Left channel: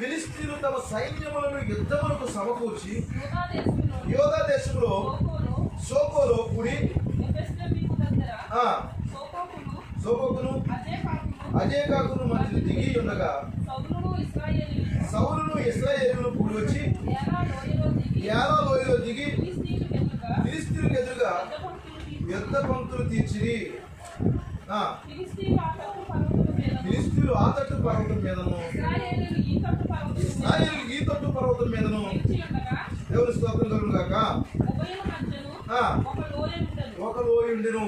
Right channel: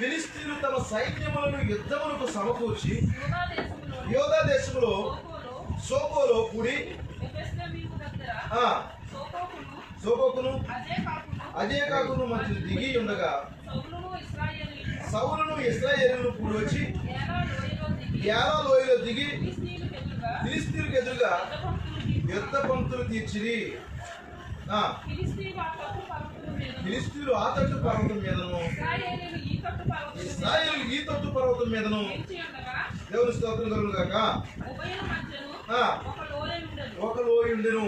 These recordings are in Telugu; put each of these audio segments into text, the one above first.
ఫిలిష్తీయులు తమ సైన్యములను యుద్ధములకు సమకూర్చి యోధా దేశంలో సోకోలో కూడి సోకోకును అజేకాకును మధ్య దిగి ఉండగా సౌలును ఇశ్రాయేలును కూడి వచ్చి యాలా లోయలో దిగి ఫిలిష్తీయులకు ఎదురుగా యుద్ధ పంక్తులు తీర్చిరి. ఫిలిష్తీయులు ఆ తట్టు పర్వతం మీదను ఇశ్రాయేలు ఈ తట్టు పర్వతం మీదను దేవుని స్తోత్రం కలుగును గాక ఒక లోయ ఉండెను.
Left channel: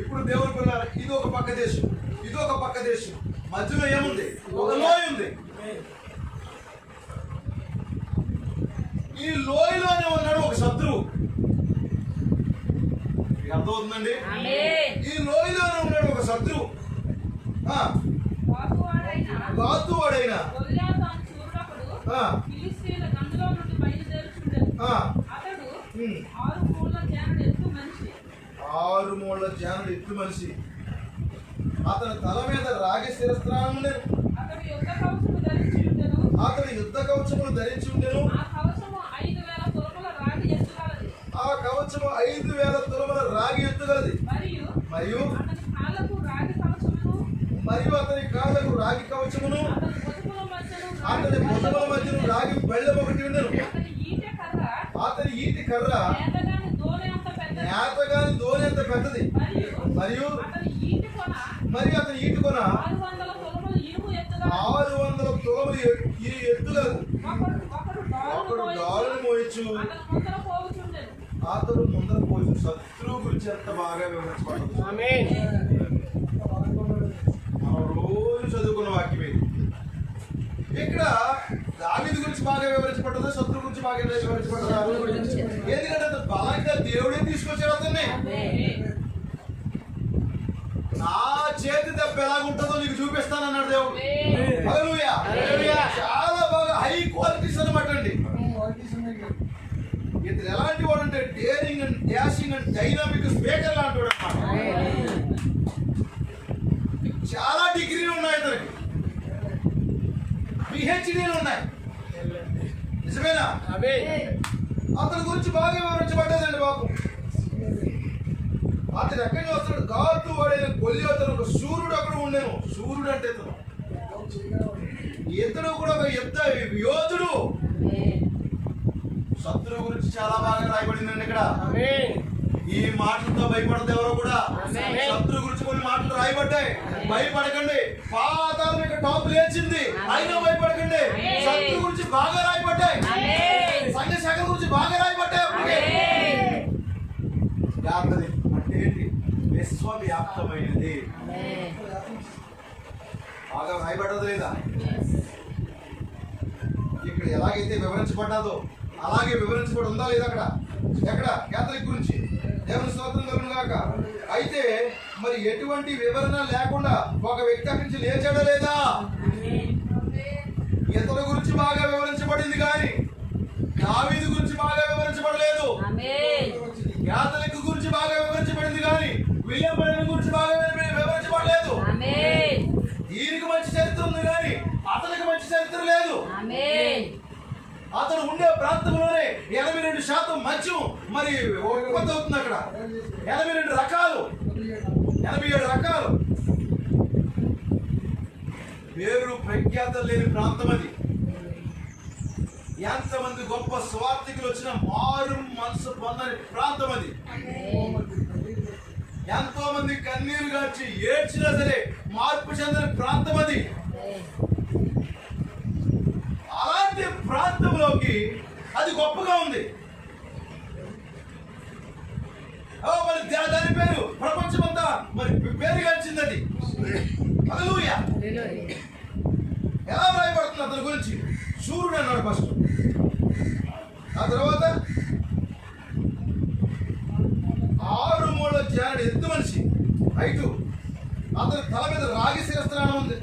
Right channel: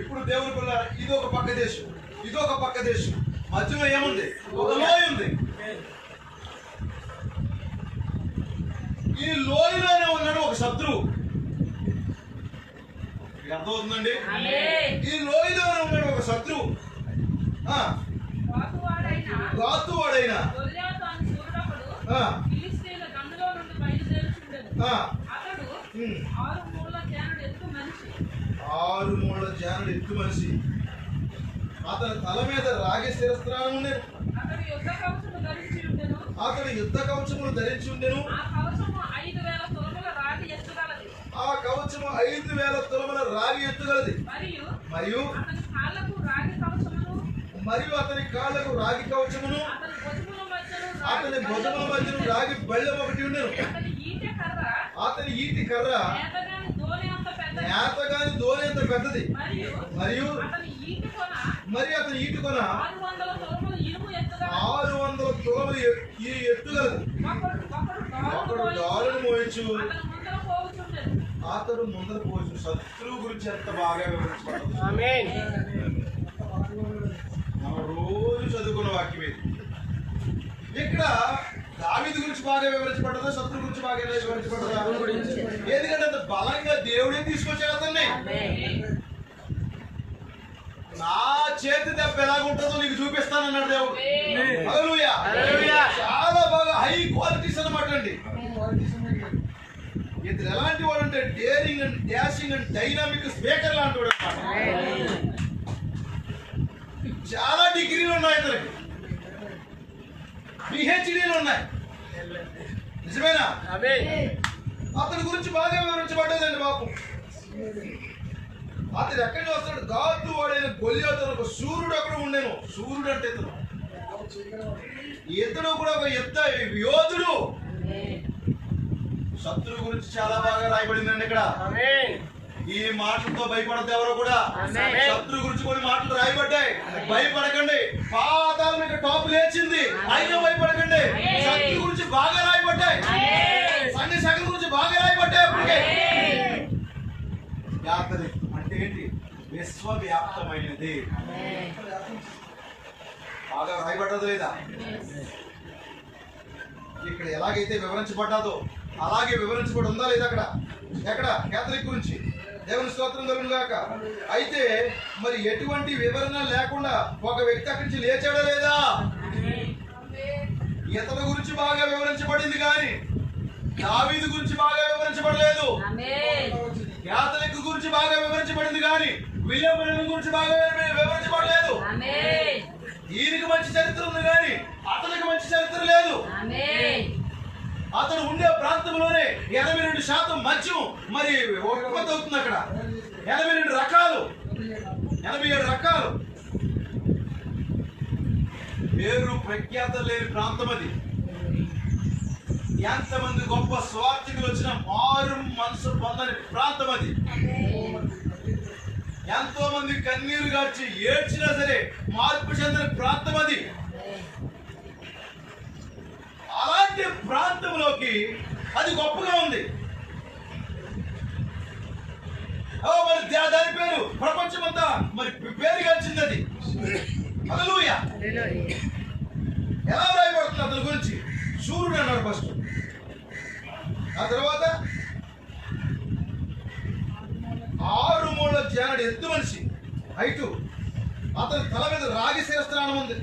ఇప్పుడు దేవుని పిల్ల ఇది ఒక పక్క దేశం, ఇది ఒక పక్క దేశం, మధ్యలో ఏముంది? ఒక లోయ ఉంది. ఈ లోయలోనే ఉన్నాడు ఒక శత్రువు. అర్థమవుతుందండి? ఈ లోయలోనే ఉన్నాడు ఒక శత్రువు. గాతువాడైన ఆరు మూళ్ళ జానుడు ఎత్తు మనిషి. అతని తల మీద రాగి శిరస్త్రాలు ఉండేను. అతని యుద్ధ కవచములు ధరించి ఉండెను. ఆ కవచము 5,000 తులముల రాగి ఎత్తుగలది. మరియు అతని కాళ్ళకు రాగి కవచమును, అతని భుజముల మధ్యను రాగి బెళ్ళం ఒకటి ఉండెను. అతని ఈటి కర్ర నేతగాని ధోని అంత పెద్దది. మరియు అతని ఈటి కొన 600 తులములు ఎత్తుగలదు. ఒకడు డాలును మోయచ్చు, అతడు ముందర పోవచ్చు. శత్రువు గురించి ఎంత బాగా వివరించబడదు. మనం రోజు చదువుకున్న వాక్యం ఇది. ఇక్కడ దావీదు గురించి బాగా వివరించబడ్డదా, శత్రువు గురించి బాగా వివరించబడ్డదా? ఎందుకంటే అంత బలంగా దేవుడే తీసుకొచ్చాడు అతన్ని. నా చేతి దెబ్బ ఎలాగుంటుందో నీకు చూపిస్తానన్నాడు దేవుడు. హల్లెలూయా. చాలా బాగా హై క్వాలిటీస్ అనమాట అండి. ఇతను ఎలాంటి వాడు అంటే daring and dashing and dynamic speaker లాంటి వాడు అనమాట. చాలా డిగ్రీలు ఉన్నాయి ఇతనికి, పిహెచ్డీలు ఉన్నాయి. నిజమేనా? అతని గురించి బాగా వివరించబడ్డదండి పాపం. అతను ఎక్కడి నుంచి వస్తాడు? గాతు వాడైన గొల్యాతు ఒక సూర్యుడు అక్కడ ఉండేను. సూర్యుడు అంటే ఇతడు కూడా ఒక యుద్ధ యోధుడు. శత్రువు గురించి చాలా బాగా రాయబడిందండి ఇక్కడ. ఈ మాటలతో భయపడద్దు ఎవరో కూడా. శత్రువు గురించి కొన్ని మాటలు రాయబడ్డాయి. భయపడకండి, పాతాళం మీద టాప్ లేచింది, అయినా భయపడకండి. శత్రువు గురించి బాగా రాయబడ్డాయి, సైన్య శాఖ గురించి బాగా రాయబడ్డాయి. అప్పటికే యాత్రి అంటే ఏంటి? విశ్వవ్యాప్తమైనది. బాగా రాయబడ్డదు లేదా? ఇక్కడ ఎలాగైతే వివరించబడ్డాదో అలాగే వివరించబడి ఉందా లేదా? అక్కడ ఎక్కడ క్యాథలిక్ గురించి దేవుని స్తోత్రం కలుగును గాక. అయితే మరి ఎటువంటి వివరణ లేకుండా ఒక వ్యక్తి అక్కడి నుంచి లేచాడా లేదా? ఇతని గురించి బాగా వివరించబడింది కానీ దావీదు గురించి బాగా వివరించబడలేదు. క్యాథలిక్ గురించి బాగా వివరించబడింది కానీ విలియం బ్రెనన్ గురించి బాగా వివరించబడలేదు. ఈయనకి మంచి చరిత్ర ఉంది కానీ అతనికి మంచి చరిత్ర లేదు. అతను ఉండే ప్రాంతంలోనే 82% మద్యం మరి ఉత్పత్తి అవుతుంది. అక్కడ 82 రకాలు, 87 రకాలు. పేరు ప్రఖ్యాత లేని ప్రాంతం అది. ఎంతమంది గొప్ప స్వార్థికులు వచ్చిన మారు మనసు పొందని ప్రాంతం అది. ఎంతో మంది కన్నీరు గార్చి ఏడ్చినా సరే మార్పు చెందని ప్రాంతం అది. అలాంటి ప్రాంతంలోకి అది గొప్పగా ఉంది. మరి దాని పేరు ప్రపంచమంతా మరి పేరుగాంచింది అది. హల్లెలూయా. ఎలా రాయబడుతుంది అతని గురించి? సూర్యుడు అన్నాడు ఫస్ట్, ఆ తర్వాత 6 మూళ్ళ జానుడు ఎత్తు మనిషి, అతని తల మీద రాగి శిరస్త్రాణం ఉంది.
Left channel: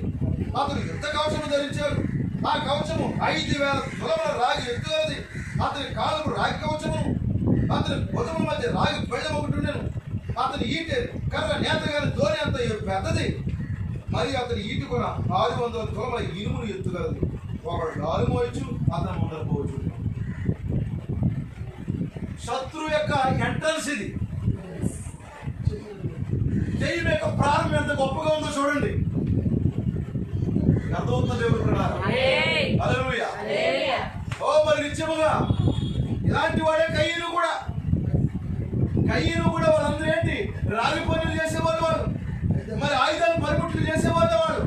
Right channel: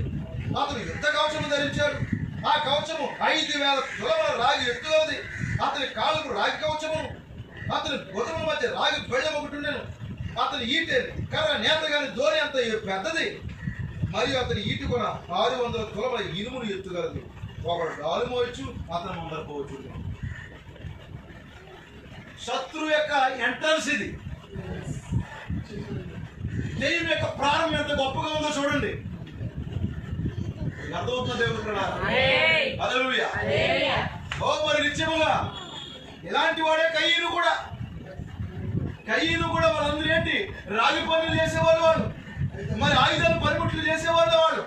అతను యుద్ధ కవచం ధరించాడు. ఆ కవచము 5,000 తులముల రాగి ఎత్తుగలది. అతని కాళ్ళకు రాగి కవచము, అతని భుజముల మధ్య రాగి బెళ్ళం ఒకటి ఉండెను. అతని ఈటె కర్ర నేత గాని ధోని అంత పెద్దది. మరియు అతని ఈటు కూడా 600 తులముల ఇనుమును ఎత్తుగలది. ఒకడు గాలి మోయచ్చు, అతను ముందరపోవచ్చు. శత్రువు యొక్క ఎంట్రన్స్ ఇది. దెయ్యం యొక్క ప్రారంభం ఎంత గొప్పగా ఉందో చూడండి. అర్థమవుతుంది దేవుడు ప్రణాళిక. హల్లెలూయా. ఓ మరి నిత్యముగా ఇలాంటి వాడే కయ్యను కూడా. వాళ్ళందరూ ఏంటి, రాగి పనులు చేసేవాళ్ళు వాళ్ళు, మరి ఆయుధాలు పనిముట్లు చేసేవాళ్ళు వాళ్ళు.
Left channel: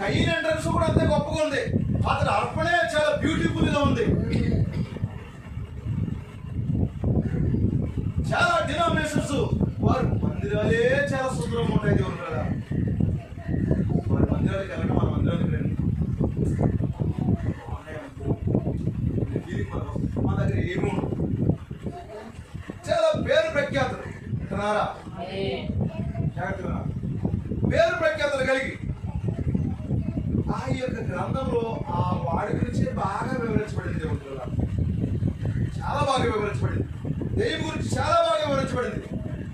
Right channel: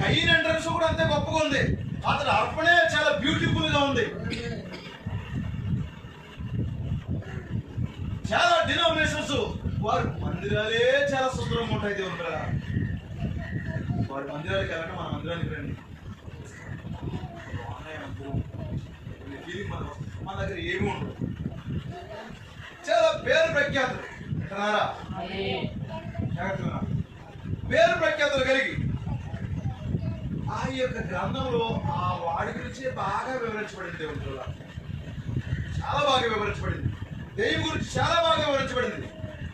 కయ్యన్ ఎంట్రన్స్ కూడా అంతే గొప్పగా ఉంది. అతని అర్పణే చాలా బ్యూటిఫుల్ గా ఉంది. చాలా డినామినేషన్స్ వారి మందిరాలే చాలా సుందరంగా ఉంటాయి. దేవుడు కదా, వారి మందిరాలకి వెళ్ళండి, మన మందిరానికి రండి. మన దగ్గర ఏమి ఉండదు. చాలా పేరు ప్రఖ్యాతులు పేరు ప్రఖ్యాతులు కలిగి ఆ యొక్క గ్రంథంలో ఆ వాడి గురించి బాగా వివరించబడింది. దేవుడు కదా, చాలా బాగా వివరించబడింది. దెయ్యం గురించి చాలా బాగా వివరించబడింది.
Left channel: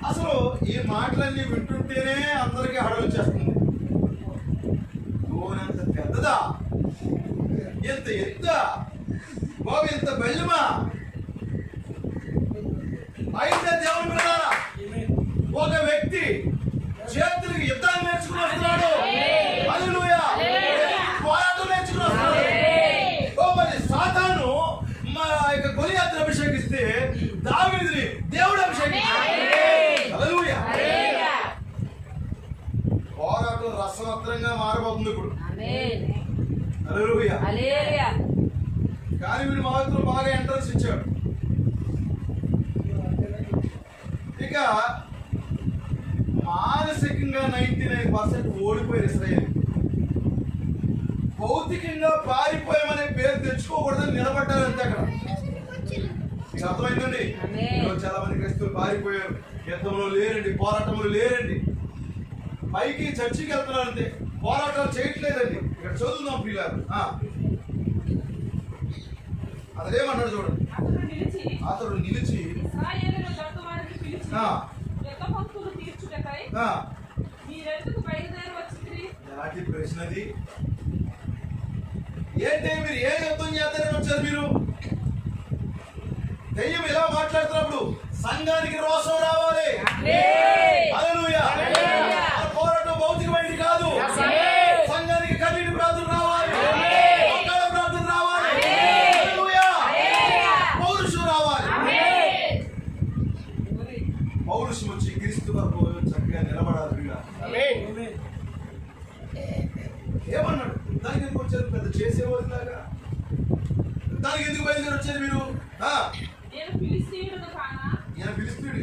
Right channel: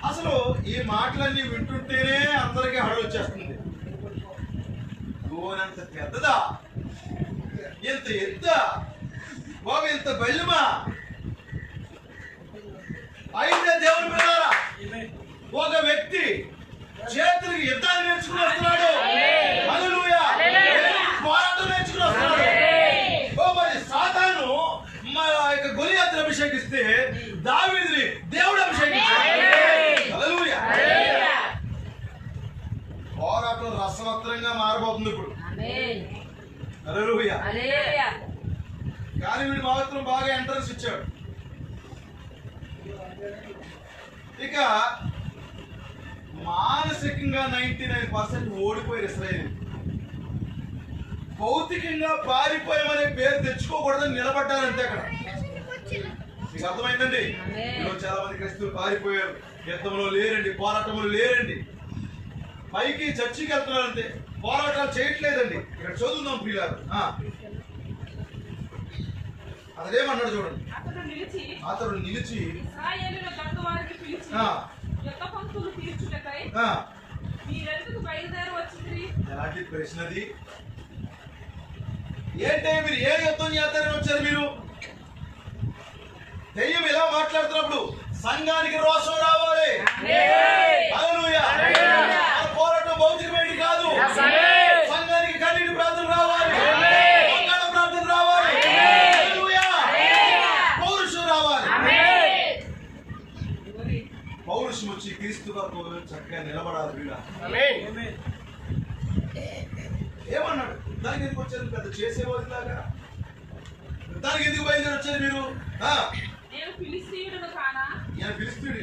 అసలు ఈ మాటలన్నీ వింటుంటేనే అందరికీ హడలు వచ్చేస్తుంది. గోనంత పెద్దదా, ఎంత ఎత్తా బాబు, ఎంత బెల్లమా. అయితే దేవుని పిల్లారా, ఒక వ్యక్తి చేతులకి యుద్ధాన్ని నేర్చుకుని వస్తున్నాడు. హల్లెలూయా. పోరాటం నేర్చుకుని వస్తున్నాడు. ఓ మరి సాతాను గొలియాతును అభిషేకిస్తే దావీదుని దేవుడు అభిషేకించాడు. హల్లెలూయా. పోరాటం రసవత్రంగా మారబోతుంది ఇప్పుడు. హల్లెలూయా. కానీ వీడు మాత్రం బాగా ఎంట్రన్స్ ఇచ్చాడు. ఇక మానసికంగా 99% ఓడిపోయారు ఇశ్రాయేలు. భౌతికంగా పారిపోయామనే పేరు తెచ్చుకోకూడదని నిలబడ్డారంటే అక్కడ. మీకు అర్థమైందండి? చాలా మంది క్రైస్తవులు పారిపోయారు, యుద్ధంలో లేరండి, పోరాటంలో లేరండి, పైకి చర్చికి వెళ్తున్నారంటే పోరాటాలు చేయట్లేదండి. ఇక్కడ చదువుదాం పిల్లలు. అదేమన్నాడు చూడండి. అతడు నిలిచి ఎలాంటి ప్రశ్నది? ఏంటే మీరు ఏ యుద్ధం చేస్తారని వచ్చారు మీరు? దెయ్యం ఇలా మాట్లాడుతున్నప్పుడు సంఘానికి రోషం రావాలి. హల్లెలూయా. పోరాటం భౌతికమైనది కాదు. సంఘానికి కన్నీటి ప్రార్థన రావాలి, ప్రార్థన రావాలి. హల్లెలూయా. పౌరుషం రావాలి. పౌరుషం వచ్చి క్రీస్తు వరకు చక్కగా నిలబడాలి. ఏమన్నాడు? దానికి ఎందుకు వచ్చారు? పెద్ద చేసేవాళ్ళు లాగా దానికి ఎందుకు బయలుదేరి వచ్చారు మీరు? ఈయన ఫిలిస్తీయుడు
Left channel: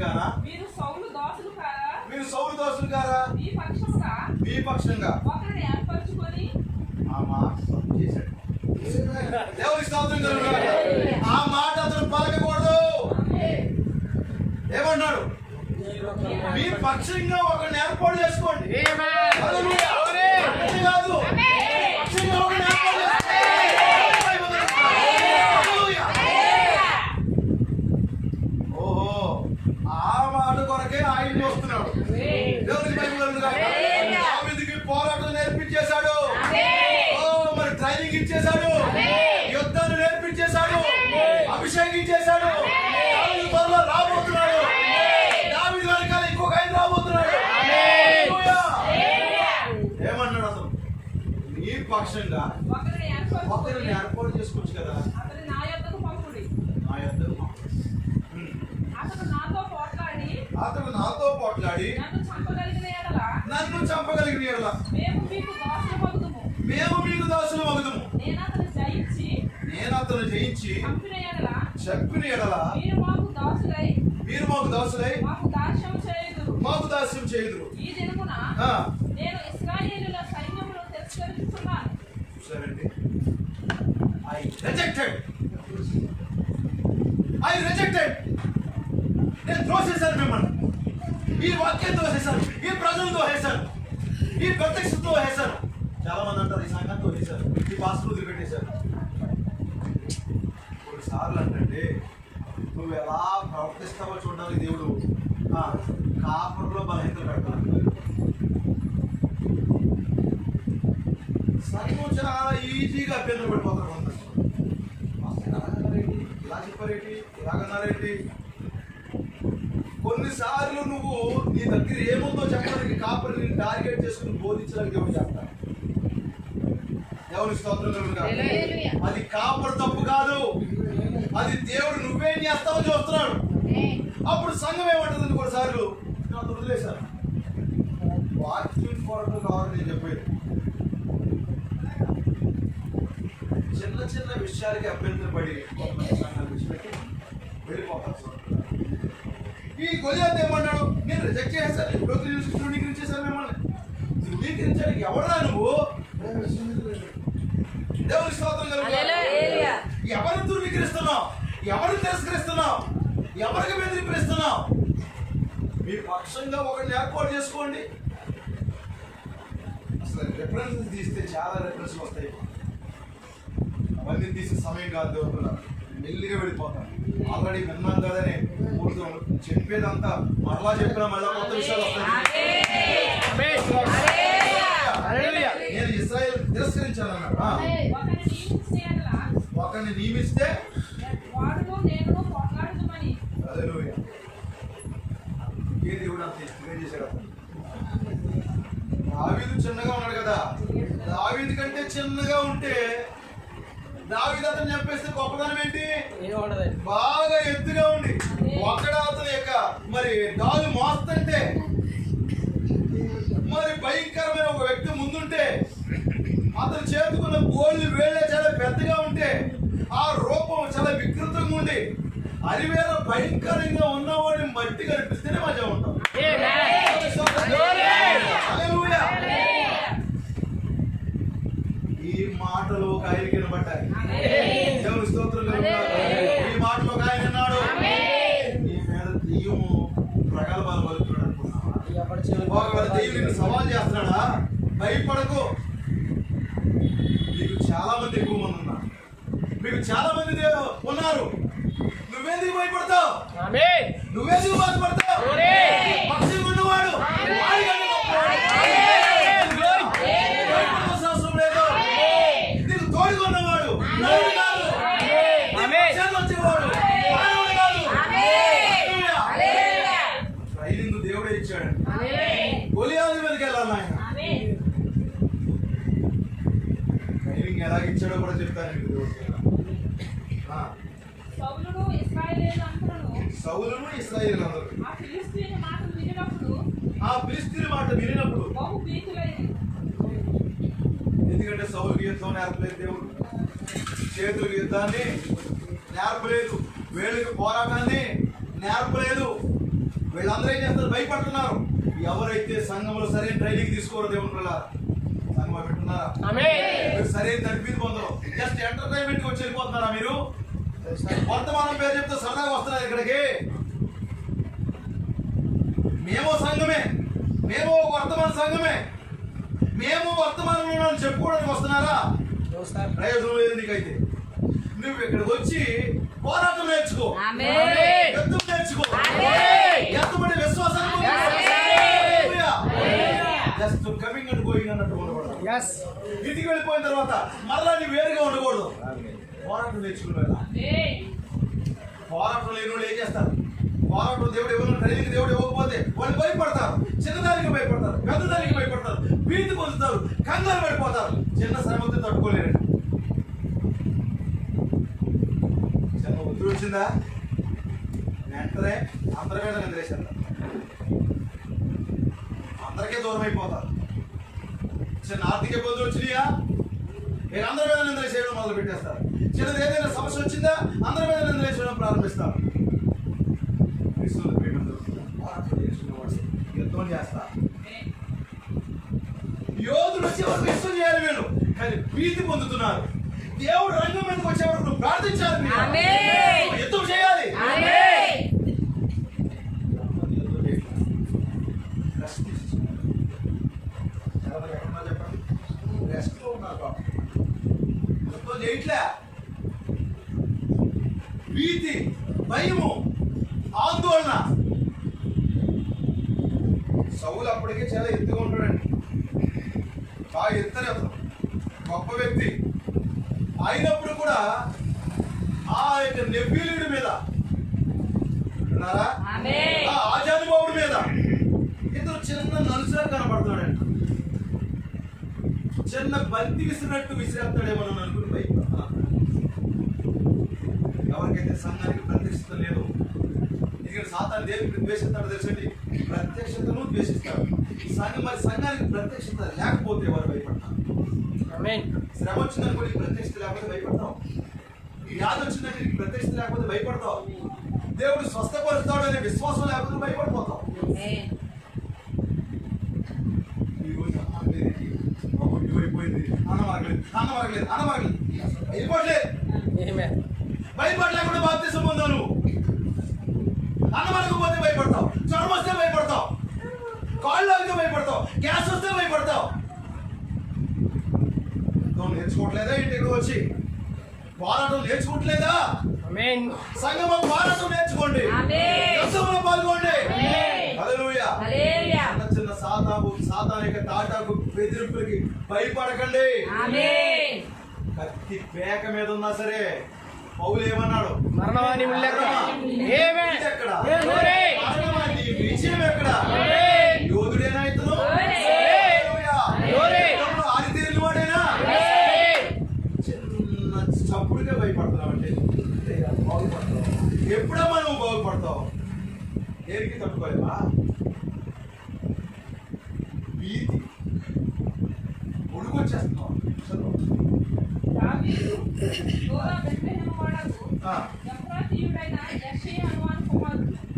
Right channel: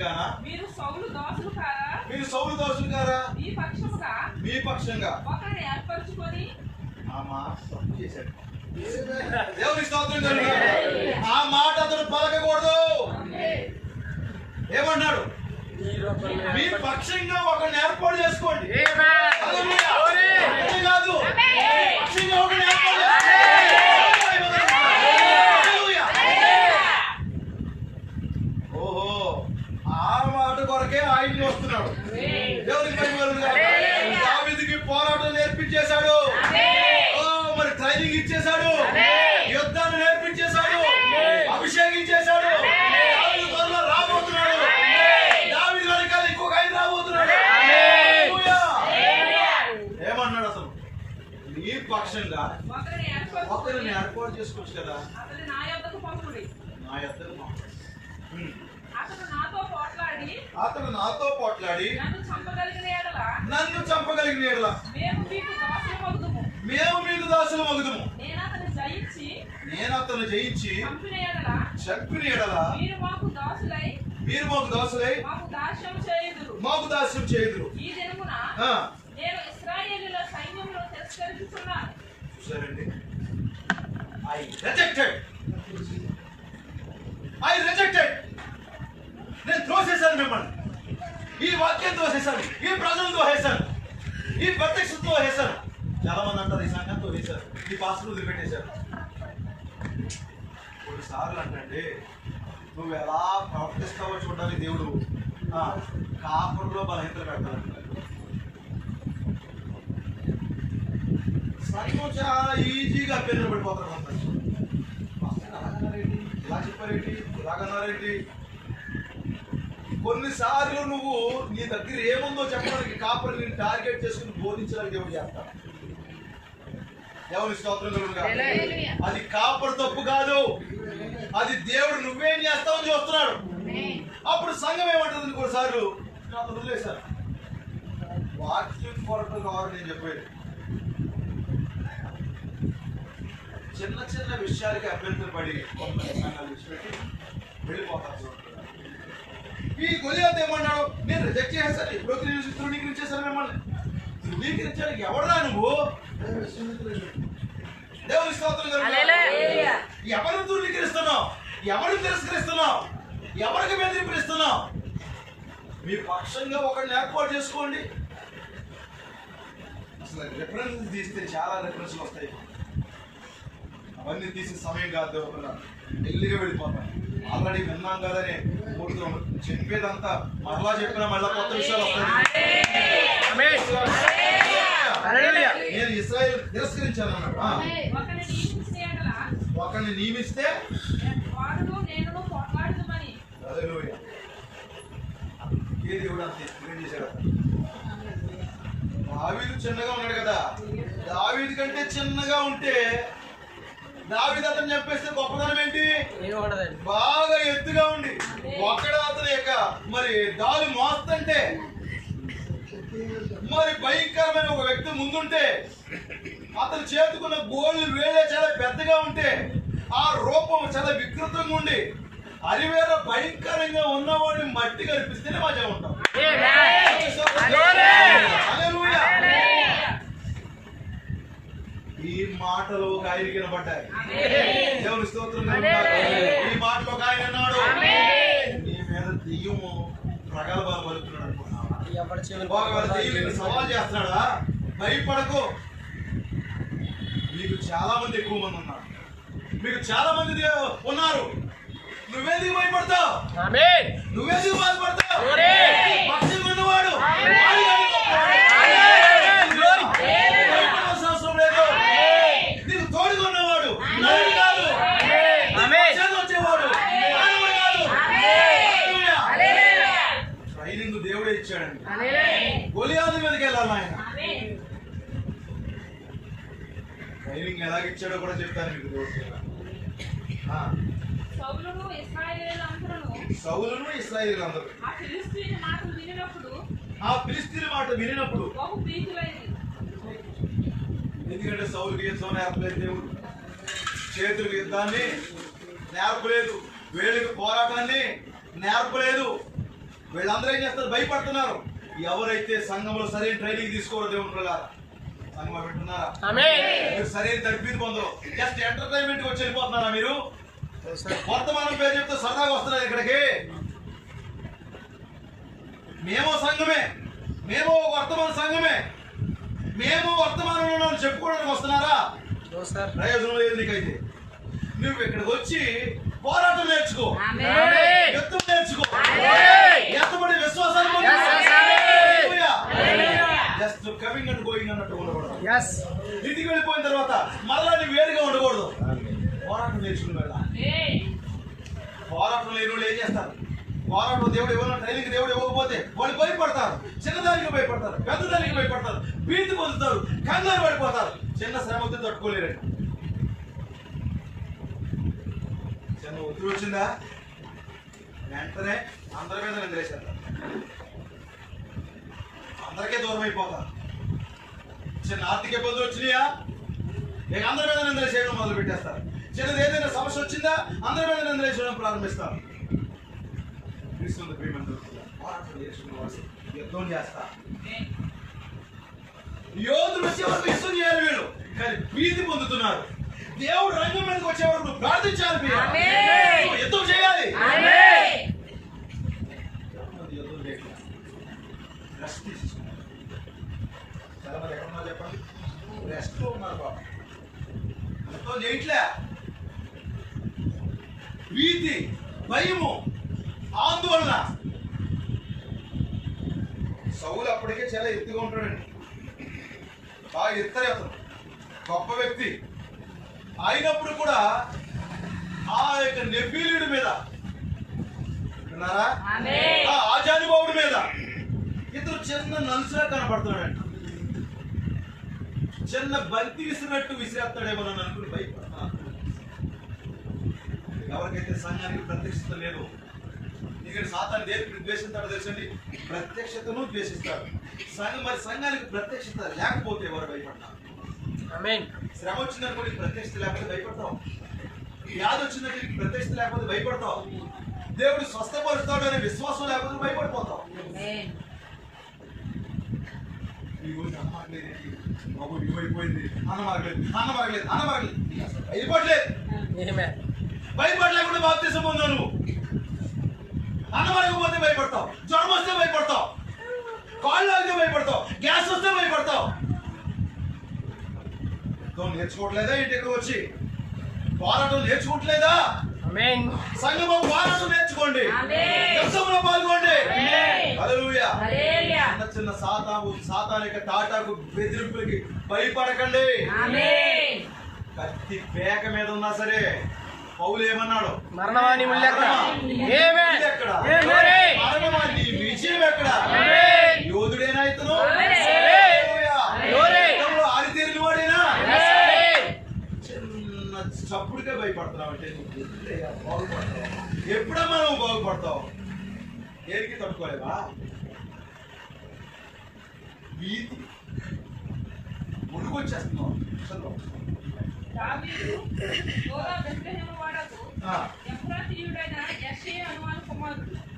కానా? మీరు సౌలు దాసులు కారా? మీ పక్షంగా ఆ మాట చేశాడు. దేవునికి స్తోత్రం కలుగుగాక. ఆ మాట అతను పలకకూడదు. ఏమన్నాడు? మీ పక్షంగా ఒకరిని ఏర్పాటు చేసుకోండి. కాదు, పక్షంగా ఒకరిని ఏర్పాటు చేసుకోండి. ఓహో, ఆ మాట కొరకే ఆయన వస్తున్నాడు. దేవునికి మహిమ కలుగుగాక. దావీదుకి పోరాటం నేర్పించేశాడు. మరి ట్రైనింగ్ ఇచ్చేశాడు, యుద్ధాన్ని నేర్పించేశాడు, అభిషేకించేశాడు. త్వరలో రాబోతున్నాడు. దావీదు వెనకాల ఇంకొక ఆయన రాబోతున్నాడు. ఏమన్నాడు? అసలు నీ పక్షంగా ఒకరిని ఏర్పాటు చేసుకోవచ్చు కదా. నా యొద్దకు అతడు నాతో పోట్లాడి నన్ను చంపగలిగిన యెడల మేము మీకు దాసులు మగుదుము. నేను అతను జయించి చెప్పిన యెడల మీరు మాకు దాసులై మాకు దాస్యం చేయుదురు. ఈ దినమున నేను ఇశ్రాయేలుల సైన్యమును తిరస్కరించుచున్నాను. చూసారండి? I rejected. నేను త్రోసేశాను మిమ్మల్ని. ఈ వాక్యం తోసేశాను, ఈ ప్రజలు తోసేశాను, ఈ ప్రత్యక్షత తోసేశాను. చాలా మంది అంటారు ఈ సంఘంతో వేశారు, ఈ పాస్టర్ వదిలిపెట్టేశారు. కొన్నిసార్లు అంటే నువ్వు ఎలా ప్రవర్తిస్తావో చూడడానికి దేవుడు కాపురంలో బలహీనత పెడతాడు. సంఘం చాలా ఈజీగా అభ్యర్థులు పడిపోతారు. ఇలా చెప్పారేంటి, ఇలాగన్నారేంటి? కొన్నిసార్లు నువ్వు నీ దగ్గర ఏముందో చెప్పడానికి కాపురం నేను టార్గెట్ చేసుకుని బోధించడానికి దేవుడు చెప్తాను. దేవుని స్తోత్రం కలుగునుగాక. అది కాపురం తప్పు కాదు, అది దేవుడు నువ్వేం చేస్తావని చూస్తున్నాడు. అప్పుడు సంఘం ఏమంటుంది? కొన్నిసార్లు నాకు వదిలేశాను, వాక్యం కొరకు కావాలి నేను చెప్పేది. చిన్న చిన్న విషయాలకి అభ్యంతరం పడి కొంతమంది సంఘాలు విడిచిపెట్టి వెళ్ళిపోతారు. ఈ గొలియాతు ఏమన్నాడు? నేను రిజెక్ట్ చేస్తాను, ఎప్పుడో ధృవీకరించేశాను. మిమ్మల్ని ధృవీకరించడానికి ఎవడరా నువ్వు? దేవుని స్తోత్రం కలుగునుగాక. ఎవరిని ధృవీకరిస్తున్నావు? ఎవరిని తిరస్కరిస్తున్నావు? ఎవరికి బెదిరిపిస్తున్నావు? మీ పక్షంగా ఒకరిని ఏర్పాటు చేసుకోండి. అసలు రిఫరెన్స్ తీస్తే చాలా రిఫరెన్స్లు వస్తాయి. అవన్నీ తీసే సమయం కాదు. దేవుడు మెల్లిగా వెళ్ళిపోతాం. ఆల్రెడీ విన్నాం కదని చెప్పేదంతా మరలా చెప్పినా మళ్ళా కొత్త విషయాలు వస్తాయి. నేను ఇశ్రాయేలు తిరస్కరించాను అన్నాడు. ఒకరిని నియమిస్తే ఏ దేవుడు అంతే చేశాడు. దావీదు చిన్నగా ఉన్నాడు కదా, దావీదు కంటే చిన్నగా ఉంటే దావీదు అతను చెప్పేస్తే గొప్పదనం ఏంటి? బాగా ఎత్తుగా ఉండి ఒక్కడ అతని యొక్క మరి దావి మోస్తుంటే, మరి భయంకరమైన ఒక వ్యక్తి ముందుంటే, అతను చేతుకున్న గోళ్ళు వేలే చాలా పెద్దగా ఉంటే, ఆ రూపం చాలా వికృతంగా ఉండి అరివేర భయంకరంగా ఉన్నవాడిని మట్టి కనిపిస్తేనే మజా ఉంటాం. ఈ మాటలు ఒక ఆయన వినబడ్డాయి. దేవుని స్తోత్రం. ఈ మాటలు ఒక ఆయన అన్నాడు, నీ మీద దెయ్యము ప్రగల్భాలు పలుకుతున్నాడు అనుకున్నావా? దెయ్యం సవాల్ చేస్తున్నాడా? భయపడకు. మీకు చాలా మంది ఎక్కువ మంది ఉన్నారు, మీకు చాలా మంది ఉన్నారు. నువ్వెందుకు భయపడతావు? నువ్వెందుకు బాధపడతావు? పక్షంగా ఉన్నవాడు భయపడాల్సిన అవసరం లేదు. నీకు తోడుగా ఉన్నవాడు నలుడు కాదు, వచ్చేవాడు మానవుడు కాదు. ట్రైనింగ్ దేవుడే ఇచ్చాడు. గొలియాతు మీదకి వెళ్ళాలి ఆయన. ట్రైనింగ్ ఎలాగిచ్చాడో కూడా చెప్తాను మీకు. దేవుడు సౌలును ఇశ్రాయేలు అందరూ ఆ ఫిలిష్తీయుల మాట వినినప్పుడు, ఎందుకంటే సౌలుకి యుద్ధం నేర్పలేదు దేవుడు, చేతులకు యుద్ధాన్ని నేర్పలేదు, వేళ్ళకి పోరాటాన్ని నేర్పలేదు. వీళ్ళందరూ ఏం చేస్తారు? భయపడుతున్నారు. ఎవరైతే సంఘంలో సరైన ట్రైనింగ్ తీసుకోరో దేవుడు వల్ల సంఘం పెట్టున్నారా? మీరు సరైన తడిపి పొందరు. జస్ట్ ఎంటర్టైన్మెంట్ వచ్చి వెళ్ళిపోతున్నారా? మీరు వర్తమానం పేరు చెప్తే సరదాగా వస్తున్నారు ఇక్కడికి. మేము సంఘమే, మేము వర్తమాన సంఘమే, మేము వర్తమానంలో చెప్పుకోవడానికి వస్తున్నారా? ప్రయోజనం లేదు నీకైతే. నువ్వు ఇక్కడికి వచ్చి పోరాటం నేర్చుకో, యుద్ధం నేర్చుకో, ఎత్తబడి విశ్వాసాన్ని జస్ట్ కమింగ్ అండ్ గోయింగ్ అన్నట్టు ఉండకూడదు. ఇంటికి వెళ్ళిపోయిన తర్వాత మరలా నీ వేరుగా ఉండకూడదు. పోరాటం నేర్చుకున్నాడు. పోరాటం లేని వాళ్ళు ఏం చేస్తారు? పోరాటం దేవుడు ఇవ్వడం, ట్రైనింగ్ దేవుడు ఇవ్వకపోతే వాళ్ళు భయపడతారు. చిన్నదానికి భయపడతారు, పెద్దదానికి భయపడతారు, భీతి పొందుతారు, కంగారు పడిపోతారు. చిన్న శ్రమతో తట్టుకోలేరు. చిన్న ఒత్తిడి వచ్చిందా వెంటనే అందరి మీద నిద్రేశారు, అందరికీ దూరం అయిపోతారు. చిన్న ఆర్థిక ఇబ్బందులు వచ్చినాయా, ఇక అందరి మీద నిందలు చేయడం మొదలు పెట్టేస్తారు. చిన్నది ఏదైనా సమస్య వచ్చిందా అందరి మీద నిందలు చేయడం ప్రారంభిస్తారు. యుద్ధం చేస్తా, యోధులు వచ్చేవారు యుద్ధం చేయాలి వీళ్ళు, కానీ భీతి పొందుతున్నారు. దేవుడు రంగం మీదకి వచ్చేవారు నువ్వు ప్రార్థించాలి, యుద్ధం చేయాలి. చెప్పండి, రెస్ట్ లో ఉన్నారు బాబు. యుద్ధం చేయట్లే. భీతి, భయము, ఆందోళన. సౌలు అప్పటికే చాలా ఎత్తుగా ఉంటాడండి, బాగా ఎత్తరే, అతను గొప్ప వ్యక్తి అయినప్పుడు కూడా ఆ యొక్క నెఫీలీయుడి మీద, ఆ ఆజానుభావుడి మీద ఇతను చిన్న నలుసులా కనపడుతున్నాడండి. చిన్న బంతి విసిరినట్టు విసిరేస్తాడేమో అని అనుకుని భయపడుతున్నాను. ఎవరికైతే సంఘానికి ప్రత్యక్షత లేదు, ఇక్కడ సాతాను దేనికి ద్వేషిస్తాడో తెలుసండి, ప్రత్యక్షతను ద్వేషిస్తాడు. మరి సంఘానికి ప్రత్యక్షత లేకపోతే ఎవరు భయపడతారు? శ్రమ వచ్చిందనుకోండి ప్రత్యక్షత లేకపోతే భయపడతాం. వ్యాధి వచ్చిందంటే ప్రత్యక్షత లేకపోతే భయపడతాం. దేవుడు స్వస్థపరుస్తాడు అనే విశ్వాసం లేకపోతే భయపడిపోతాం. అయిపోయింది అన్నమాగలేదు భయపడలేకుండా బాప్తిసం పొందావు నువ్వు. అన్నమాగకపోతే భయపడతావు, జ్వరం వస్తే భయపడతావు, కాళ్ళు అయితే భయపడతావు, గ్యాస్ వస్తే భయపడతావు. నేర్చుకోవట్లేదా? ఇంటికి వచ్చి పోరాటం నేర్చుకోవట్లేదా? సంఘంలో పోరాటం నేర్చుకోండి, యుద్ధంలో పాల్గొండి. హల్లెలూయా. చిన్న చిన్న సాతానిక తాటాకు బెదిరింపులకి భయపడకండి. కత్తి పేక మీద ఉన్నా సరే పౌలు ఏమన్నాడు? మరణవాణి ఎక్కడ, విజయం ఎక్కడ? యోధుడేనా ఇతను? ఆరితేరిన వాడేనా? చిన్న చప్పుడుగా భయపడుతున్నావు అంటే బాగుపడతావు. ఎప్పుడమ్మా నువ్వు బాగుపడతావు? దేనికి తట్టుకోలేవా? భీతి, ఉడుకొచ్చేస్తున్నావు.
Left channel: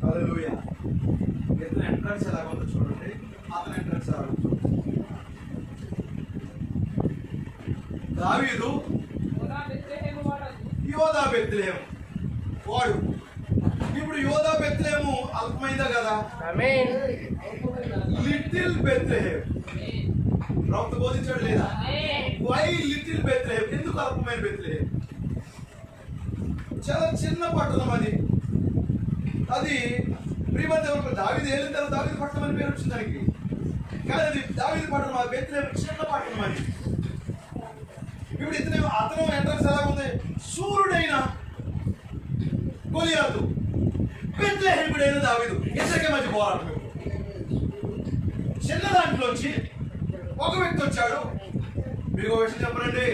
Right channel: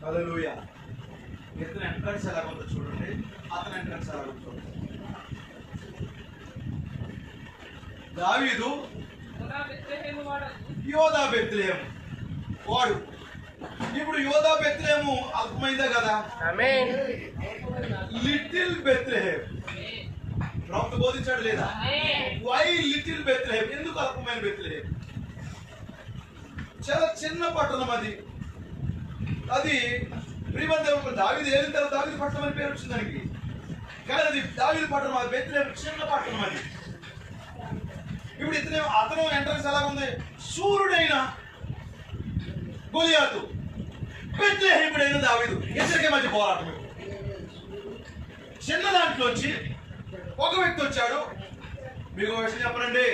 హల్లెలూయా. ఇతను ఎంట్రన్స్ ఎలా ఉందో చూడండి, అతను ఎంట్రన్స్ ఎలా ఉందో. దావీదు యోధా బెత్లెహేము వాడు. ఇప్పుడు యోధా బెత్లెహేము అల్పమైందా కదా? Little Bethlehem. ప్రవక్త బోధించాడు లేదా? Why little Bethlehem? ఎందుకు అల్పమైన బెత్లెహేమ్? చాలా చిన్న పట్టణం అది. అది ప్రియమైన దావీదు ఏలిన తర్వాత దావీదు పట్టణం అని పేరు వచ్చింది దానికి. కానీ అది దావీదు పట్టణం, అది బెత్లెహేమ్ చిన్న పట్టణం అది. ఇప్పుడు అతను ఎంట్రన్స్ ఎలా ఉంది? సూర్యుడైన గొలియాతు, బెత్లెహేముడైన దావీదు, ఇద్దరికి మధ్య పోరాటం. చిన్న దాంట్లోంచి ఒక వ్యక్తి వచ్చాడు. మీకు ఒక విషయం చెప్పనండి,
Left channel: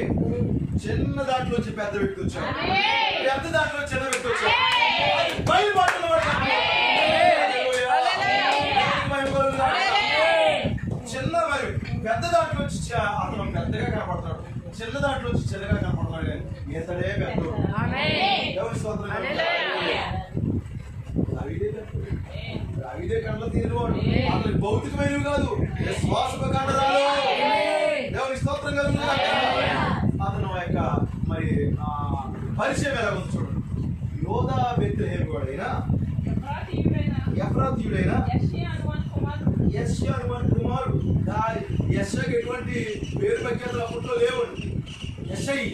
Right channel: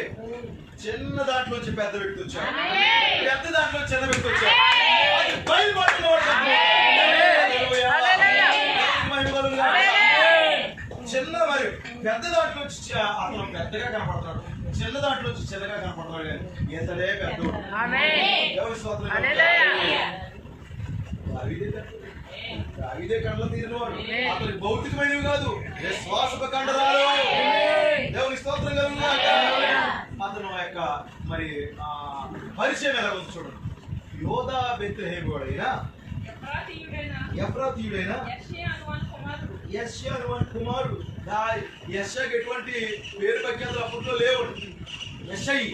చిన్న దాంట్లోంచి పెద్ద వ్యక్తి వచ్చాడు, పెద్ద దాంట్లో చిన్న వ్యక్తి వచ్చాడు. చిన్న మరి పెద్ద దాంట్లో అతను పెద్దగా కనపడతాడు, చిన్న దాంట్లో చిన్నగా కనపడతాడు. కానీ ఇతడే పెద్ద. ఎవరి స్వాతంత్రం? అవిదే కండ్ల తీరినవాడు. అతని భౌతికమైనవి కాదు, విశ్వాసపు కండరాలు. దేవుని స్తోత్రం కలుగుగా. అతను యొక్క మరి పరిచయం ఎలా ఉంది చూడండి. యోధా బెత్లెహేము వాడైనా, ఎఫ్రాతీయుడైనా యెష్యా అనువాని కుమారుడు. యెష్యాకి ఎటువంటి పేరు ప్రఖ్యాతులు అప్పట్లో లేవు. యెషయి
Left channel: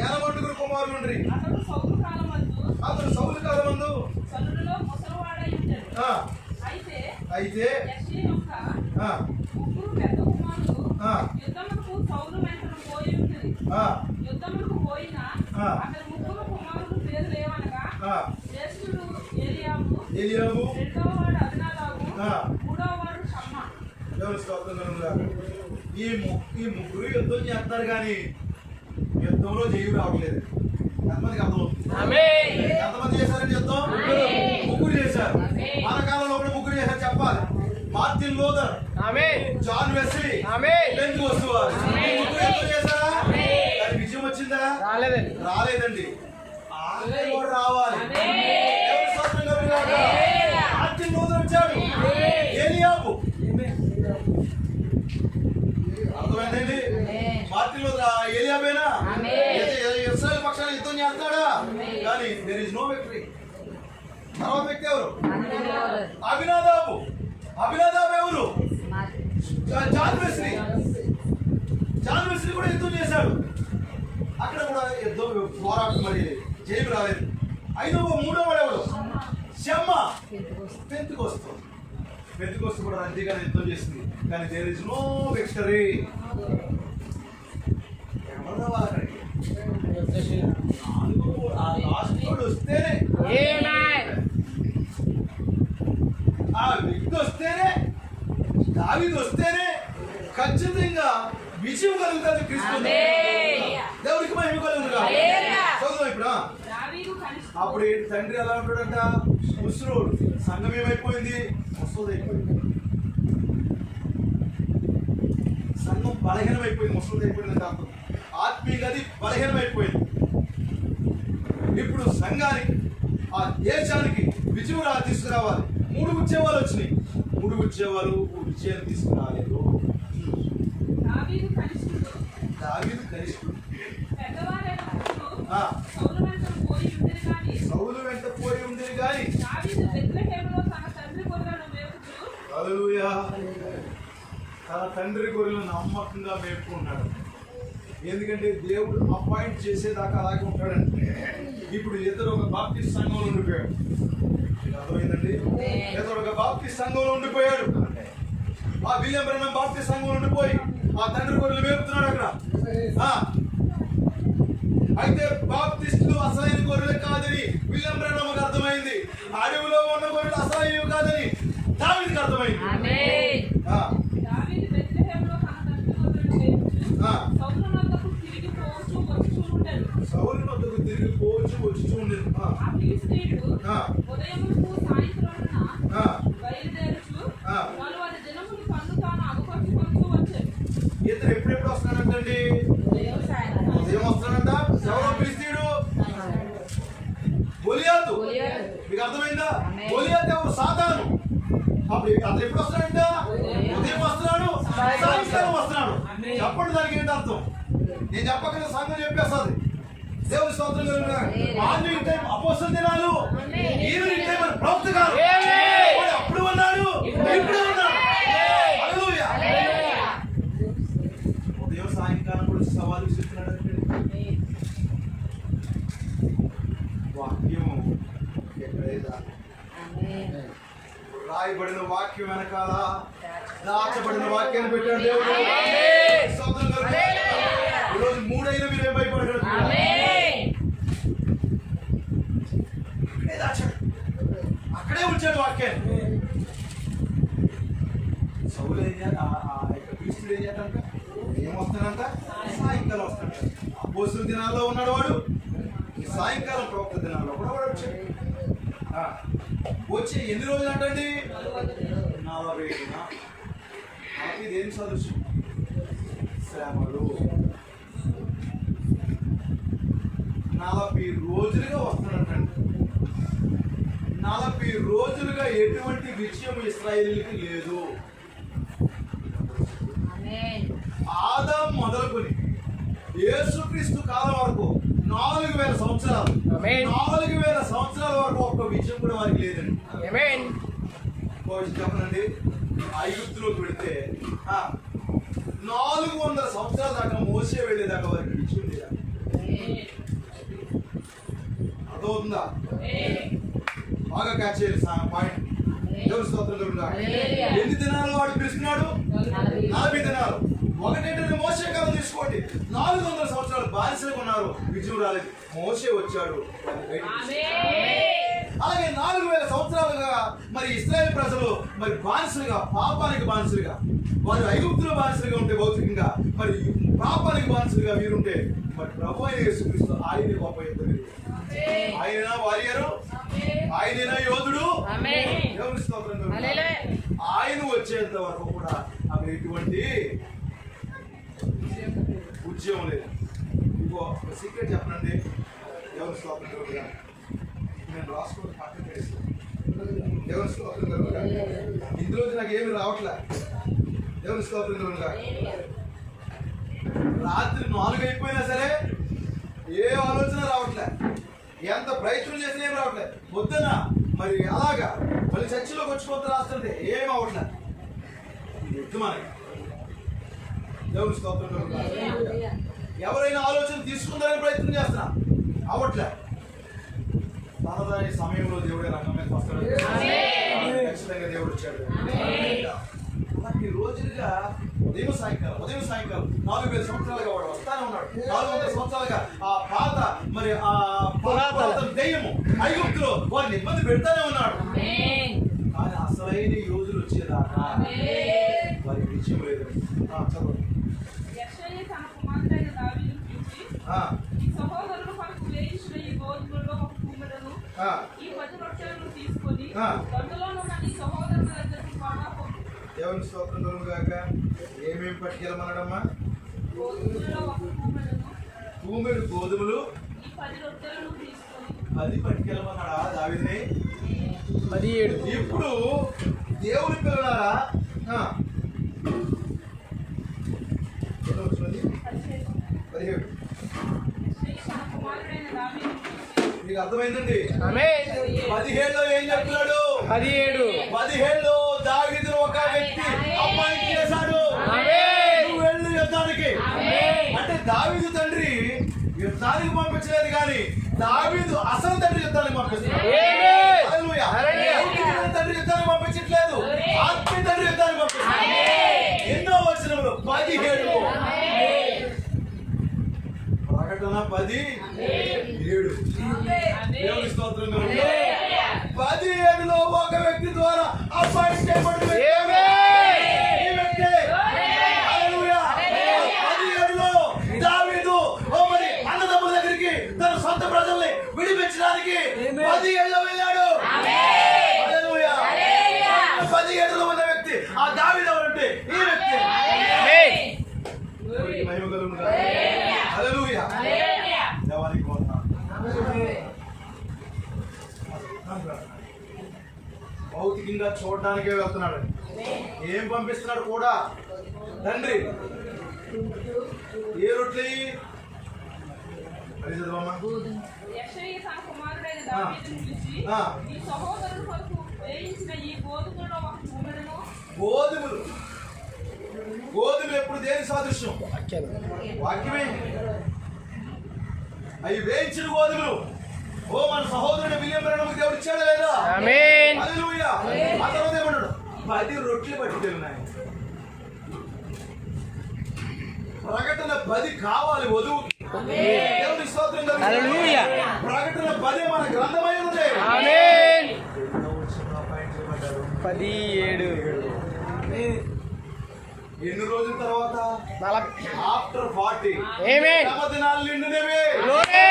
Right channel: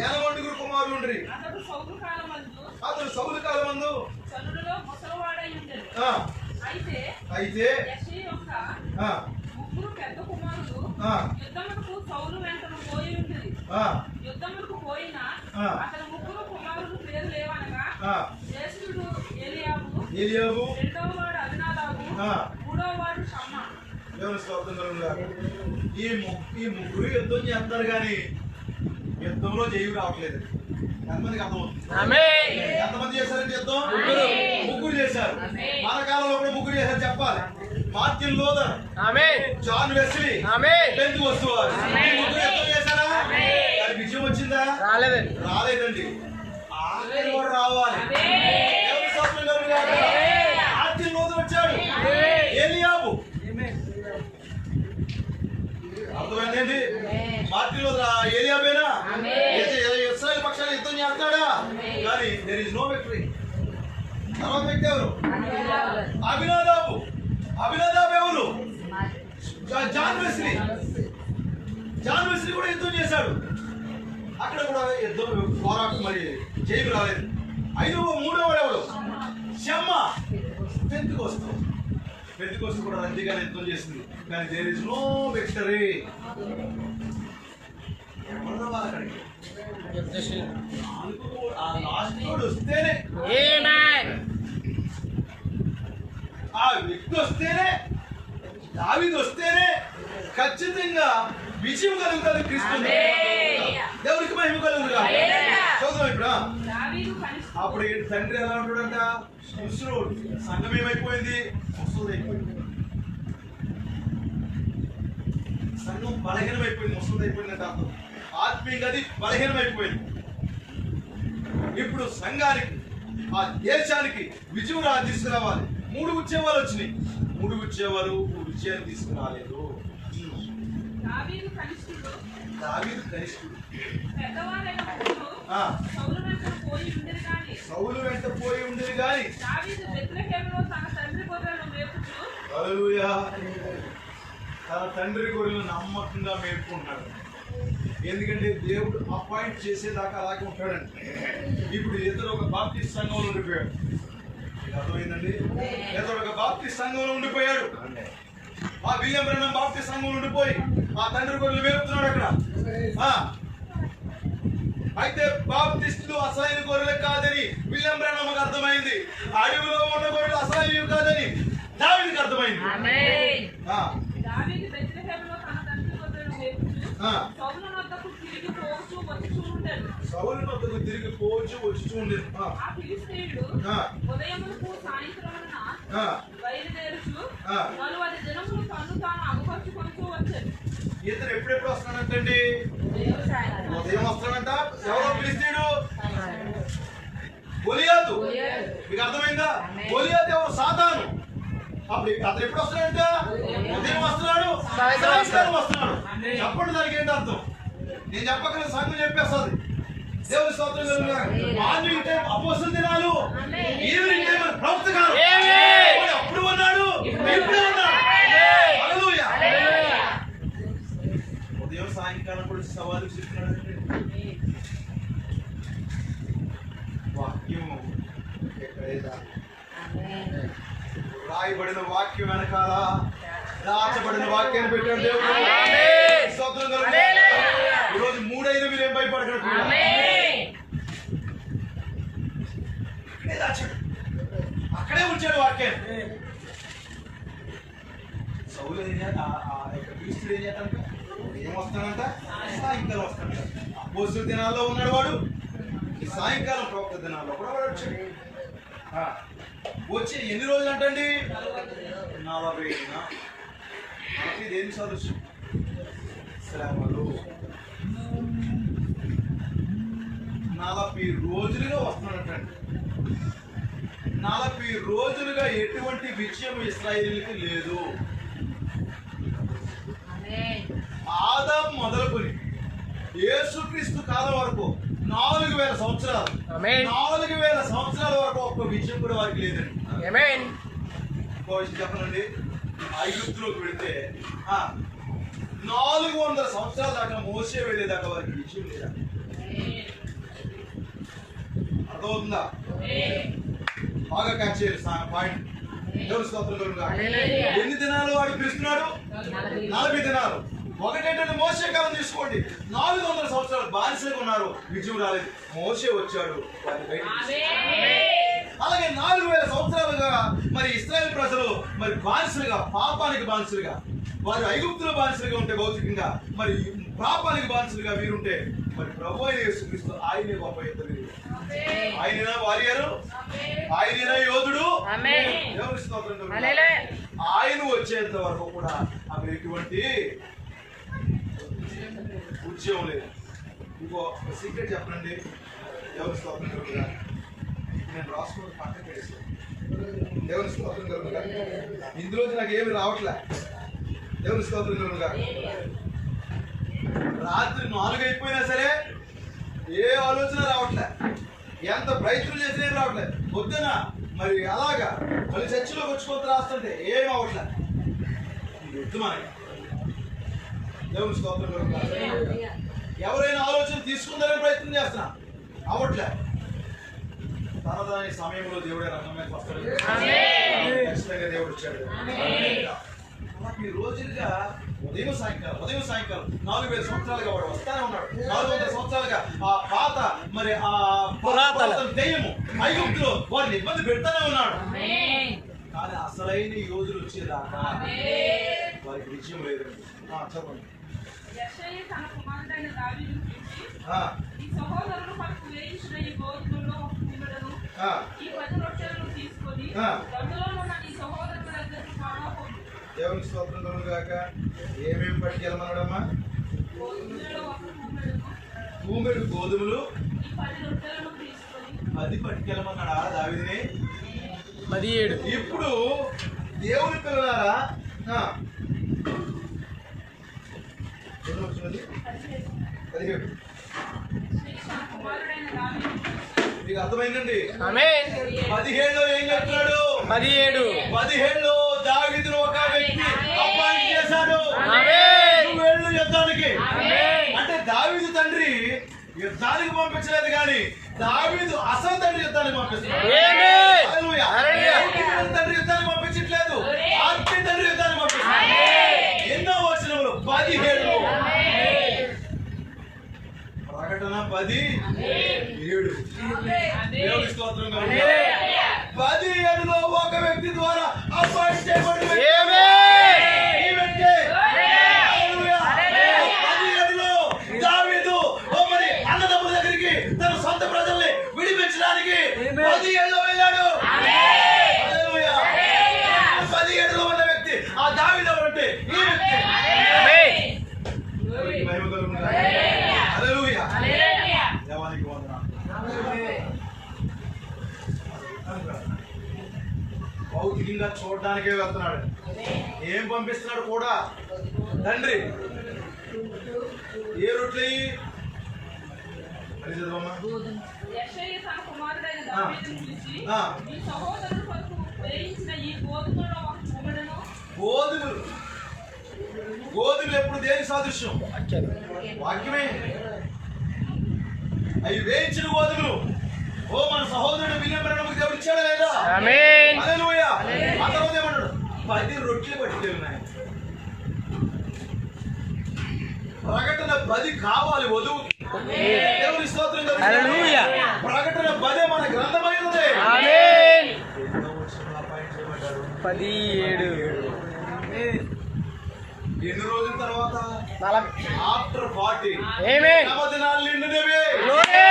80 కుమారులు. అతను సౌలు కాలమందు అయితే యుద్ధములకు పోయినా అతని ముగ్గురు కుమారులు పేరు లేవనగా ఏలీయాబు, రెండవ వాడు అబీనాదాబు, మూడవ వాడు షమ్మా. ఈ ముగ్గురు యుద్ధం చేస్తారు కానీ యుద్ధంలో జయం రావట్లేదు. ఎంతమందికి అర్థమవుతుంది? ఎంతమంది చేశారండి యుద్ధం? ముగ్గురు చేశారు. మన కాలంలో కూడా ముగ్గురు చేశారు చెప్పాలి. మార్టిన్ లూథర్, జాన్ వెస్లీ, ఎందుకు వస్తువారు ముగ్గురు యుద్ధం చేశారా? దాని విజయం వచ్చిందా? రాలేదండి. కూడా రావాలి. మార్టిన్ లూథర్ వచ్చాడు, ఏలీయాబు. అర్థమైందండి? మార్టిన్ లూథర్ ఏలీయాబేనా? ఇశ్రాయేలు పక్షాన్ని యుద్ధం చేస్తాడా? కానీ దేర్ ఇస్ నో విక్టరీ. తర్వాత వ్యక్తి ఎవరు? అబీనాదాబు. అబీనాదాబు ఎవరు? జాన్ వెస్లీ కూడా యుద్ధం చేశాడు. అక్కడ కూడా యుద్ధం పోరాటం మరి జైలు రాలేదు. మూడో వాడు ఎవడు? షమ్మ. పెంతెకోస్తు కూడా రద్దీగానే యుద్ధం చేస్తుంది, కానీ దేర్ ఇస్ నో విక్టరీ. అక్కడికి ఆ లాస్ట్ వాడు వస్తేనే, ఆ వ్యక్తి వస్తేనే, దావీదు వస్తేనే ఖచ్చితంగా విజయం కలుగుతుంది. క్రీస్తు దేవునికి మహిమ కలుగుతుందా? చదువు ఇప్పుడు. అప్పుడు తండ్రి ఎలా ఉంటాడంట? ముసలోడు. సంఘం ఏమైపోయింది? ముసలిదైపోయింది. సంఘం బలహీనమైపోయింది, ముసలిదైపోయింది అంటే అర్థం. ఆత్మీయంగా అది బలహీనమైపోయింది. ఇప్పుడు సంఘానికి, ఆ దేశానికి విజయం తీసుకురావాలి. 3 ఉద్యమాలు వచ్చినాయి. 3 ఉద్యమాలు విజయాన్ని తీసుకురాలేదు. దావీదు కనిష్ఠుడు. సౌలు వెంట పోయి ఉండేది కానీ హల్లెలూయా, తన తండ్రి గొర్రెలు నమ్మకంగా మేపుకుంటాడు. ఎందుకంటే దేవుడు అపాయింట్ చేసేదాకా అలాగే ఉంటాడండి. ఇప్పుడు ఇద్దరు ఒక బాప్టిస్ట్ సంఘంలో ఉండిపోయాడు. అర్థమైందండి? ఇద్దరు ఒక బాప్టిస్ట్ సంఘంలో ఉండిపోయాడు. ఆ విలియం బ్రహ్మం బాప్టిస్ట్ సంఘంలో ఉండిపోయి ఆ తండ్రి గొర్రెలు మేపుతున్నాడు అక్కడ. అయితే బాప్టిస్టులు అసలైన గొర్రెలు కాదని విలియం బ్రహ్మంకి అర్థమైంది. అడవిలో ఉన్న గొర్రెలు అసలైనవి కాదని దావీదుకి అర్థమైంది. సౌలు వద్దకు తిరిగి పోవచ్చు వచ్చి చూడలేదు. ఇతను ఎప్పుడెప్పుడు వస్తానంటండి? ఉదయం వస్తానంట. ఎవరో ఫిలిష్తీయుడు? గొలియాతు. మీకు అర్థమైందా? గొలియాతు ఎవరు? సాతాను. అప్పుడు అతను ఎప్పుడు వస్తున్నాడంట? ఉదయం వస్తున్నాడు, సాయంకాలం వస్తున్నాడు. చెప్పండి దానికి ఏంటి అర్థం? నేను చెప్పగలను, సంఘం చెప్పేస్తుంది. దేవుని స్తోత్రం కలుగుగాక. మార్నింగ్ టైం అపోస్తల దినాలు, ఈవినింగ్ టైం ప్రవక్త గారు. అప్పుడు ఉన్నాడు, ఇప్పుడే ఉన్నాడు. హల్లెలూయా. ఉదయం సాయంకాలం కూడా సవాలు చెప్తున్నాడు. వాక్యం ఎక్కడైనా రాయబడిన వాక్యం వెనకాల దాచబడిన వాక్యాన్ని పెట్టాడు దేవుడు. స్తోత్రం కలుగుగాక. ఈరోజు 3 అయినా మీరేం భయపడగలరు? అక్కడే ఉంచాడు వాక్యాన్ని. సౌలు క్రీస్తుడు ఏం చేస్తాడంట? ఏం వస్తాడంట? సాయంకాలం వస్తాడంట. అపోస్తల దినాల్లో ఉన్నాడు వాడు, సాయంకాలం ప్రవక్త దినాల్లో కూడా వాడు వచ్చాడు. వచ్చి ఎన్ని రోజులు అంటండి? 40 ఏం సదృశ్యం? శ్రమలు. 40 రోజులుగా వస్తున్నాడంటండి. 40 రోజులుగా ఎటువంటి విజయం ఇశ్రాయేలుకి లేదు. ఆదాం మొదలుకొని యేసుక్రీస్తు కాలం వరకు 4000 సంవత్సరాలు, 4000 సంవత్సరాల వరకు ఒక్క విజయం కూడా వారికి లేదండి. చెప్పనండి, ఐగుప్తులోకి వెళితే 400 సంవత్సరాల దాకా మోసే వెళ్ళేదాకా వారికి విజయం లేదా? అర్థమవుతుందా? బాగా క్యాచ్ చేయాలి పాయింట్. దేవుని స్తోత్రం కలుగుగాక. ఎన్ని దినాలు వాడు పిలుస్తున్నాడు? 40 దినాలు. ఒకటేంటంటే మోసే కాలం తీసుకోండి. 400 సంవత్సరాలు బానిసలుగా ఉన్నారు, విజయం రాలేదు. మోసే వచ్చాడు. అలాగే 4000 సంవత్సరాలుగా మరి ఇశ్రాయేలు ప్రజలు మరి బానిసలుగా, పాపానికి బానిసలుగా, వారు ఐగుప్తులో బానిసలుగా ఉంటే భౌతికంగా, మరి పాపానికి బానిసలుగా వీరుంటే, మరి ప్రభు అయిన యేసుక్రీస్తు ఆయనే గొప్ప యుద్ధం. ఆయన వారియరు, ఆయన యోధుడు. దేవుని స్తోత్రం. ఆయన వచ్చేంత వరకు కూడా అక్కడ ఎటువంటి ఉద్యోగం లేదు. ఇంకో సీక్రెట్ చెప్పండి. దేవుని స్తోత్రం కలుగుగా. నేను రాసుకోవడం పక్కన పెట్టేస్తాను. దేవుని స్తోత్రం కలుగుగా. ఇందులో నాకు ఏమి రావట్లే. దేవుని స్తోత్రం కలుగుగా. రాత్రి 4 అయిపోయినా సరే ఏ ఆలోచన రావట్లే. ఎంత ప్రయత్నం చేసినా ఏం రావట్లేదు. పొద్దున మరి అలాగా మళ్ళీ చర్చిలోకి వచ్చి కొంత రాస్తుంటే ఏం అవ్వట్లేదు. మనకి దేవుని స్తోత్రం కలుగుగాక. ఎవరైనా ఆలోచన తీసుకుందారని ప్రయత్నం చేస్తున్నా అవట్లే. తనదాని సమయంలో దేవుడే రంగం మీద వస్తాడు. ఖచ్చితంగా దేవుడు వచ్చాడు. ఈ రోజులుగా ఉదయం సాయంకాలం 4,000 సంవత్సరాలుగా వాడు వస్తానే ఉన్నాడు. 400 సంవత్సరాలుగా ఆ పాత మరి ఆ పురాతన దెయ్యము ఐగుప్తులో వారిని ఇబ్బంది పెడతానే ఉన్నాడు. కానీ అసలైన యోధులు వచ్చేదాకా వారికి విజయం లేదు. చదవండి. యెషయా తన కుమారుడైన దావీదును పిలిచి, ఈ సహోదరుడు మనకు వేయించిన ఈ గోధుమలో ఒక కుండలను, ఈ 10 రొట్టెలను తీసుకొని దండులోనున్న నీ సహోదరుల దగ్గరికి త్వరగా పంపు. దేవుని స్తోత్రం కలుగుగాక. ఏమేమి పట్టుకెళ్ళమన్నాడమ్మా? గోధుమలలో ఒక కుండలను, భూమిడు గోధుమలు ఈ 10 రొట్టెలను తీసుకొని 10 పట్టుకెళ్ళమన్నాడా దావీదుని? 17. ఇప్పుడు దేవుని పిల్లలారా 17 తన కుమారుడైన దావీదును మీకు అర్థమైందండి? ఆమేన్. 17లో ఏం చెప్తున్నాడు? 17లో దావీదును ఒక వ్యక్తి అపాయింట్ చేశాడు. ఆమేన్. నువ్వు వెళ్ళు యుద్ధానికి. అంటే దావీదు తండ్రి యుద్ధానికి పంపించలేదు కానీ దావీదు అసలు తండ్రి యుద్ధానికి పంపిస్తున్నాడు. ఆమేన్. హల్లెలూయా. హల్లెలూయా. భౌతికమైన తండ్రి యుద్ధానికి పంపించట్లేదు, ఆత్మీయ తండ్రి యుద్ధానికి పంపిస్తున్నాడు. ఎన్నో వచనములు 17 ప్రకటన 10:7 దేవుని స్తోత్రం కలుగుగాక. 17లో ఒక వ్యక్తి ద్వారా అపాయింట్ చేయబడిన వ్యక్తి. ఈ వ్యక్తి. హల్లెలూయా. 17లో దావీదు మరి అన్నదమ్ముల దగ్గరికి తన సొంత ప్రజల్ని విడిపించడానికి 17లో వెళ్ళాడు. హల్లెలూయా. 17లో ఉన్న వ్యక్తి ఆ దావీదు ఎవరంటే ఈ వ్యక్తి. మహిమ కలుగుగాక. హల్లెలూయా. దేవానికి వందనాలు. భౌతికంగా చూడడానికే వెళ్తున్నాడు. ఏం పంపిస్తున్నాడు కూడా తండ్రి? ఏ రొట్టెలు అది చదవమ్మా. యెషయా తన కుమారుడైన దావీదును పిలిచి, ఈ సహోదరుడు కొరకు వేయించిన ఈ గోధుమలో ఒక కుండలను. గోధుమలు ఎప్పుడు దేని సాదృశ్యం? వాక్యమే. అవి వేయించిన గోధుమలు. ఓ మన సహోదరుడు విలియం బ్రహ్మంకి దేవుడు ఇచ్చాడా లేదా? ఆమేన్. హల్లెలూయా. ఆ తర్వాత ఏమన్నాడు? 10 రొట్టెలు పట్టుకెళ్ళినాయి. ప్రకటన 10 కావాలి వధువు. దేవుని స్తోత్రం కలుగుగాక. హల్లెలూయా. ప్రకటన 10 మన గ్రంథమైనది. ఆమేన్. 17 ఎన్ని రోజుల తర్వాత? 40. ఆఫ్టర్ 40 ఆమేన్. దినాలు నిండినవి. గ్లోరీ.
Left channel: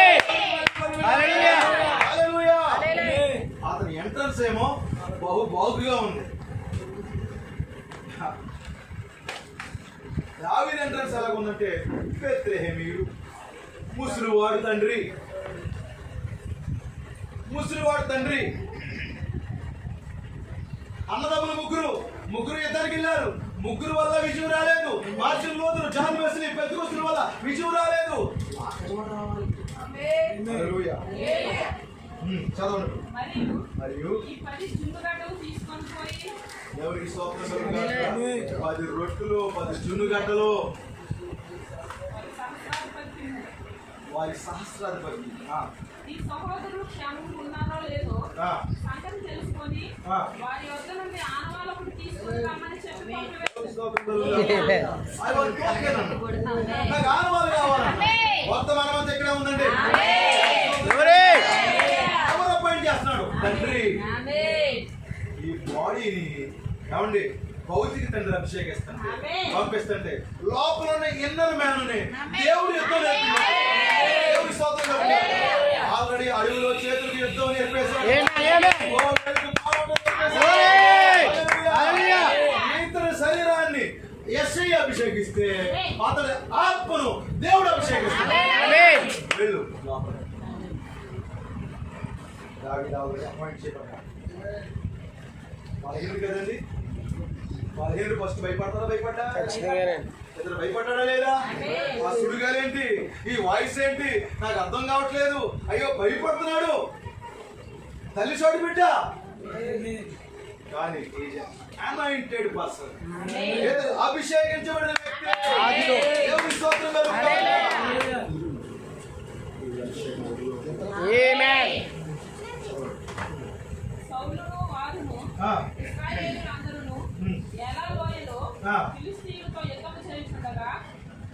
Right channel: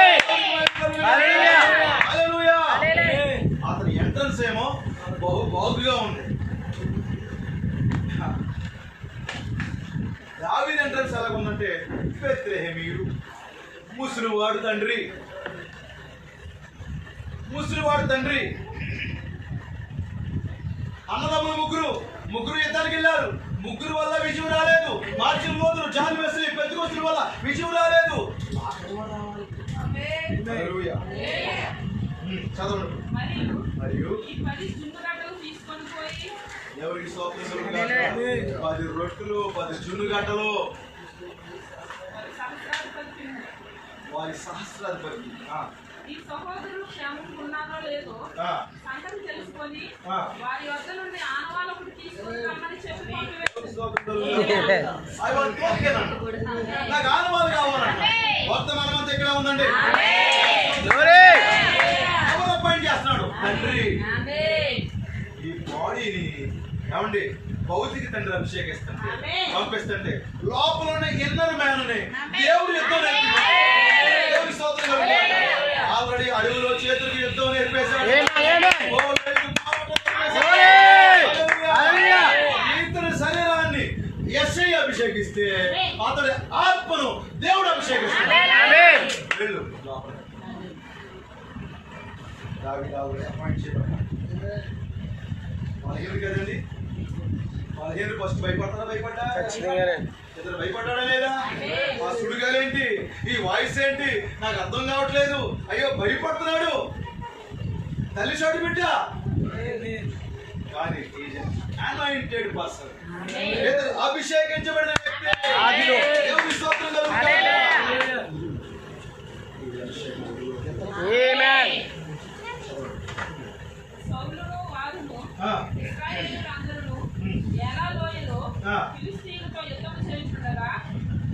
హల్లెలూయా. హల్లెలూయా. అతని ఎంట్రన్స్ ఏమో బాగుగా ఉంది. దావీదు ఎంట్రన్స్ ఎలా ఉందంటే బెత్లెహేమీయుడు, ముసలివాడు తండ్రి. అన్నదమ్ములు ముగ్గురు యుద్ధానికి వెళ్ళారు. ముగ్గురు వల్ల విజయం రాలేదు. Martin Luther, John Wesley, Pentecost వల్ల విజయం రాలేదు. హల్లెలూయా. చదవండి. మరియు ఈ 10 జున్నుగడ్డలు తీసుకొని పోయి ఎవరికి స్తోత్రం కలుగుగాక. 10 రొట్టెలు 10 జున్నుగడ్డలు వారి సహస్రాధిపతి. ఈ సహోదరుడు క్షేమంగా ఉన్నారో లేదో సంగతి తెలుసుకొని వారి వద్ద నుండి ఆనవాళ్ళకు తీసుకొని రమ్మని చెప్పి పంపివేశాడు. నాకు ఆనవాళ్ళు కావాలంట. వర్తమానం అంతా ఎక్కడ ఉందండి? ఎవరు అపాయింట్ చేస్తున్నాడు? తండ్రి. ఈ బాడీని ఏమండి భౌతిక తండ్రి అభిషేకిస్తుంటే పంపిస్తుంటే లోపల ఉన్న ఇన్నర్ మ్యాన్ దేవుడు యుద్ధం నేర్పిస్తున్నాడు. దేవుడి స్తోత్రం కలుగుగాక. ఆల్రెడీ అడవిలో చేతులకు యుద్ధం నేర్పేశాడు. ఇతని శరీరాన్ని యెషయా అభిషేకిస్తే అతడి ఆత్మను దేవుడు అభిషేకిస్తాడు. వెళ్ళు దావీదు అపాయింట్ చేయబడ్డాడు. వాళ్ళకి కదండి. 15 ఫస్ట్ భయపడతారా? ఇతను భయపడ్డాడా లేదా? ఆ సుడిగాలేంటి, ఈ వాయిస్ ఏంటి నాకు అర్థం కావట్లేదు. అయ్యో భయపడుతున్నాడు. తల్లి చోటు బిడ్డ కానీ అనాయింటెడ్ పర్సన్, అభిషేకించబడిన వ్యక్తి.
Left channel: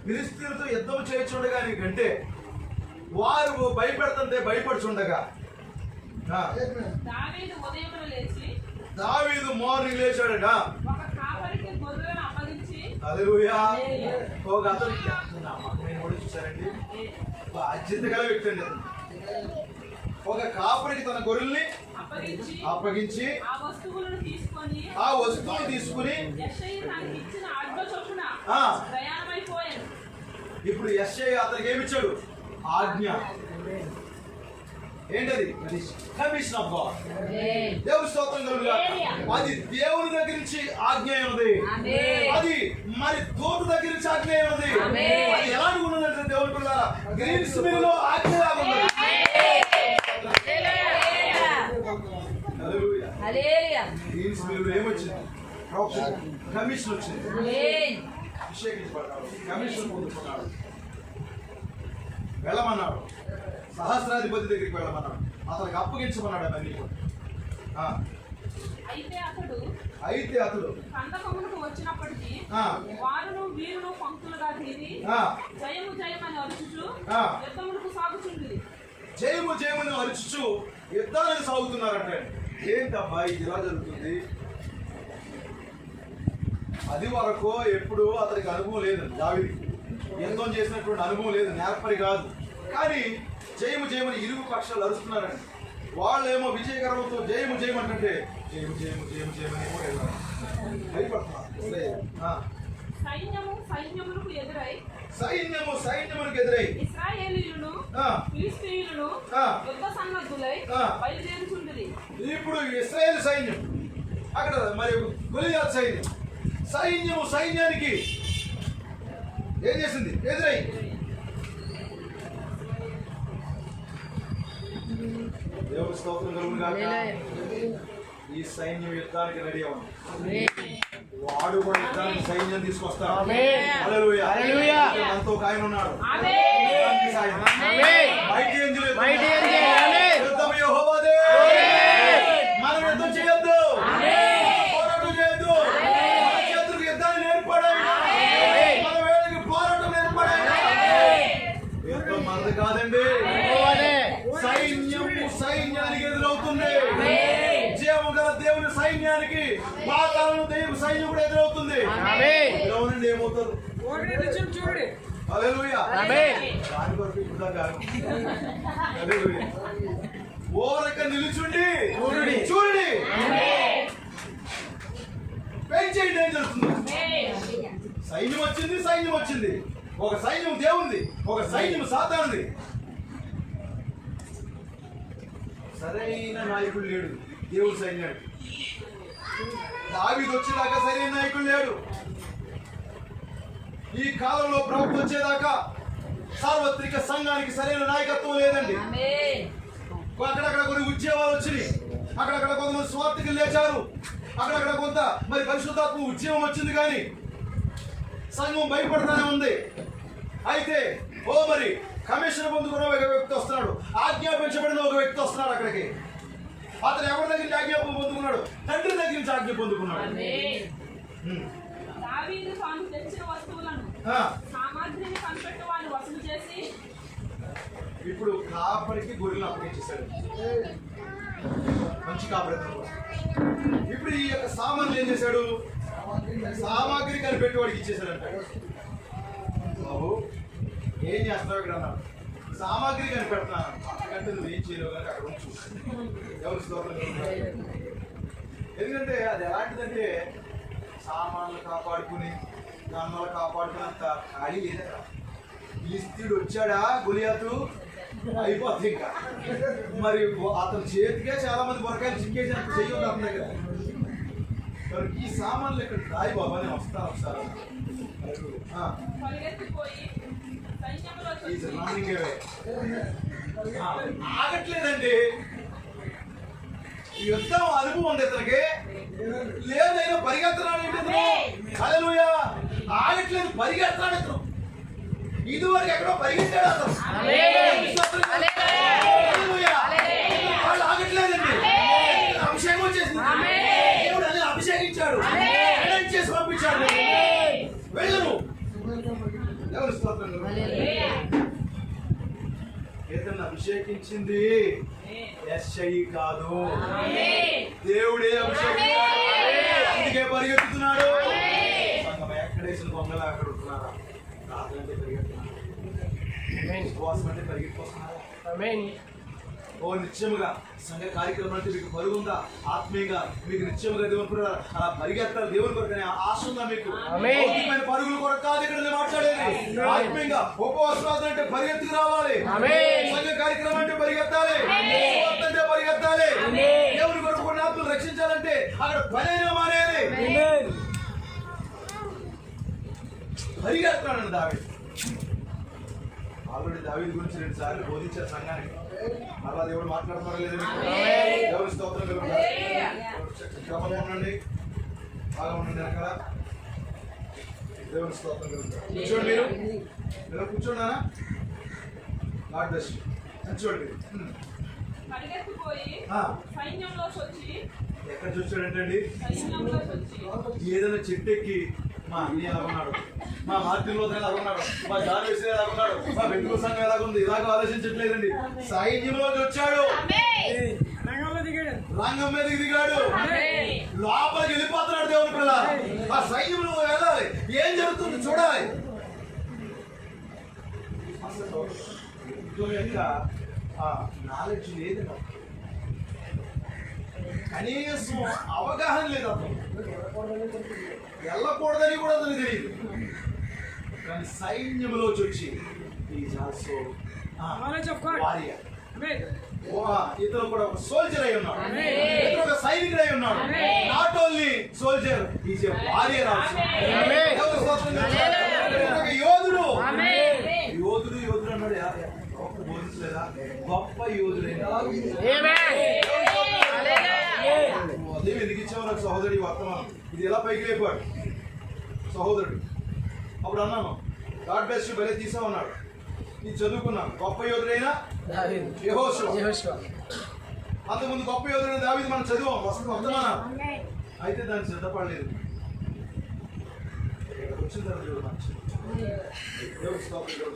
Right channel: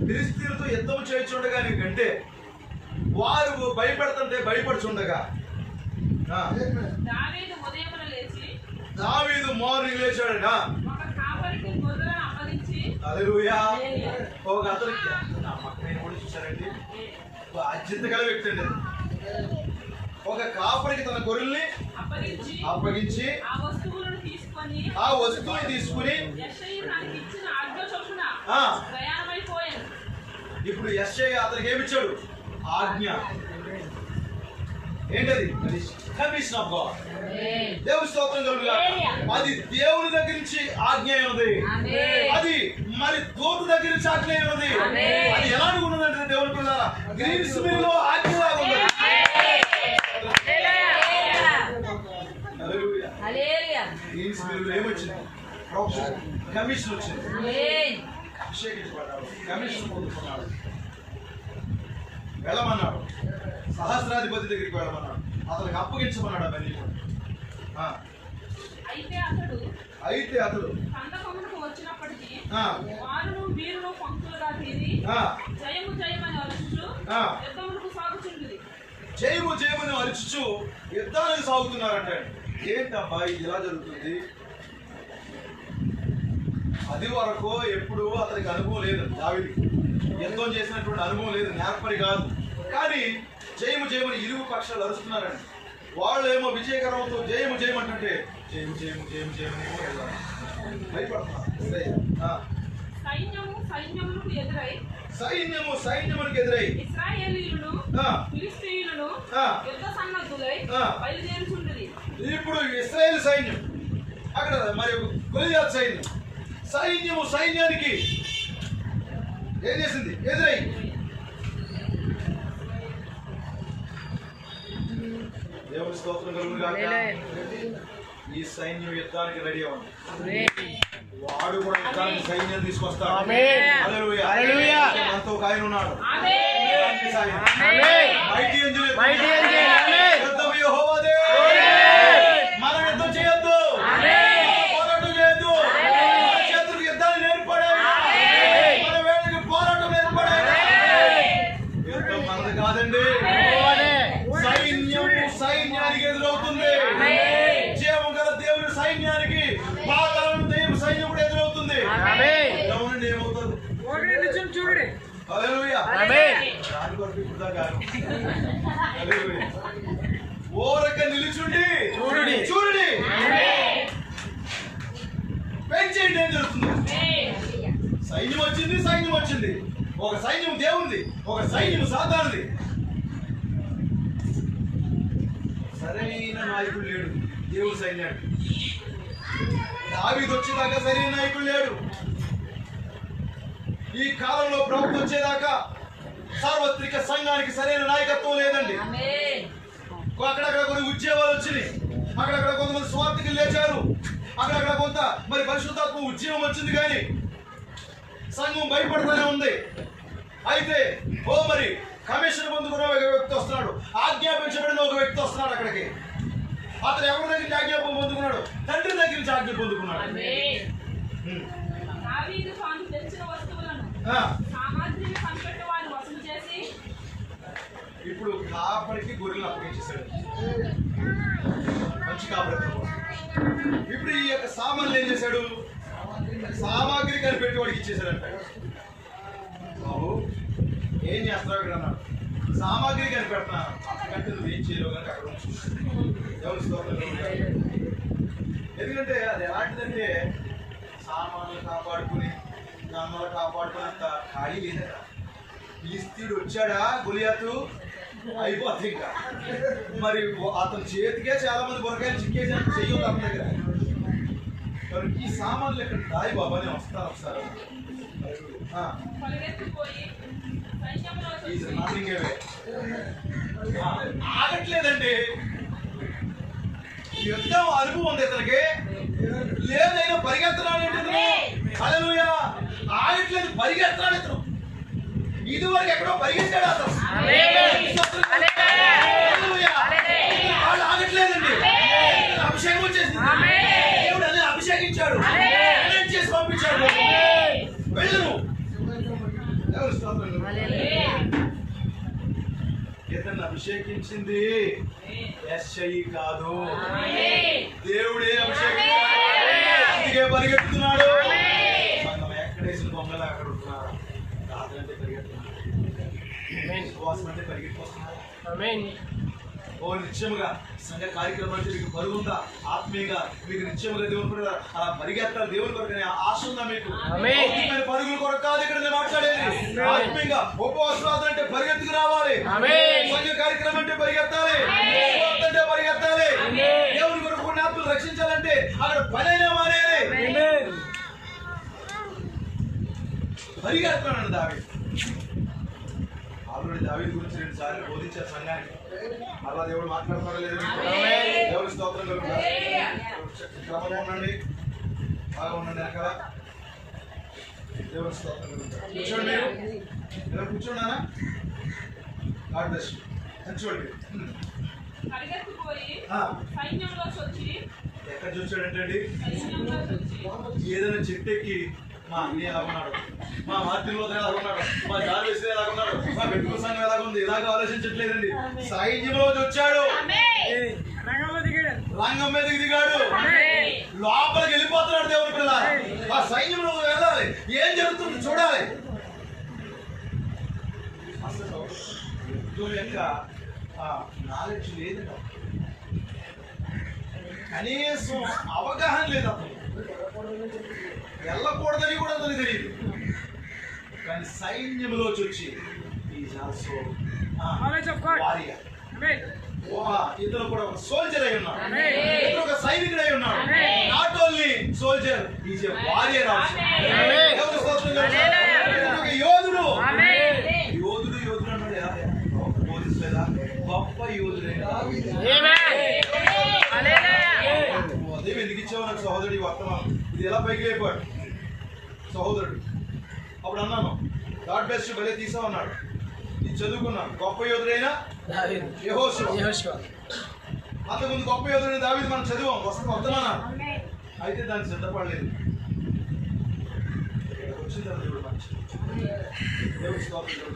ఫిలిష్తీయులతో యుద్ధం చేయించుండగా నీకంటే వారు భయపెడుతుంటే భయపడుచుండగా దావీదు ఉదయమున లేచి దావీదు మార్నింగ్ లేచాడట. ఒక కాపరికి గొర్రెలను అప్పగించి హల్లెలూయా. ఒక అతనికి నేను కూడా చూశారండి, బాధ్యత గల వ్యక్తి అండి. ఒక కాపరికి తన గొర్రెల్ని అప్పగించి ఆ వస్తువులను తీసుకుని యెషయి నాకు ఇచ్చిన ఆజ్ఞ చొప్పున ప్రయాణమైపోయాను. ఇప్పుడు యెషయి అతనికి ఏమిచ్చాడు? ఆజ్ఞ. ఏంటది? Commission of God. దేవుని స్తోత్రం కలుగుగా. అది దేవుని దగ్గర నుంచి ఆజ్ఞ ఉన్నది, అది మరి దూత దగ్గర నుంచి ఆజ్ఞ ఉన్నది. అది ఎలాంటి ఉన్నదంటే దేవుని కూడా గ్రీన్స్ మిల్ లో ఆజ్ఞ లాగా ఉన్నది. గ్రీన్స్ మిల్ లో ఏమొచ్చింది? కమిషన్ వచ్చింది. కమిషన్ పొందుకున్నాడు. వెళ్ళమన్నాడు, సహస్రాధిపతి దగ్గరికి వెళ్ళమన్నాడు, అతనికి అప్పగించమన్నాడు అవన్నీ. అయితే అతడు కందకమునకు వచ్చినప్పటికీ వారును వీరును పంక్తులుగా తీరి జయము జయమని అరుచుచు యుద్ధమునకు సాగుచుండిరి. జయము జయమని అరుచుచు యుద్ధానికి సాగుతున్నారంటే ఏంటమ్మా ఇది ఇలా జరుగుతుంది? అది వరకు ఎప్పుడు అతనికి అనుభవం లేదు, దావీదుకి యుద్ధం చేసినటువంటి అనుభవం లేదు, నేర్పరి కాదు. కానీ జయము జయమని ఇరుగు పక్షాలు అరుస్తున్నారండి. వాళ్ళేమో విజయగర్వంతో జయము జయమంటే జయము జయము జయము జయమని భయపడుతున్నారు. సైన్యము సైన్యమునికి ఎదురై ఇశ్రాయేలీయులను ఫిలిష్తీయులను యుద్ధ సన్నద్ధులై బయలుదేరుచుండిరి. ఇప్పుడు ఇశ్రాయేలు సైన్యం అక్కడ మరి గొలియాతు సైన్యం, సైన్యము సైన్యానికి ఏం చేసింది? ఎదురై. దేవుని స్తోత్రం కలుగుగాక. ఈ సైన్యం యుద్ధానికి రెడీ ఉంది. వాడు కూడా యుద్ధానికి సైన్యం తీసుకొస్తాడు. హల్లెలూయా. మనతో ఒక ఆయన ఉన్నాడు. యుద్ధం యెహోవాదే. మనం యుద్ధం చేయొద్దు, పోరాటం చేయొద్దు. మన చేతులకు యుద్ధాన్ని నేర్పడే, మన వేళకి పోరాటం నేర్పడే. యుద్ధం మనది కాదండి. సైన్యం సైన్యానికి ఎదురవుతుంది. జీవము గల దేవుని సైన్యానికి పాతాళం దెయ్యం సైన్యం కూడా ఎదురవుతుంది. అవునండి, ఏమవుతుంది? హల్లెలూయా. దాని కొరకు ఇప్పుడు దాకా హల్లెలూయా. ఓరక నిలుచుండి చూడండి, పెంచేయండి. ఏం జరుగుతుంది? సైన్యం వచ్చింది, సైన్యం వచ్చింది. ఒక సైన్యం దేవుంది, ఒక సైన్యం సాధారణది. సరైన నాయకుడు లేడు దేవుడు సైన్యానికి. దావీదు వచ్చేదాకా సరైన నాయకుడు లేడు. ఈ కాలంలో ప్రభుత్వం వచ్చేదాకా సార్వత్రిక సంఘానికి సరైన నాయకత్వం లేదండి. అక్కడక్కడ కొన్ని ఉద్యోగాలు వచ్చినాయి, అక్కడక్కడ కొంతమంది స్వార్థికులు లేచారు, అక్కడక్కడ కొంత మరి పరిశుద్ధాత్మ ఉద్యమం వచ్చింది. కానీ సంఘం భయపడుతూనే ఉంది. అయితే మరి కమిషన్ పొందుకున్న ఒక వ్యక్తి వస్తున్నాడు, ఆజ్ఞాపించబడిన ఒక వ్యక్తి వస్తున్నాడు అక్కడికి. అతను ఎవరి దగ్గర నుంచి ఆజ్ఞాపం పొందుకున్నాడు? తండ్రి దగ్గర నుంచి ఆజ్ఞ పొందుకున్నాడు. ఇప్పుడు కాపరికి గొర్రెలను అప్పగించేశాడు, మంచి కాపరి. ఇప్పుడు ఈ యొక్క సామాన్లు ఏం చేశాడు? సామాగ్రి కనిపెట్టి వాడికి ఇచ్చేశాడంట. బాబు ఏం చేస్తావు ఇక్కడ అన్నాడు. సామాగ్రి కనిపెడతాను అంటే నువ్వు ఏం చేయలేవు కానీ అక్కడ ఉంచు. ఎవరి స్తోత్రం. ఎందుకంటే అది ఎలాంటిదంటే సామాన్లు కాపాడుకుని గన్నలు కాపాడుకున్నంత ఖాళీ లేదా. ఫిలిష్తీయుడు వచ్చాడా గొలియాతు, అయిపోతుంది ఇంకా. మరి అతని చేతికే చాలా మంది బొరకాయలు చిక్కేసినట్టు చెయ్యొద్దు అతని దగ్గర. ఈ సామాన్లు ఇక్కడ దాయి బాబా నేను వస్తాను ఒకసారి. ఆగట్లేదండి. యుద్ధం అనుభవం ఉంది ఇతనికి, లేదైనా పరిగెత్తనాడు. హల్లెలూయా. ఆగట్లేదు, పరిగెత్తనాడు ఇతను. ఇదివరకు ఎక్కడో పరిగెత్తాడు అతను. వాళ్ళు ఆగట్లేదండి. అభిషేకం వచ్చేసింది. దేవుడు అదే అభిషేకించాడు, చేసి పంపించాడు. వెళ్ళను దేవుని స్తోత్రం కలుగును. ఇతన్ని అభిషేకించింది యెషయి కాదు, దేవుడే అభిషేకించాడు. అందుకే పరిగెత్తుతున్నాడు. సంఘం ఎక్కడేసిన బొమ్మలు అక్కడ ఉంటున్నారా? ప్రార్థన అంటే పరిగెత్తున్నారు, విశ్వాసం అంటే పరిగెత్తుకొస్తున్నారు. ఓ నిత్యముగా సంఘ కార్యక్రమం అంటే మీకు బరువు ఉందా? ఆత్మీయంగా మీకు నిత్యముగా దేవుని అలా పరిగెత్తాలి. దేవుని కొరకు ఆశ ఉందా మీకు? పరుగుల కొరకు కాదు ఇక్కడ నేను మాట్లాడేది. ఆత్మీయంగా ఉపవాసం అంటే పరిగెత్తుకు రావాలి. సంఘ కార్యక్రమం అంటే పరిగెత్తాలి, అంటే పరిగెత్తాలి. దేవుని కొరకు కొన్ని ఆత్మలు రక్షించాలంటే అక్కడ పనైనా మానేది. పరిగెత్తానండి దావీదు. ఆల్రెడీ దావీదు గురించి 2 సార్లు బోధించారు సంఘానికి. మళ్ళా దేవుడు మాట్లాడలేదు. దేవుడి స్తోత్రం క్రమంగా ఉండండి, బాగా ఉండండి. అక్కడ దేవుడి స్తోత్రం కూర్చోండి. మీరు కూర్చోండి. God bless you. కూర్చోండి. ఎక్కడ చూసాడంటండి? ఏదైనా చెట్టు ఎక్కి మా అన్నయ్య ఎలాగున్నాడు, మా మార్టిన్ లోతు ఎలాగున్నాడు, మా జార్వేస్ ఎలాగున్నాడు, మా వెతుకు సంఘం ఎలాగుంది, ఇలాగ ఆలోచించట్లేదండి. సైన్యంలోకి వచ్చాడు, రంగం మీదకి దిగాడు, లోపలికి వెళ్ళిపోతున్నాడు. దేవుని పిల్ల ఆ సైన్యంలో వెళ్ళాలి, ఏం జరుగుతుంది చూడాలి. అసలు యొక్క నాలెడ్జ్ లేదు, కనీసం అవగాహన లేదు. అతను వెళ్ళకూడదని కూడా అతనికి తెలియదు. కానీ సైన్యంలో వచ్చి ఇతను కూడా ఒక సోల్జర్ అయి ఉన్నాడు, ఇతను ఒక సైనికుడు అయి ఉన్నాడు. Not only soldier, is a warrior also. యోధుడు యోధుడు యోధుడు అన్నాడు. బోధించలేదా? గొప్ప యోధుడే. ఉదయం ఎందుకు ఇచ్చావు నాకు సహోదరుడు వర్తమానం? ఇది ఎలా పైకి లేపాడు సహోదరుడు. అప్పుడు అన్నాను గాడ్ బ్లెస్ యు, భలే తీసా ఉన్నాడు. ఇది చదువుకున్నాను. గొప్ప యోధుడైనా యెహోషువ. అంతకుముందు గొప్ప యోధుడైన దావీదు మనం చదివాం, వర్తమానాలు. అయితే దాన్ని సిద్ధపడలేదు. వచ్చిన తర్వాత చూడు మంచి దేవుడి స్తోత్రం.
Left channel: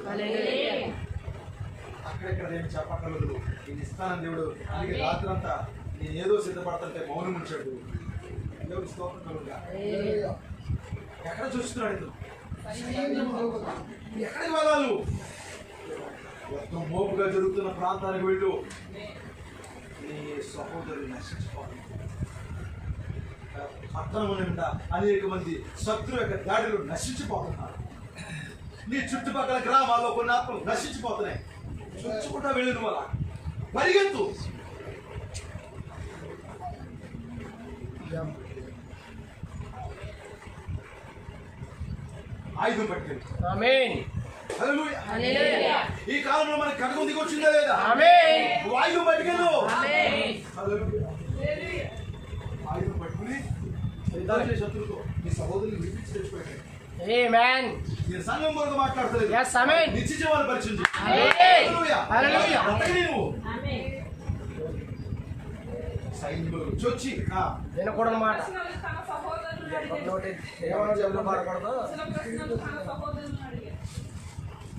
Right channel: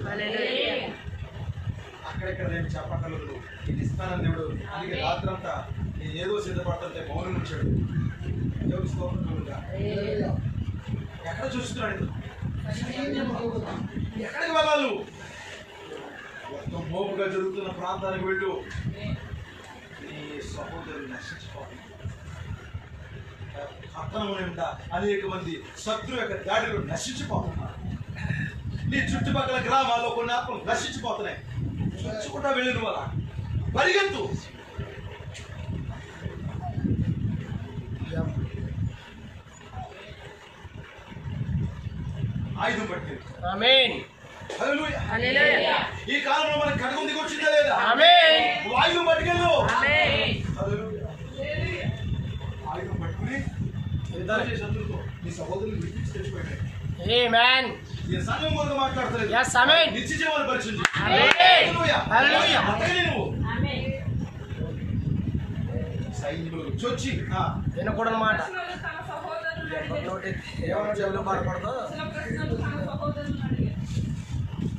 అక్కడెక్కడ నేను చెప్పగలదు, ఇది ఇస్తానని దేవుడు. అందుకే రాత్రంతా నేను ఏదో సిద్ధపడుతుంటే మౌనం ఉంచాడు. దేవుడి స్తోత్రం. ఎక్కడ చూస్తున్నాడు? ఎక్కడికి వెళ్ళాలి? మొత్తం మోపుగా జరుగుతున్న ప్రాంతానికి వెళ్ళు. నీ సహోదరుని నశించిపోతుంది. పట్టణం అనేక మంది శత్రువు యొక్క దాడిలో నశించిపోతున్నారు. నీ చుట్టుపక్కల గ్రామాల్లో కొన్ని ఆత్మలు నశించిపోతున్నాయి. చూసుకుంటా వెళ్ళిన వల్ల పరిగెత్తు. ఆయుధం పట్టుకెళ్ళి. ఈ కాలంలో మనకి కటకం దిగొచ్చిందా లేదా? ఆయుధం పట్టుకెళ్ళు. ఆయుధం పట్టుకుని శత్రువుతో నీ సహోదరుని విడిపించి తెచ్చిపోయాడు. నేను సంఘం కొరకు మాట్లాడతలేదు, నిత్య జీవాన్ని పరిచయం సైన్యంలో చొచ్చి వినకూడదు మాట.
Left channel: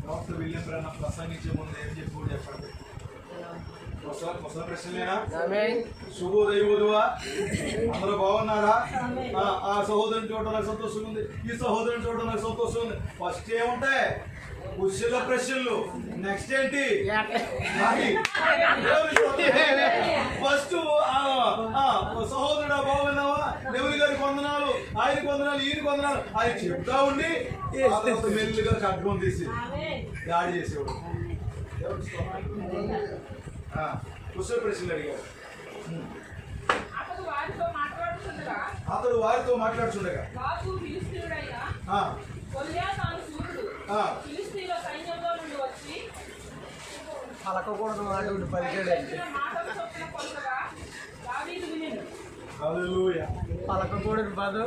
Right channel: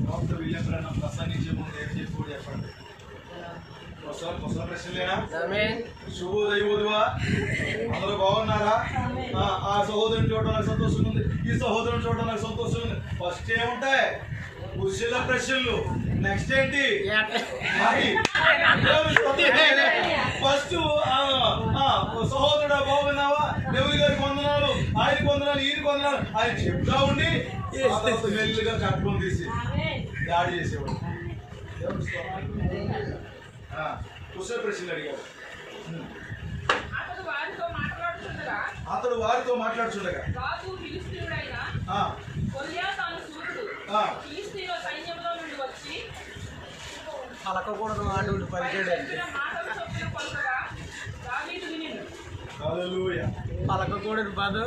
డాక్టర్ విలియం బ్రన్నమ్ ప్రసంగించే ముందు ఏం చెప్పి చెప్పండి. ముసలి ప్రశ్నలేనా? శుభోదయా, అందరూ బాగున్నారా? ఆ సహోదరుని చూడటం నాకు సంతోషం ఉంది, ఈ సహోదరుని చూడటం నాకు సంతోషం ఉంది. ఫస్ట్ ఏముంటాయి? కుశల ప్రశ్నలు. నెక్స్ట్ ఏంటి? ఫస్ట్ సహోదరుడా బాగున్నావా, దేవుని గారికి వందనాలు, ఆయనకి వందనాలు, ఈయనకి వందనాలు ఆయన చెప్తా ఉండి మెల్లిగా కట్టుకొని తీసి దాడి చేసేవాడు. కుశల ప్రశ్నలు అడిగాడు. అతడు వారితో మాట్లాడుతుండగా పలకకూడదు మాట పలికాడండి. పలకకూడదు బాధ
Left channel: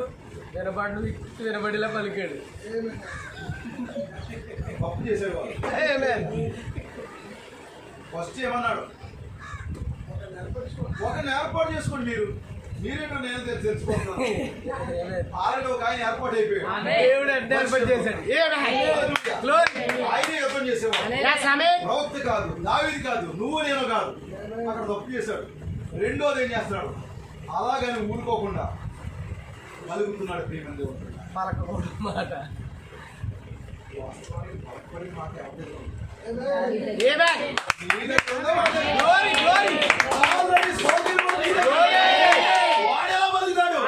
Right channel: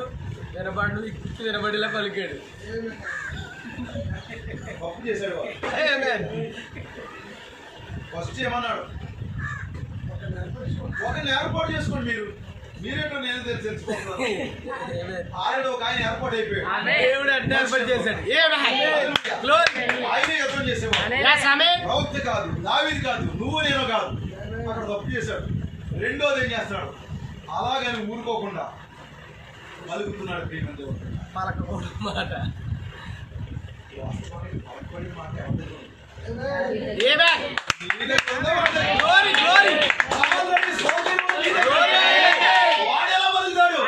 వినబడు వినబడిలా పలికాడు. గొప్ప చేశాడు వాళ్ళు. ఫస్ట్ ఏమన్నాడు? ఒకరిని ఏర్పాటు చేసుకోండి. మీరు మీరేటో నేను తెలుసుకుంటున్నాను. ఆల్రెడీ ఒక ఆయన ఏర్పాటు అయిపోయాడు. దేవుడు అంటే ఏర్పాటు చేశాడు. ఆయనే యుద్ధం చేసేవాడు. ప్రవక్త కాదు, దావీదు కాదు, నువ్వు నేను కాదు. అక్కడ తప్పు చేశాడు. రెండోది ఏం చేస్తున్నాడు? అలాగని ఊరుకోకుండా కలుగుతున్నాడు ప్రేమ దేవుడు. పలకకూడదు మాట. వాడేలా బలుగుతాడు?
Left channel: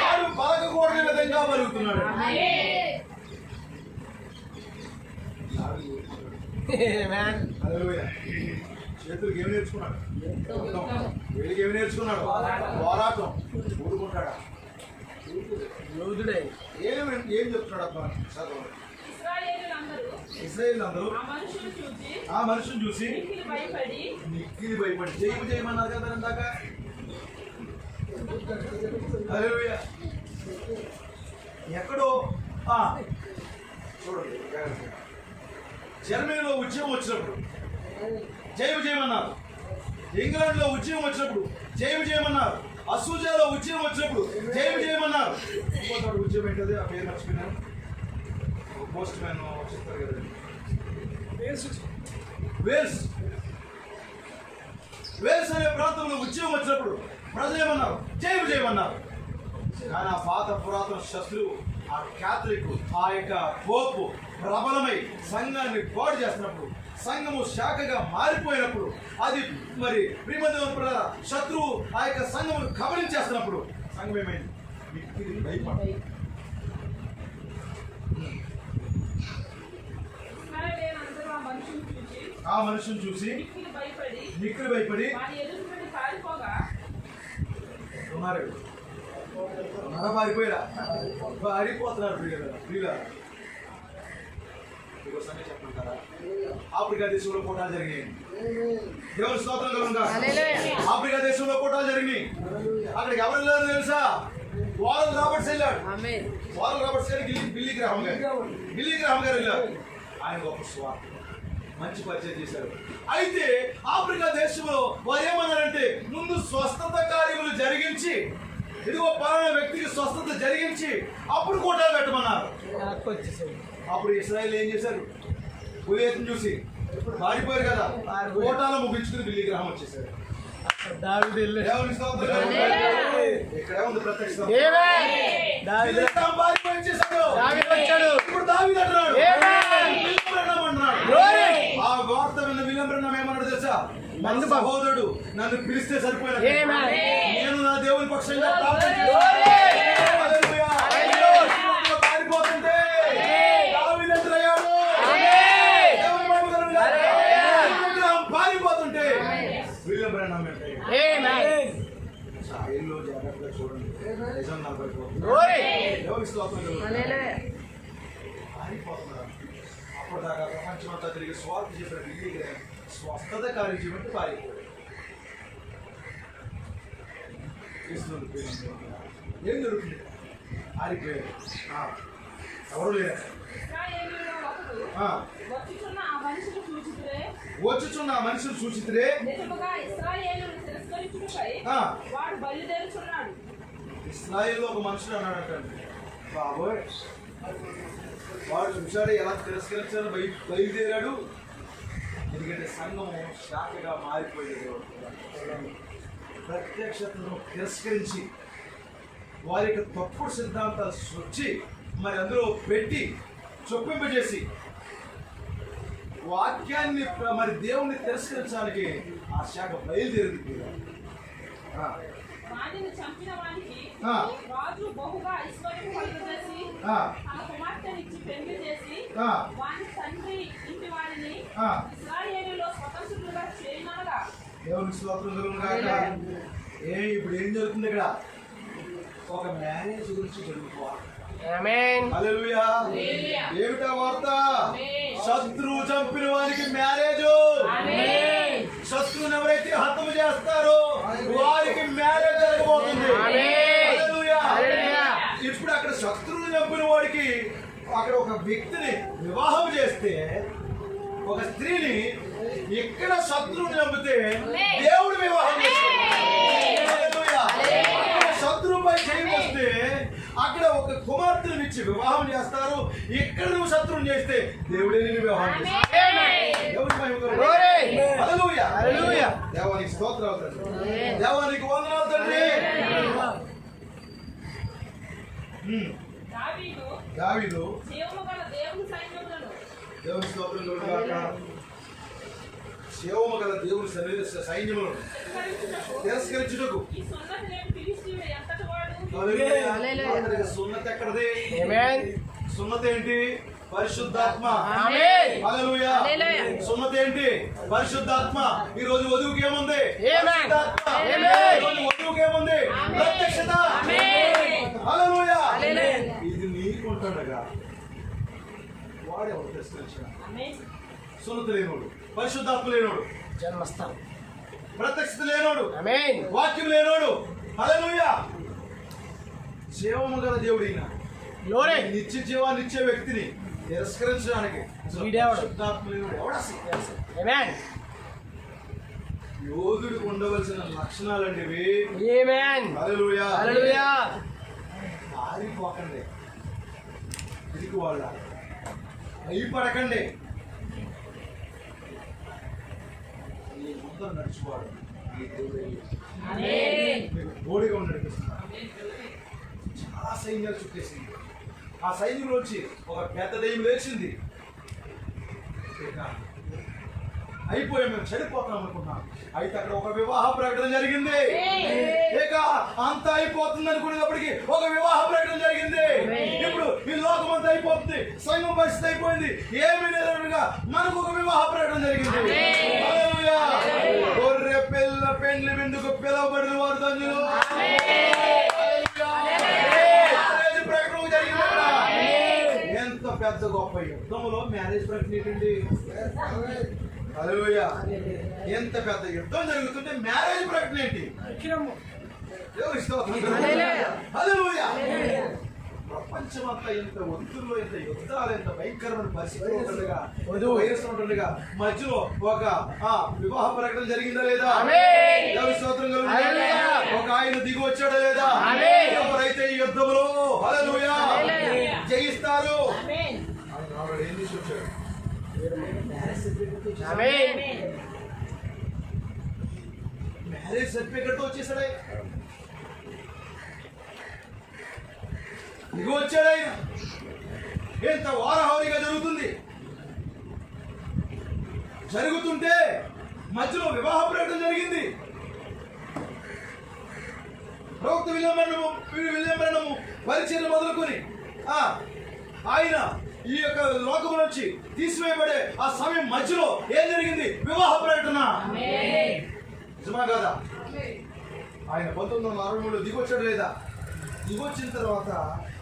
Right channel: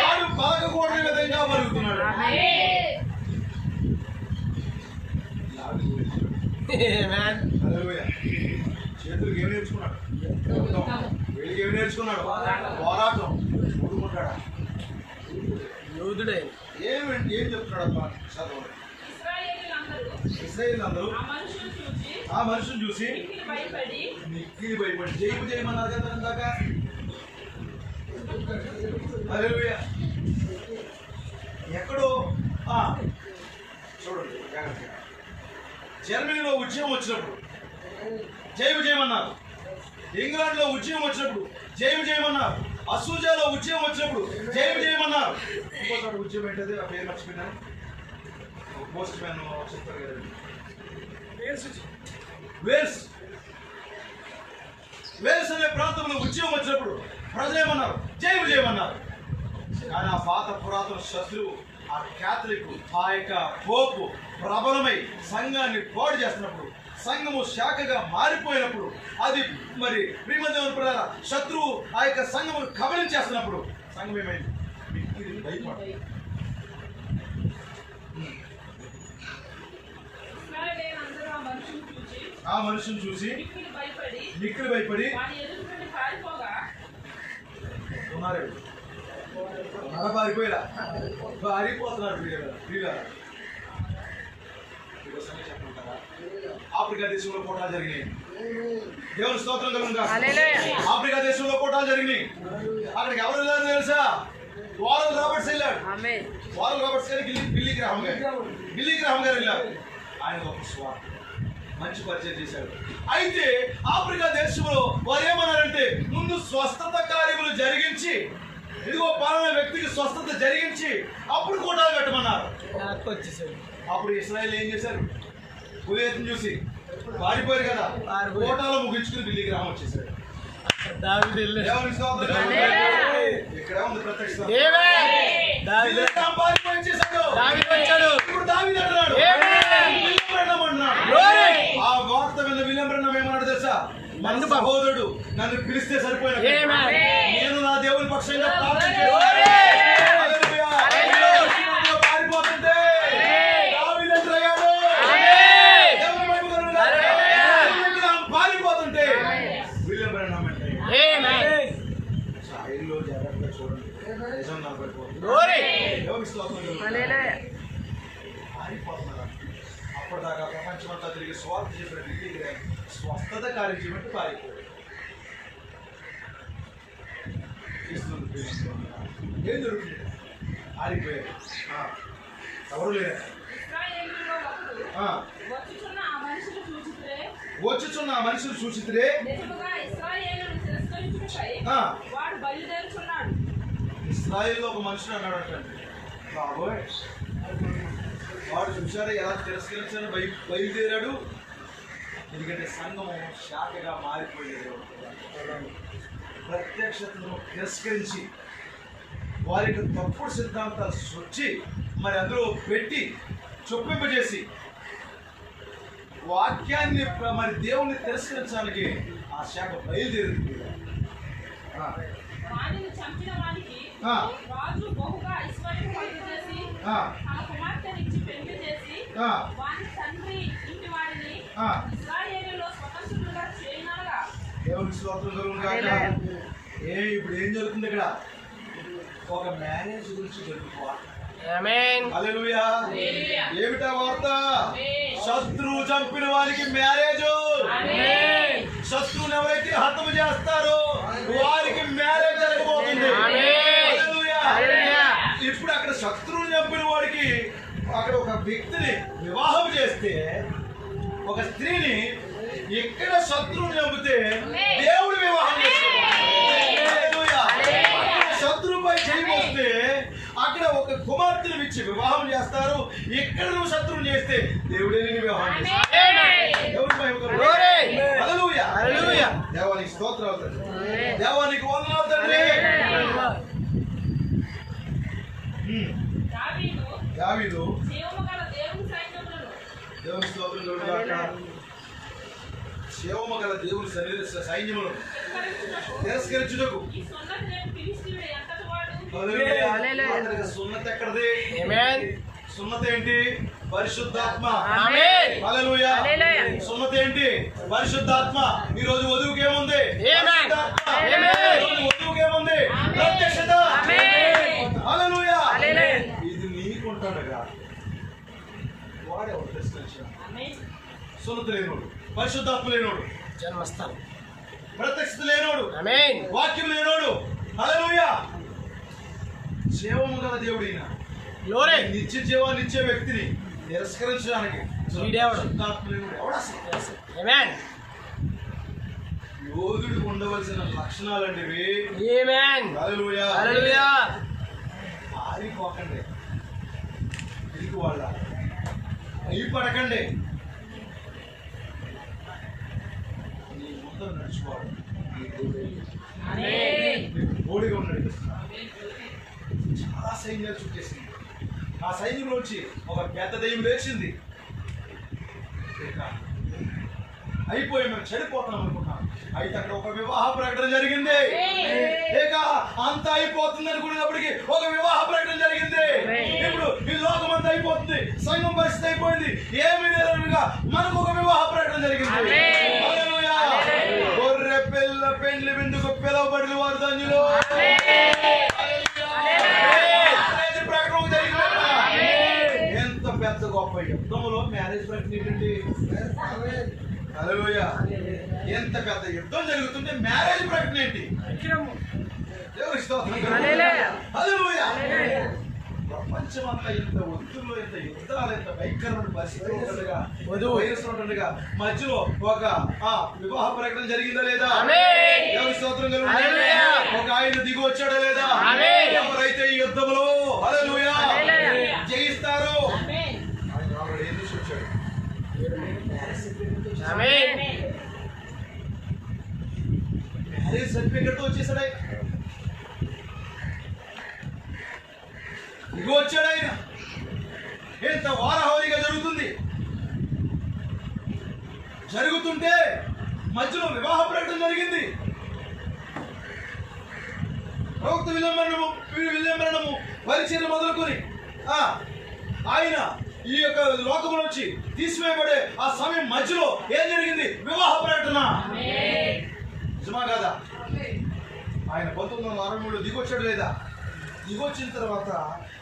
వాడు పలకకూడని విధంగా బలుగుతున్నాడు. చేతులకు ఏమి నేర్చుకున్నాడు? వీళ్ళకి ఏమి నేర్చుకున్నాడు? పోరాటం. ఊరుకుంటాడా? యోధుడే. ఏం చెప్తున్నాడు అబ్బా? చదవండి. ఇశ్రాయేలు అందరూ ఆ మనుషులు చూసి మిక్కిలి భయపడి చేయమన్నారు కదా ఇందాక. హల్లెలూయా. ఎక్కడో చూడండి, జర్మనీలో ఉద్యమం వచ్చినప్పుడు చేయమన్నారు. ఇంగ్లాండ్ లో ఉద్యమం వచ్చినప్పుడు చేయమన్నారు. అసూజాలో ఉద్యమం వచ్చినప్పుడు చేయమన్నారు. ఇంకొకటి ఉద్యమం ఏంటది? ఆ పేరు మర్చిపోయినాను. పోస్ట్ మ్యాన్ చెప్తారు కదండి. వేల్స్ అనే ప్రాంతంలో ఉద్యమం వచ్చినప్పుడు ప్రజలు ఏమన్నారు? చేయమన్నారు. కానీ ఆ పాత పురాతన శత్రువు, ఆ క్యాథలిక్, ఆ యొక్క పోపు ప్రబలమై సంఘాన్ని పాడు చేస్తున్నప్పుడు, సంఘము శాఖగా మారిపోయినప్పుడు, అది మరి ప్రియమందేవుని ప్రధాన శత్రువు ఆ యొక్క సంఘమును కబలించేస్తున్నప్పుడు సంఘం ఏమైంది? మిక్కిలి భయపడి ఆ మనుషుని చూసి మిక్కిలి భయపడి ఉన్నారు. పారిపోయారా? పారిపోతున్నారు. ఆఫ్రికా దేశంలో పోటాలు జరిగినాయి. దేవుని స్తోత్రం కలుగుగా. ఆఫ్రికా దేశంలో పోటాలు జరిగినాయి. అక్కడికి ఎవరు వెళ్ళారు తెలుసా? వారల్ రాబర్ట్స్ వెళ్ళాడు. వారల్ రాబర్ట్స్ గారికి బిల్లీ గ్రాహం గారు వెళ్ళారు. ఆయన ఒక స్వార్థ మంచి పరిచయం చేశారు. అయితే ఆఫ్రికా దేశంలో వారు ఏమన్నారంటే, ముందు స్వస్థత కార్యములు జరిగించి, ఇదిగో పలానా వ్యక్తికి స్వస్థత జరిగించి అప్పుడు కోటాలు కట్టమన్నారు. అప్పుడు ఇశ్రాయేలు ఏం చేశారు? ఉదయం చూసి పారిపోయారు కదా, కోటాలు ముగించుకుని బిల్లి గ్రామం వచ్చేసారు. ఇక్కడ ఉంది ప్రత్యక్ష. ఇప్పుడు దావీదు అంటున్నాడు, ఆ వార్త విన్న విలియం బ్రహ్మం ఏమన్నాడు తెలుసా? మన సహోదరుడు నన్ను పిలిస్తే సరిపోయిన, నేను నా దేవుని పక్షంగా ప్రార్థన పారిపోతుంటే దావీదు అంటున్నాడు, పారిపోతుంటే విలియం బ్రహ్మం అంటే ఇల్లు జాగ్రత్తగా చూడండి. నిజం పారిపోతున్నారు. అప్పటిదాకా ప్రపంచమంతా తిరిగి స్వార్థ చేసిన వ్యక్తికి స్వస్థత కార్యం చేయమంటే పారిపోయాడు. ఏం జరుగుతుంది? పారిపోయాడు. ఎవరు లేరు. వచ్చుచున్న ఆ మనుషులు సూచితులే ఇశ్రాయేలులో ఒక మనుషుడు అన్నాడంటండి, బాబోయ్ వాడు చూసాడు ఎలా తిరస్కరించాడు, బయలుదేరాడు. ఎందుకంటే సంఘం శాఖగా మారిపోయేది. ప్రత్యక్షతను తిరస్కరించి వారికి తప్పుడు సిద్ధాంతాలు సృష్టి మరి అందులో పెట్టి చొప్పింపజేసి వాక్యాన్ని మరి దేవుణ్ణి తిరస్కరించడానికి ఆ శాఖ బయలుదేరింది. రాజు బహుగా ఐశ్వర్యం కలుగజేసి తన కుమార్తెనిచ్చి పెళ్లి చేసి వాని తండ్రి ఇంటి వారిని ఇశ్రాయేలులో స్వతంత్రులుగా చేయనగా. దేవుని స్తోత్రం కాక. ఇప్పుడు ఏం జరుగుతుంది ఇక్కడ? ఒక మ్యారేజ్ గురించి జరుగుతుంది. హల్లెలూయా. ఏమిటా వార్త? శత్రువు చంపిన వారికి మ్యారేజ్. శత్రువుని ఎవరైతే హతము చేస్తారో వారికి మ్యారేజ్ జరగబోతుంది. ఇప్పుడు అక్కడ శత్రువుని చంపిన వాడికి అక్కడ ఒక వ్యక్తిని వివాహం చేస్తే, ఒక స్త్రీని ఇక్కడ శత్రువుని చంపితే దేవుడు వివాహం చేస్తాడు. జయం వస్తే అక్కడ ఒక కుమార్తెను ఇచ్చి వివాహం చేస్తారు. ఇక్కడ నువ్వు శత్రువుని చేస్తే దేవుడే నిన్ను వివాహం చేస్తాడు. దేవుడి మహిమ కలుగును. హల్లెలూయా. హల్లెలూయా. దేవానికి స్తోత్రాలు తండ్రి. దేవానికి వందనాలు తండ్రి. దావీదు జీవముగల దేవుని సైన్యములను దేవుని స్తోత్రం కలుగుగాక. జీవముగల దేవుని సైన్యములను తిరస్కరించుటకు ఈ సున్నతి లేని ఫిలిష్తీయుడు ఎంతటి వాడు? హల్లెలూయా. సున్నతి ఎక్కడది? ఆమేన్. సున్నతి ఏంటి? పరిశుద్ధాత్మ. ఆమేన్. హల్లెలూయా. సున్నతి ఏంటి? పరిశుద్ధాత్మ. ఈ రోజు వధువుకి ఏముంది? ఆమేన్. పరిశుద్ధాత్మ. ఆమేన్. ఈ రోజు వధువుకి ఏముంది? ప్రత్యక్షత. హల్లెలూయా. ఇది నీకుంటాడుగా వాడేవాడు ప్రశ్నించిన సున్నతి లేనోడు, పరిశుద్ధాత్మ లేనోడు, జన్మస్థలం. ప్రత్యక్షత లేనోడు, ఆమేన్. వాక్యం లేనోడు. హల్లెలూయా. జీవము గల దేవుడు ఈయన. గ్లోరీ. నిత్య జీవాన్ని ఇచ్చే వ్యక్తిని తిరస్కరించడానికి వీడెవడు? పరిశుద్ధాత్మ లేనోడు. ఎవడు అసలు? ఆమేన్. యోధుడికి ఉండవలసిన లక్షణాలండి ఇవి. ఆమేన్. హల్లెలూయా. హల్లెలూయా. పారిపోకండి, తిరిగి వాళ్ళ భయపడకండి. నీ ముందర నడుచుకోవాలి. బోడిగా ఉన్నాడు. చాలా సైన్యాలు చుట్టేసింది. ఆ సైన్యంలో వచ్చి ఒక పెద్ద దెయ్యం లేచింది. ఇక అయిపోయాం, మేము చనిపోతున్నాం అనుకున్నాం. అయితే అక్కడ ఒక వివాహ ప్రకటన జరిగింది. ఇక అంతా అయిపోతుంది అనుకునేటప్పటికి ఒక వివాహ ప్రకటన జరిగింది. ఇప్పుడు ఈ లోకం అంతా అయిపోతుంది, సంఘం పరిస్థితి అయిపోయింది, ఏమీ లేదనుగా మనకు ఒక వివాహ ప్రకటన జరిగింది. హల్లెలూయా. గొర్రె పిల్ల పెండ్లి విందుకు పిలవబడిన వారు ధన్యులు. ప్రకటన జరిగిందట. ఎంత పెద్ద గొప్ప యుద్ధంలో మ్యారేజ్ ప్రకటన ఏంటండి? హల్లెలూయా. ఎంత పెద్ద యుద్ధం జరుగుతుంటే మ్యారేజ్ ప్రకటన ఏంటి? దేవుని స్తోత్రం. హల్లెలూయా. ప్రపంచమంతా ఎంత ఒత్తుల్లో, ఎంత యుద్ధాలు, ఎంత భయంకరమైన పరిస్థితులు ఉంటుండగా, వైరస్ ఉంటుండగా మధ్యలో ఒక వివాహ ప్రకటన జరిగిందా లేదా? దేవుని స్తోత్రం కలుగును. ఒక ఆయన దిగి వచ్చాడా లేదా? ఎవరైతే ఈ యుద్ధంలో హల్లెలూయా జయిస్తారో ఆయన ఆల్రెడీ ఏం చేసి వచ్చాడు? ఆమేన్. మ్యారేజ్ సర్టిఫికెట్ వచ్చేసాడు. ఇగో వచ్చాడు ఆయన. ఎంత వారహోరీగా జరుగుతుంది. జరుగుతుంటే మధ్యలో వివాహ ప్రకటన జరిగింది. ప్రవక్త విలియమరణము పరిచయం మొదలుకొని ఆయన ఈ యొక్క లోకం నుంచి తీసివేయబడే ఆ సమయం మధ్యలో ఏం జరిగింది? వివాహ ప్రకటన. నిజమా కాదా? ఆయన 1963 దిగొచ్చాడు లేదా? దిగొచ్చిన తర్వాత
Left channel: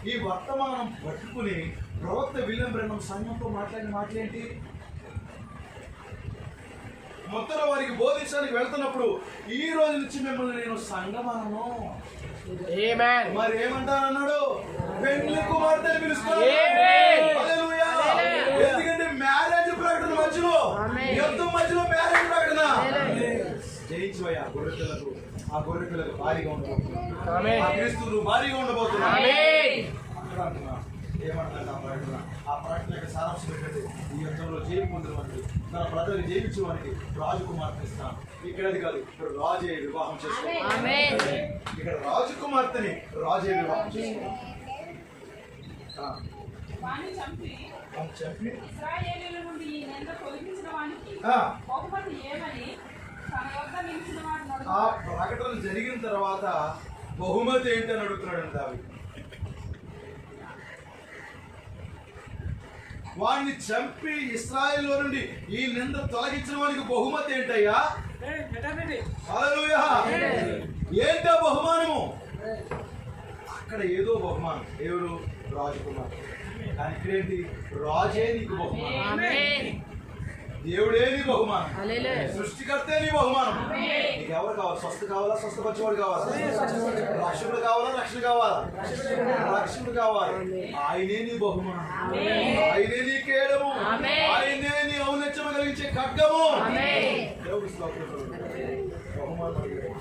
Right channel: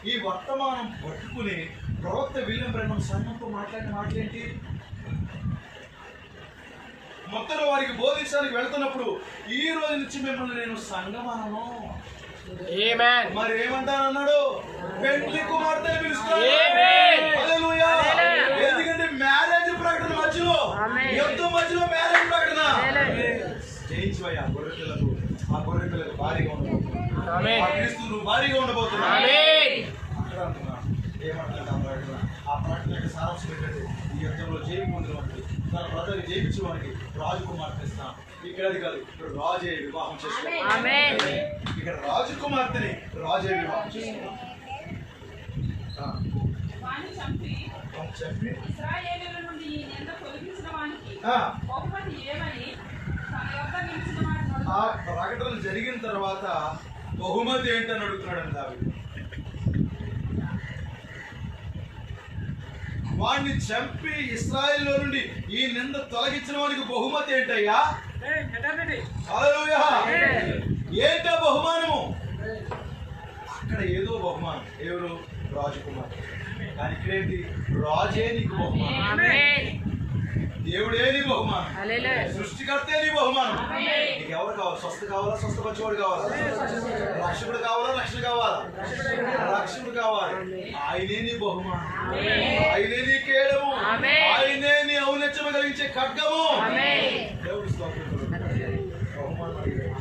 ఈ వర్తమానం పట్టుకుని ప్రవక్త విలియం బ్రెన్హం సంఘంతో మాట్లాడిన మాటలేంటి? మొత్తం వారికి బోధించడానికి వెళ్తున్నప్పుడు ఈ రోజు నుంచి మిమ్మల్ని నేను సంఘమనను, ఆమేన్. మరి ఏమంటానన్నాడు? పెండ్లి కుమార్తె పిలుస్తాడు. హల్లెలూయా. ఎందుకంటే మ్యారేజ్ ప్రకటన మధ్యలో, యుద్ధం మధ్యలో మ్యారేజ్ ప్రకటన. జయించిపోయి ఆ గొర్రె పిల్లలకు భారీగా ఉండబోతుంది. ఆ క్రీస్తులు భారీగా ఉండబోతున్నాడు. అక్కడ అంటున్నా ఏమంటాడు ఆ ప్రకటన సారాంశం ఏంటంటే ఈ యుద్ధంలో జయం పొందిన వారికి, తన ప్రజలు జయించిన వారికి రాజకుమార్తె ఇస్తాం. ఇక్కడ అది కాదు, ఇక్కడ రాజే వివాహం చేసుకోవాలి. ఇక్కడ రాజకుమార్తెని రాజే వివాహం చేసుకోవాలి. వాణ్ణి చంపి చెప్పి ఇశ్రాయేలీయుల నుండి ఈ నింద తొలగించిన వానికి బహుమతి ఏమని తన యొద్ద నిలిచిన వాడు ఆ ప్రకటన జరిగిన తర్వాత బహుమతి ఏంటని అడుగుతున్నాడు దావీదు. వాడిని చంపి ఇశ్రాయేల్లో నుండి ఈ నింద తొలగించిన వానికి బహుమతి ఏంటయ్యా? హల్లెలూయా. ఏంటో బహుమానము? అక్కడ ఏదో బహుమానం. ఎవరు? రాజకుమార్. కానీ ఇక్కడేంటి? రాజే నీకు బహుమానం, దేవుడే నీ బహుమానం, సృష్టికర్తే నీ బహుమానం. నీకు ఎవరు కావాలి? స్వస్థ కావాలా? స్వస్థపరిచేవాడు కావాలా? రక్షకుడు కావాలా? రక్షణ కావాలా? రక్షకుడు కావాలి. ఆయనే నీ బహుమానం, ఆయనే నీ కేడము, ఆయనే నీ ఔన్నత్యము కలిగించే ఖడ్గము. దేవుడి స్తోత్రం. బహుమానం అడిగాడు.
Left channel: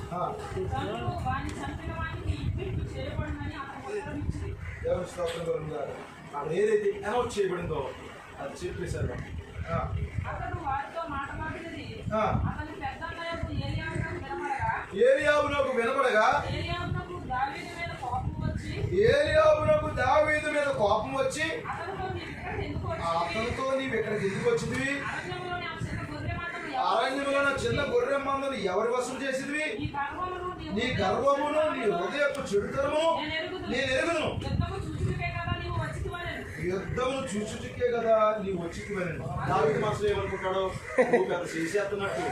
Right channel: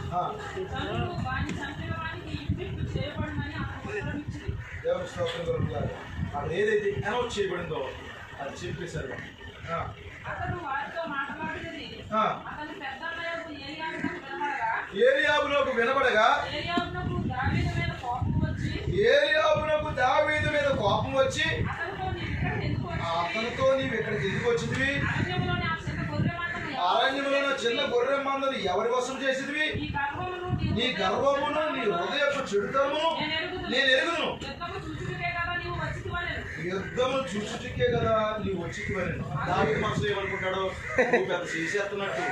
తండ్రులు వాని చంపిన వానికి ఇంటికి చేయబడునని అతను ఉత్తరం ఇచ్చింది. దేవుని స్తోత్రం కలుగుగాక. అక్కడ ఏదైతే అనౌన్స్ చేయబడిందో అది చెప్పేశారు. అతడు వారితో మాట్లాడినది అతని పెద్దన్నయ్యకు ఏలియాబునకు వినబడగా ఏలియాబునకు దావీదు మీద కోపం వచ్చి అతనితో నీవు ఇక్కడికి ఎందుకు వచ్చింది? అరణ్యంలో చిన్న గొర్రె మందను ఎవరి వశం చేసింది? నీ గర్వమును నీ హృదయపు చెడుతనము నేను ఎరుగును. యుద్ధమును చూచుటికే కదా నీవు వచ్చిపోయాను. దావీదు మనసులో ఏమనుకుంటాడో, నువ్వు పెద్ద చేసేస్తున్నట్టు,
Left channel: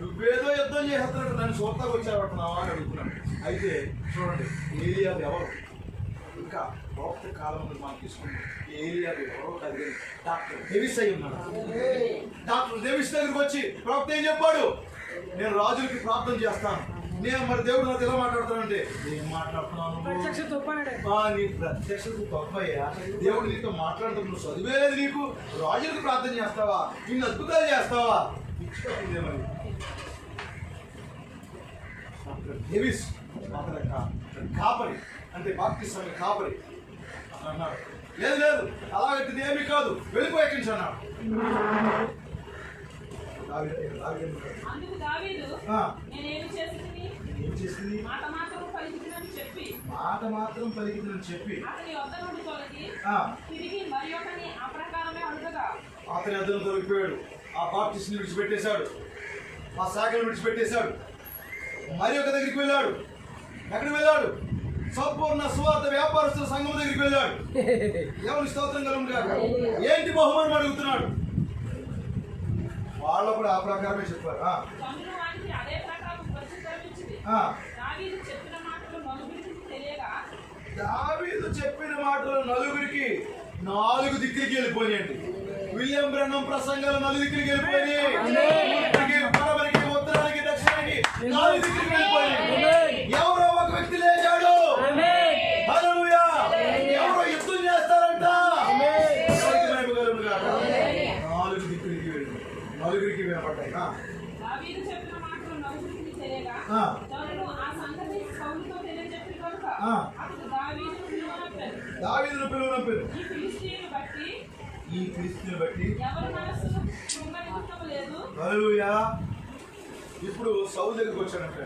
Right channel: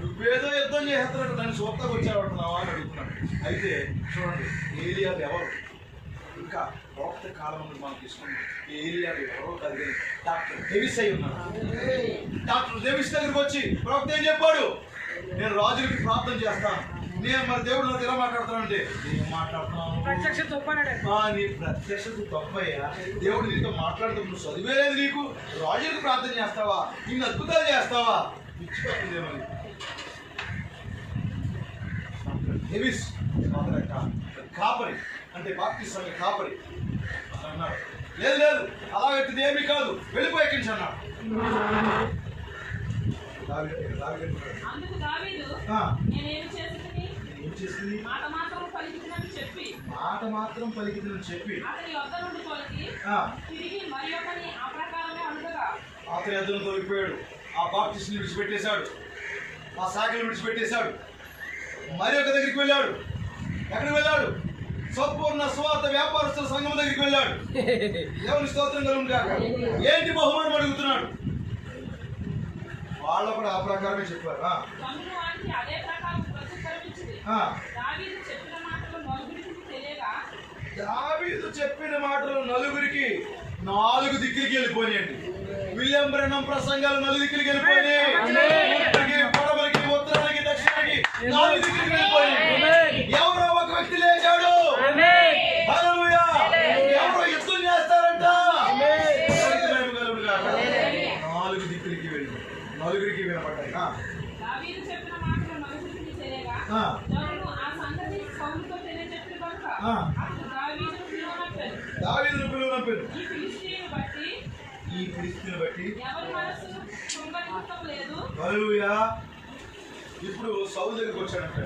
నువ్వేదో యుద్ధం చేస్తున్నట్టు దాన్ని చూడటానికి వచ్చాడుతున్నావా అని అడుగుతున్నాను. అయితే చూడండి, ఏలియాబు ఎవరు? ఇంకా ప్రవక్త కాలం మనకి ఇష్టం. ఏలియాబు ఎవరో అది డాక్టర్ డేవిస్ అయి ఉన్నాడు. డాక్టర్ డేవిస్ దగ్గరికి వచ్చి ప్రవక్త ఏం చెప్పాడు? నేను రాజులకి ప్రార్థన చేస్తాను. నేను మరి దేవుడు నాతో ఎలా మాట్లాడుతానంటే, ఏం మాట్లాడుతున్నాను? నీ ప్రత్యక్షత తప్పయ్యా. దేవుడు నీతో మాట్లాడుతూ నువ్వు చదివేలేదు, నీకు రాజులకు ప్రార్థన చేస్తావా? ఇన్ని అద్భుతాలు చేస్తావా? పిచ్చిపోతుంది మరి. డేవిస్ కాపరి అంటే బాప్తిస్మం కాపరి అన్నాడు. లేదు లేదు, అలాగైతే ఏమీ కాదు, వెళ్ళిపోయాక అన్నాడు. అందుకు దావీదు నేనేమి చేసింది? ఏం చేసింది? మాట మాత్రం పలికిందని చెప్పి అతని వద్ద నుండి తొలగి తిరిగి మరి ఒకని ఆ ప్రకారమే అడుగగా అతని అద్దను తొలగిపోయాడు. ఆ బాప్టిస్ట్ని విడిచిపెట్టేశాడు, ఆ శాఖలు విడిచిపెట్టేశాడు. మరి ఒక దగ్గరికి వెళ్ళాడు. ఎక్కడికి వెళ్ళాడు? సంపూర్ణ సువార్త వ్యాపారస్తుల సంఘం దగ్గరికి వెళ్ళాడు. దేవుని స్తోత్రం కలుగుగాక. ఏంటి బహుమానం అడుగుతున్నాడు? వాళ్ళు కూడా ఆ ప్రకారమే చెప్పారు. దావీదు చెప్పిన మాటలు నలుగురికి 4 దిక్కులకి వెళ్ళిపోయాయండి. విలియం బ్రెన్హం ప్రసంగాలు 4 దిక్కులకి వెళ్ళిపోయినాయి. పడమరికి, ఉత్తరానికి, దక్షిణానికి 4 దిక్కులకి వెళ్ళిపోయాయి. ఎవరో ఒక వ్యక్తి లేచాడు. హల్లెలూయా. ఎవరో యుద్ధం చేస్తారంట. 4 దిక్కులకి వెళ్ళి నలుగురికి వినపడ్డాయి. దావీదును పిలువనంపారు. ఈ ఫిలిష్తీయుని బట్టి హల్లెలూయా. ఇప్పుడు సౌలు దగ్గరికి వచ్చాడంట.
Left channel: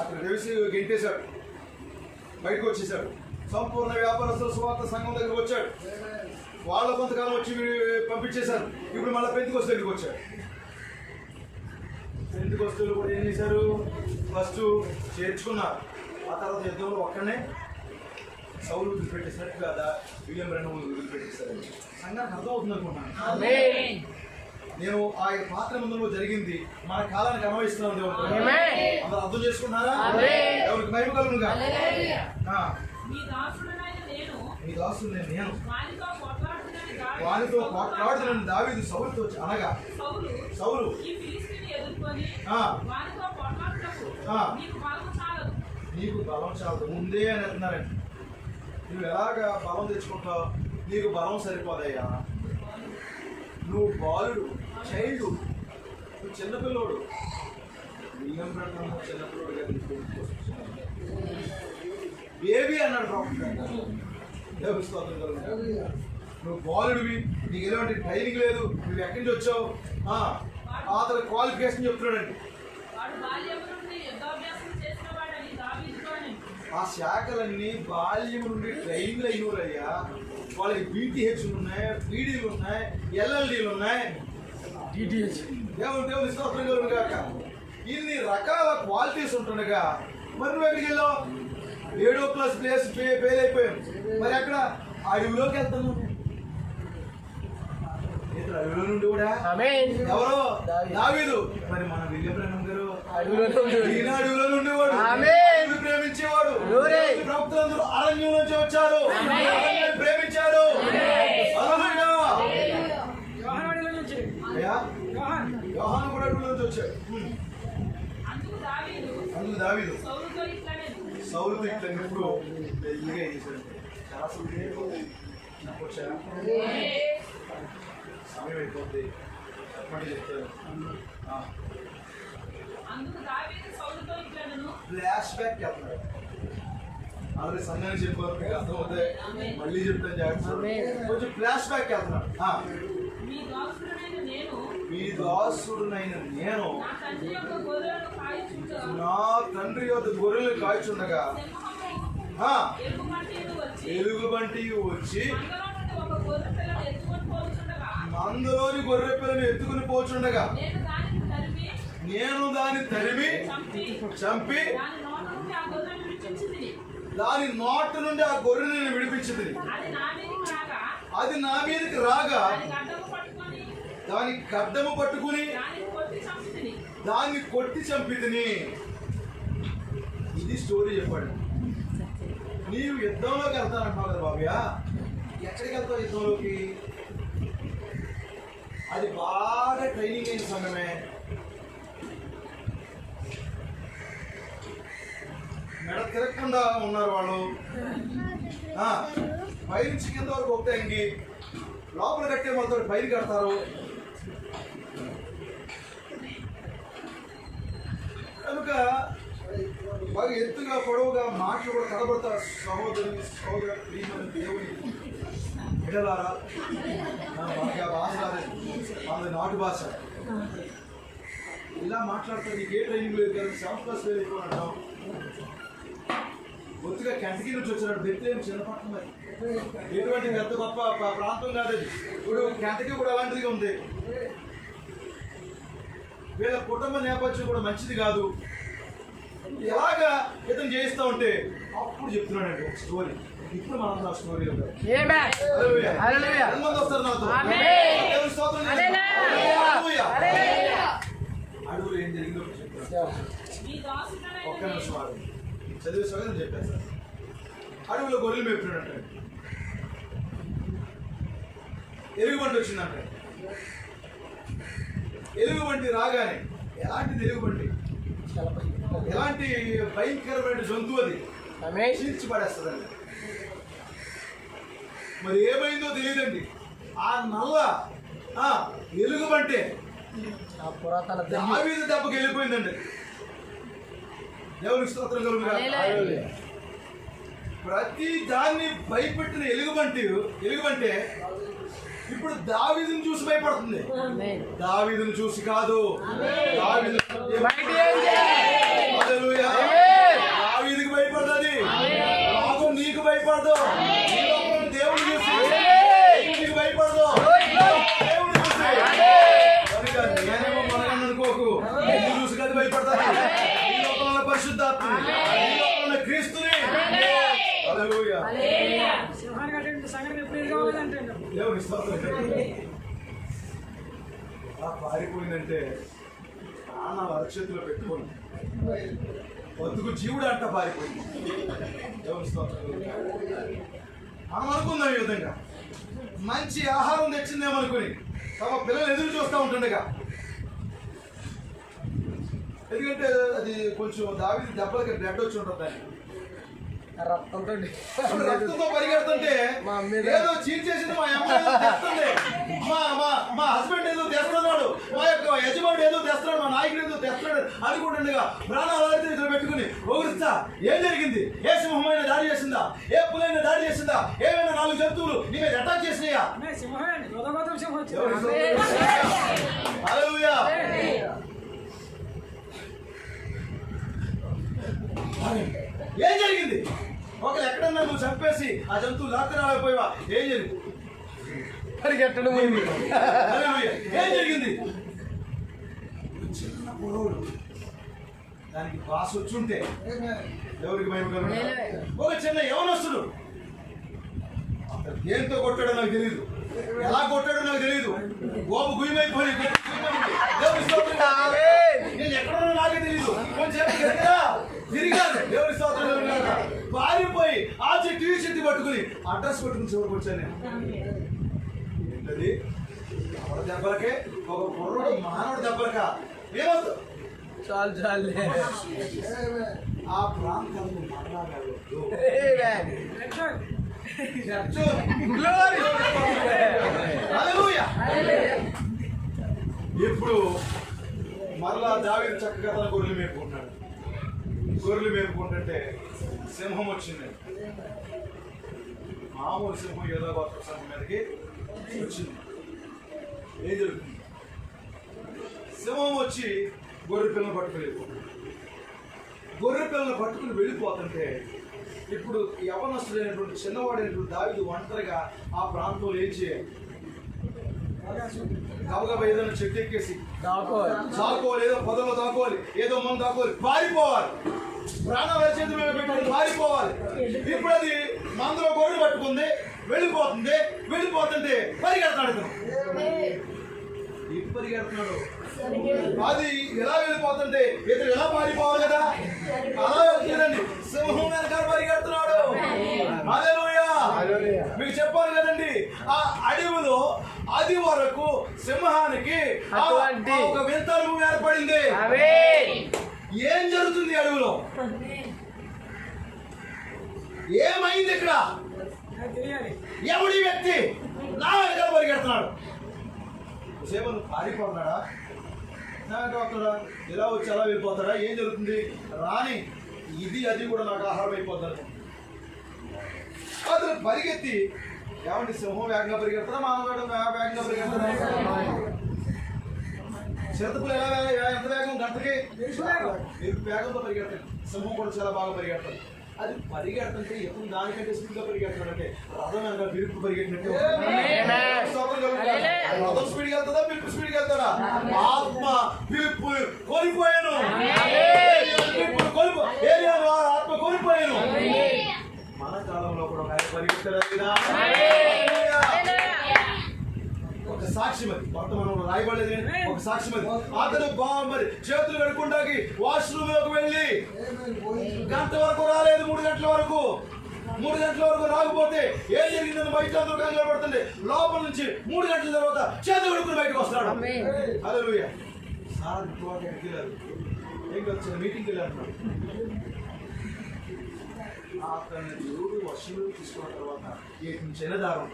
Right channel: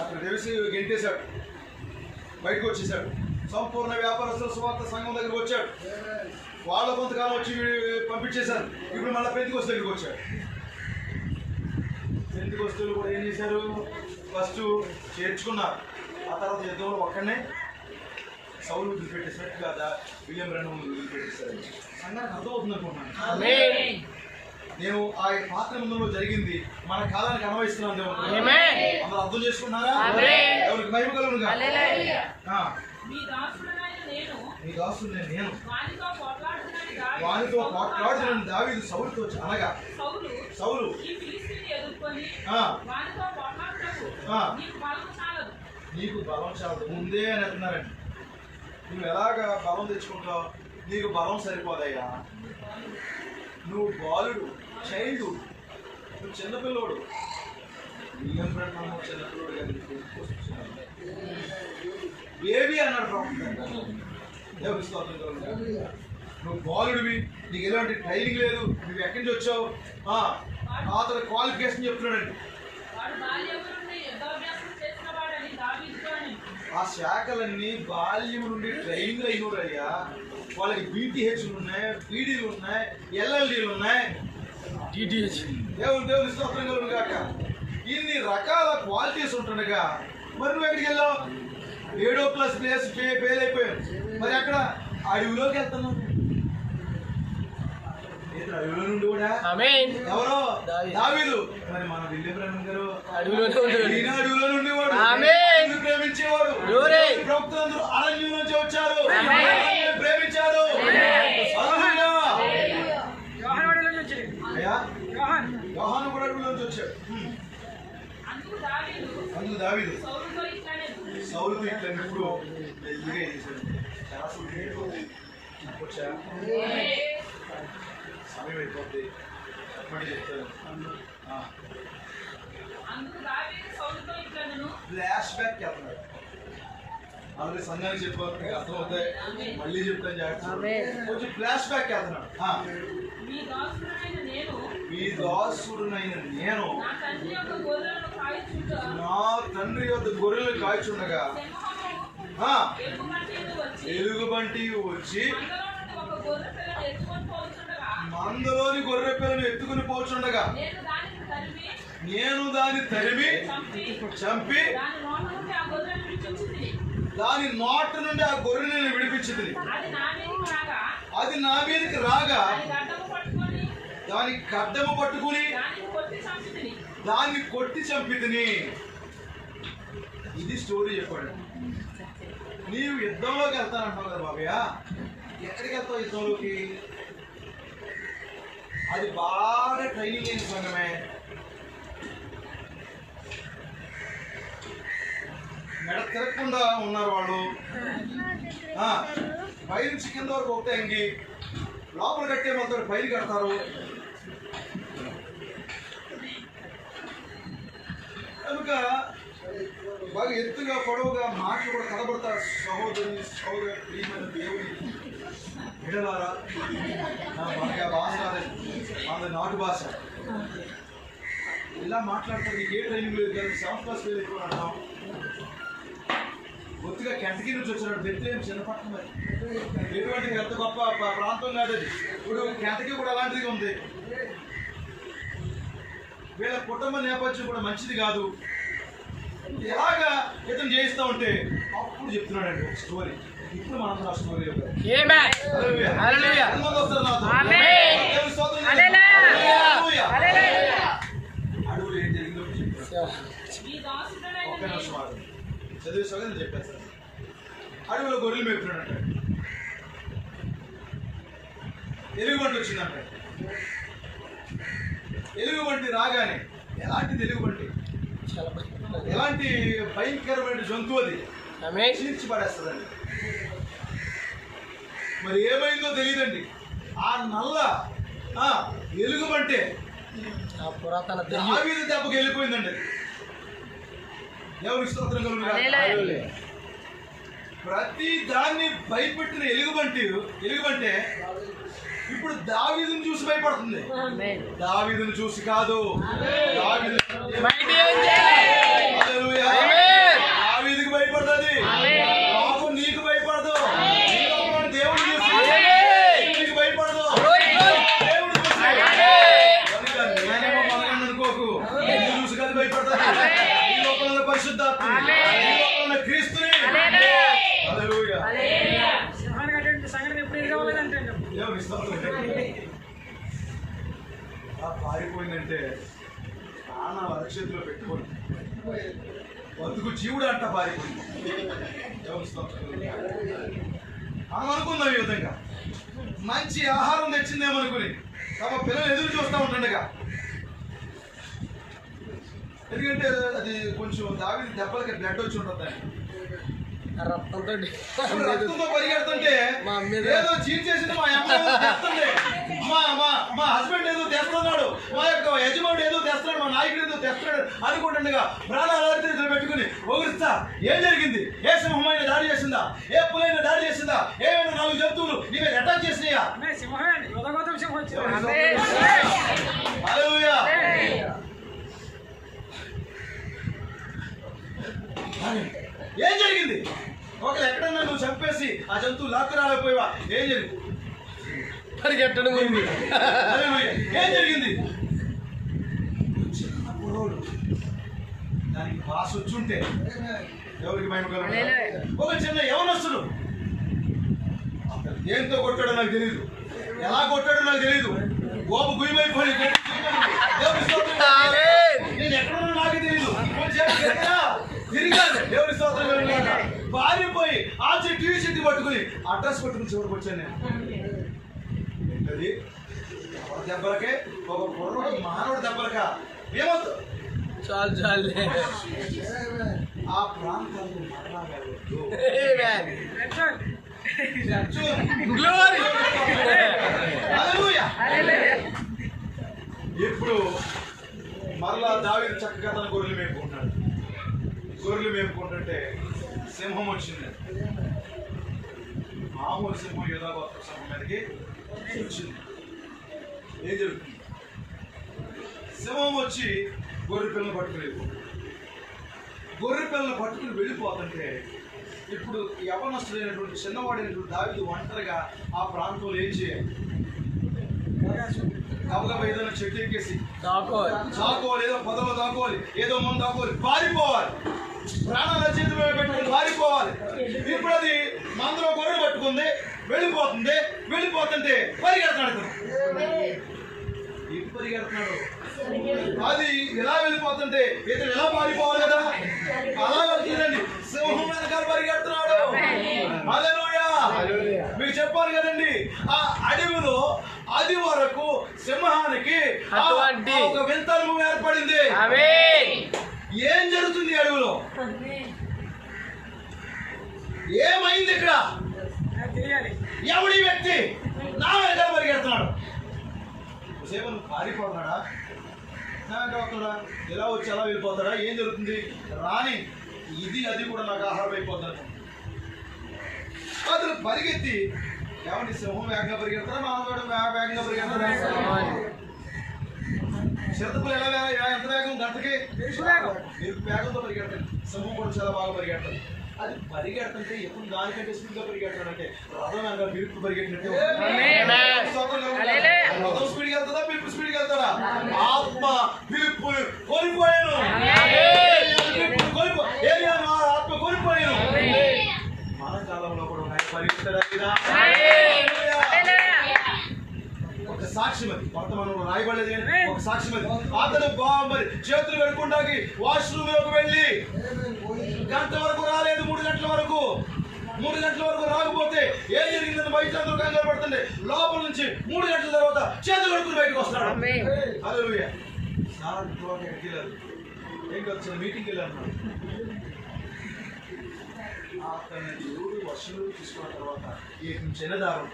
అక్కడ తెలిసి గెంటేశాడు, బయటకు వచ్చేసాడు. సంపూర్ణ వ్యాపారస్తుల సువార్త సంఘం దగ్గరికి వచ్చాడు. వాళ్ళు కొంతకాలం వచ్చి పంపించేశారు. ఇప్పుడు మళ్ళీ పెంతెకొస్తు దగ్గరికి వచ్చాడు. పెంతెకొస్తులు కూడా ఏం చేశారు? ఫస్ట్ చేర్చుకున్నారు. ఆ తర్వాత యుద్ధంలో ఒక్కడనే సౌలు వదిలిపెట్టేశారు కదా, విలియం బ్రెన్హం వదిలిపెట్టేశారు. సంఘానికి అర్థమవుతుంది అనుకుంటున్నాను. నేను ఆ పాత్ర ముందులో జరిగింది మన కాలానికి అనుభవిస్తున్నాం. దేవుడు అందరూ అర్థం చేసుకున్నారా? ఎవరికి మహిమ కలుగునుగా. నీ దాసుడు నేను వానితో పోట్లాడుతున్నాను దావీదు సౌలుతో అనగా సౌలు నీకు బలం చాలదు ముందే అని అంటున్నారండి. నువ్వు ఎలాగా బలం తెచ్చుకుంటావు? నీకు బలం సరిపోదయ్యా. నువ్వు బాలుడు, చైల్డ్, నువ్వు చిన్నపిల్లోడు. విలియం బ్రెన్హం చిన్నపిల్లోడు కదా, బేబీ అన్నాడు ప్రవక్త. నువ్వు బాలుడివి, నీకు ఎలాంటి ట్రైనింగ్ లేదు, నువ్వు ఎక్కడి నుంచి వచ్చావు? అతను క్వాలిఫికేషన్ చెప్తున్నాడండి. ఆ శాఖలన్నీ బాల్యం నుండి ట్రైన్లు అయినోరయ్యా. వాళ్ళకి బీటీహెచ్లు ఉన్నాయి, పీడీలు ఉన్నాయి, ఎల్ఎల్డీలు ఉన్నాయి, డిటిహెచ్. దేవుని స్తోత్రం కలుగుగాక. ఇన్ని రకాల క్వాలిటీస్ ఉంటుండగా మరి నువ్వు ఎక్కడికి వెళ్ళావు? 7వ క్లాస్ ప్లేస్ ఫెయిల్ అయిపోయాను. మరి అక్కడ అడవిలోకి వెళ్తున్నావు. అడవిలో నుండి కూడా ఎవరో దావీదు. మరి మన విలియం బ్రెన్హం గారు అడవిలో నుండి ప్రేమించేవాడు. ప్రవక్తలందరూ అరణ్యం నుంచి వచ్చారు, ప్రేమించారు. యోహాను కూడా అడవిలో నుంచి వచ్చాడు. అందుకు దావీదు సౌలుతో ఇట్లా ఇప్పుడు మెల్లిగా చేశాడు. సమయం అయిపోతుంది. మళ్ళీ చెప్తాను. అందుకు దావీదు సౌలుతో ఇట్లనెను. ఫ్లాష్ బ్యాక్ చేస్తున్నాడు. ఆల్రెడీ సంఘానికి చెప్పారు, మీకు అర్థమవుతాయి. మళ్ళీ చెప్తాను జాగ్రత్త. కొంచెం ఫ్లాష్ బ్యాక్ చేస్తున్నాడు. మీ దాసుడనైన నేను మీ దాసుడునైన నేను నా తండ్రి యొక్క గొర్రెలను కాయుచుండగా నా తండ్రి యొద్ద గొర్రెలు కాల్చుండగా ఎలుగుబంటి వచ్చి మందలోని గొర్రె పిల్లను ఎత్తుకుని పోచుండగా నేను దాన్ని తరిమి చంపి దాని నోట నుండి ఆ గొర్రెని విడిపించింది. అది నా మీదకి రాగా దాని గడ్డము పట్టుకుని దాన్ని కొట్టి చంపితిని. ఇది స్టోరీ చెప్పండి. నీవు యుద్ధంలోకి వెళ్తానంటావు కదా బాబయ్య, ఎక్కడికి వెళ్తావు యుద్ధంలోకి? అది బాగా ట్రైనింగ్ అయిన సంఘమే. మెడ తిరగకుండా ఉన్నారు వాళ్ళు. పై నుంచి కింద వరకు ఒకటే అంగి, లోపల కట్టే మొదలు పైన కడతారు. కనుక బాగా ఎత్తుగా పొడవుగా మాటలు కూడా కనబడతారు. సహోదరి ప్రియమైన దేవుని ఎడలారా, బాగా భాష వాళ్ళ నాటు భాష ఇలా మాట్లాడతారు. నీకు ఏ ట్రైనింగ్ లేదు కదా, 7th క్లాస్ ఫెయిల్ అయిపోయినాం. కొద్దిగా కెంటకీ నుంచి వచ్చినాడు. బెత్లేం చిన్నపట్నం, మరి ఎటువంటి ఎంత గొప్ప ప్రాంతం కాదు అది. ఇప్పుడు కెంటకీ కూడా అలాంటిది ఉంది. వీళ్ళ కుటుంబ నేపథ్యం కూడా మంచిది కాదు. ఎలాగా ఇతను చేయిస్తా ఉంటే అప్పుడు చెప్తున్నాడండి ఒక స్టోరీ. ఇప్పుడు మనం ఆ స్టోరీ అడుగులు ఏం జరిగిందో ఒక్క నిమిషం చదివే సగం చెప్పాను సార్. అడవిలో గొర్రెలు మేపుతున్నాడంట. ఎలుగుబంటి వచ్చిందంట. ఎలుగుబంటి రాగానే, ఎలాంటిది ఎలుగుబంటి? ఎలాంటి భయంకరమైన జంతువు అది, చీల్చి పడేస్తుందండి. మరి ఏమైందో తెలియదండి. ఆ నల్ల ఎలుగుబంటే దావీదు దెబ్బకి వెళ్ళిపోయిందండి. దేవుని స్తోత్రం కలుగును. ప్రతి దాన్ని భయపెట్టిన ఎలుగుబంటే ఇప్పుడు దావీదుని చూసి భయపడుతుంది. దావీదుని చూసి కాదు, దావీదుకి భయపడుతుంది. నాకు నీకు భయపడదు. దేవుని చూసి నీకు భయపడదు. దేవుని చూసి నేనేమో మొదలైన అనుకోకు. ఎందుకు చూసి కదా భయపడుతుంది. ఈ లోకంలో పరిశుద్ధాత్మ, ఈ లోకంలో క్రీస్తుని. పారిపోయిందంటే ప్రాణాలు అరచేతిలో పెట్టుకోండి. బతుకు జీవుడు అంట పారిపోయింది. మనం అనుకుందాం ఈ విధంగా, మంచి ఆహారం తెచ్చిందేమనుకుని తమ పిల్లలు ఎదురు చూస్తూ ఉంటుండగా, ఎందుకంటే అది కొంచెం దావీదు దెబ్బలకి బ్లడ్ వచ్చి ఉంటుంది. రక్తంతో పరిగెడుతుంటే ఏదో చీట్ చేసింది మా అమ్మ, ఏదో తెస్తుంది, మా హస్బెండ్ ఏదో తెస్తున్నాడు, మా యొక్క యజమానుడు ఏదో తెస్తున్నాడు, మా నాయకుడు ఏదో తెస్తున్నాడు అనుకుంటుండగా ప్రాణాలు అలర్చీలు పెట్టుకుని ఓగిస్తా. ఏం జరిగింది? ఏ సింహమైన దాడి చేసిందా? ఏ పులైన దాడి చేసిందా? ఏమైనా 4 జంతువులు నీ మీద అటాక్ చేసినాయా? హల్లెలూయా. ఏం జరిగింది? ఒకరు ఎక్కడన్నా నువ్వు చంపేసి ఆ జంతువు లాక్కు రాలేకపోయావా? ఏం జరిగింది? పరిగెట్టడం. ఏం జరిగింది? చిన్న పొడవులు దానికి బాస్ వచ్చుంటే ఎవరికి భయం కలుగుతుంది? ఒక చిన్న యవనస్తుడు దేంతో కొట్టాడో నాకు తెలియదు, ఎలా కొట్టాడో నాకు తెలియదు. గోపు గుయ్యమైపోయి నేను ఎక్కడున్నా నాకే తెలియదు. తిరిగాను. దేవుని స్తోత్రం. పారిపోయి ఆ చెట్టు ఈ చెట్టు పట్టుకుని అడ్రస్ పట్టుకుని చివరికి వచ్చాను నేను. ఏంటది? ఎవరి దెబ్బలకే ఒక కుర్రుడు మానవుడి దెబ్బలకా ఏమవుతుంది? చాలు ఆ ప్రాంతాన్ని మాట్లాడగలదు. ఇప్పుడు మరలా దావీదు చక్కగా తన గొర్రెలు మేపుకుంటున్నాడు. గొర్రెలు మేపుకుంటుంటే సింహం వచ్చింది. మామూలు సింహం ఏదో గొప్ప సింహం మీదకి వచ్చింది. ఏం జరుగుతుంది? సింహం వచ్చి గొర్రె పిల్లలు పట్టుకుని వెళ్ళిపోతుంది. గొర్రె పిల్లలు పట్టుకుని వెళ్ళిపోతుంటే ఇప్పుడు యవనస్తుడైనటువంటి చిన్నవాడైనటువంటి దావీదు ఒంటరిగా ఆ ప్రాంతంలో ఏం చేయాలి? గబగబా ఏదైనా చెట్టు ఎక్కేసి దాకోవాలి, ఏదో పొదలో దాకోవాలి, ఏదో మందు దాకోవాలి, పారిపోవాలి, ప్రాణాల చేతులు పెట్టుకుని పారిపోవాలి. ఇప్పుడు అది మందులో గొర్రెలు పట్టుకుంది, వెళ్ళిపోతుంది. వెళ్ళిపోతుంటే పరిగెడుతున్నాడు. పరిగెడుతున్నాడు అది ఎలా వెళ్ళిపోతుంటే ఇతను ఎలా పారిపోవాలి కదా, అలా వెళ్తుందండి. సింహం వెనకాల పరిగెడుతున్నాడు. హల్లెలూయా. మీకు చెప్పాను కదండి, ఆ అడవిలో అది వరకు సింహానికి ఒక వింత అనుభవం ఏర్పడింది. ఏం జరుగుతుంది అడవిలో? ఏమైంది ఇక్కడ? ఎవడి వ్యక్తి నా వెనకాల పరిగెడుతున్నాడు? సేవను పారిపోతున్నాడా? నా వెంట వస్తున్నాడా? ఎలా వచ్చి అలా వెళ్ళిపోతాడా? ఏం జరుగుతుంది? రాని ఇది అది కూడా నాకు ఆహారం అయిపోతాను. అతను పరిగెత్తి, ఏమంటే సింహం వేగంగా పరిగెడతారా, మానవుడు వేగంగా పరిగెడతారా? చిరుతపులు ఎలా ఎంత వేగం? గంటకి మీరు వేగంతో పరిగెడతాను. సింహం కూడా చాలా బాగా పరిగెడతాను. అది పరిగెడుతుంటే ఎప్పుడు దానికంటే స్పీడ్గా పరిగెడతాడంటే రథం వెనక పిలుపు పరిగెట్టినట్టు. రథం స్పీడ్కి వెళ్తాడా, పిలుపు స్పీడ్కి వెళ్తాడా? ఆత్మ పిలుపు కోల్పోయాను, ఆత్మ కోల్పోయాను. మన కాలంలో కూడా పరిగెత్తాడా? ఒక సాక్ష్యం అది వర్తమానంలో రాయబడలేదు. ఒక సాక్ష్యం అది. అతను మరి చేతులు కడుక్కుంటాకి వాష్రూమ్ లోకి వెళ్ళి గంట వరకు రాలేదు. 3 గంటల వరకు రాకపోతే ఏం జరిగిందని బయట అందరూ కంగారు పడుతుంది. లోపల నుంచి 3 గంటల తర్వాత చేతులు కడుక్కుని బయటకు వస్తున్నాడు. హల్లెలూయా. సార్ ఎక్కడికి వెళ్ళారు? ఏం వచ్చిన మీటింగ్కి వెళ్ళారు. అతన్ని దేవుడు వర్షంలో తీసుకున్న తర్వాత చిన్నదారు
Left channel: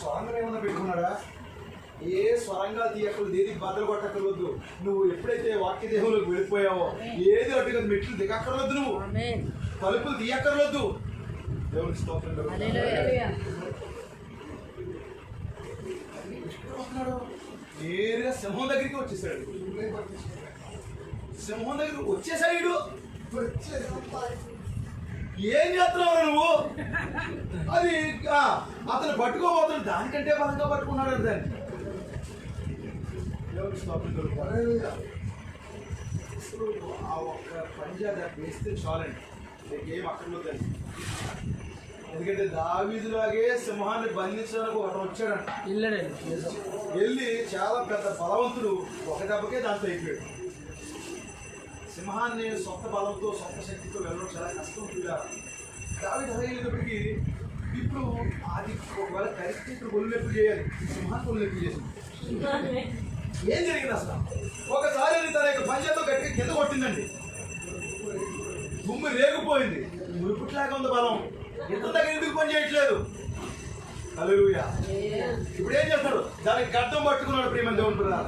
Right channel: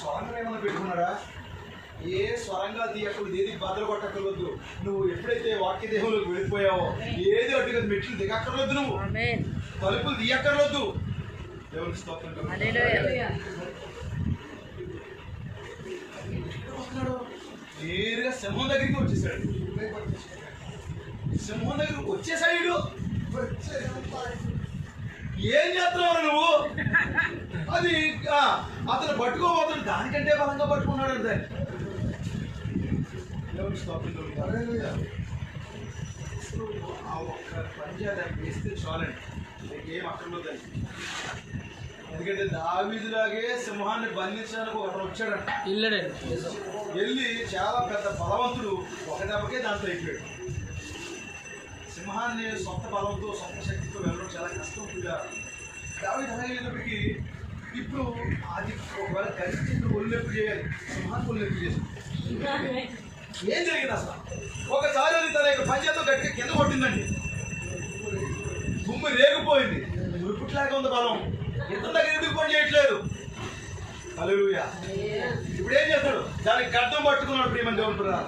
స్వరంగా ఏమన్నా పెట్టుకున్నాడా? ఏ స్వరంగా తీయక్కర్లేదు, ఏది బద్దలు కొట్టక్కర్వద్దు. నువ్వు ఎప్పుడైతే వాక్య దేహంలోకి వెళ్ళిపోయావో ఏది అడ్డుగా మెట్లు దిగక్కర్వద్దు, నువ్వు తలుపులు తీయక్కర్వద్దు. దేవుని స్తోత్రం. నేరుగా సింహం దగ్గరికి వచ్చేసాడు. సింహం దగ్గరికి వచ్చేసాడు. ఏం చేస్తున్నావు నువ్వు? అది అతను పట్టుకోబోతున్నాడు. దానికంటే బలంగా పట్టుకున్నాడు. దాన్ని ఆ ఒక్క పంజాబ్ వేస్తే చాలండి, ఏం అక్కర్లేదండి. ఎందుకంటే దావీదులాగే సింహాన్ని బంధించడానికి ఒకడు వచ్చాడంట. వెళ్ళి చాలా పెద్ద బలవంతుడు ఒక దెబ్బకే దాంతో అయిపోయాడు. సింహాన్ని సొంత బలంతో సొంత శక్తితో వెళ్ళడం చాలా కష్టం ఉంటుంది. దావీదు అయ్యేటప్పటికి ఇప్పుడు అది ఒకవేళ కలిసి ఒళ్ళెప్పు చేయాలి. సింహాన్ని ఒళ్ళెప్పు చేసింది. ఏం జరిగింది అసలు? ఒకసారి అది తన యొక్క పంజాతో గట్టిగా కింద కొట్టిందండి. గుమ్మి రేగిపోయింది. మురుపుట్లాగా ఉంది బలం. ఎంత దగ్గర ఎందుకు పని చేయట్లేదు? హల్లెలూయా. ఇప్పుడు ఏం చేస్తాడు? దానికి గడ్డం పట్టుకున్నాడు. ప్రియమైన దేవుని పిల్లలు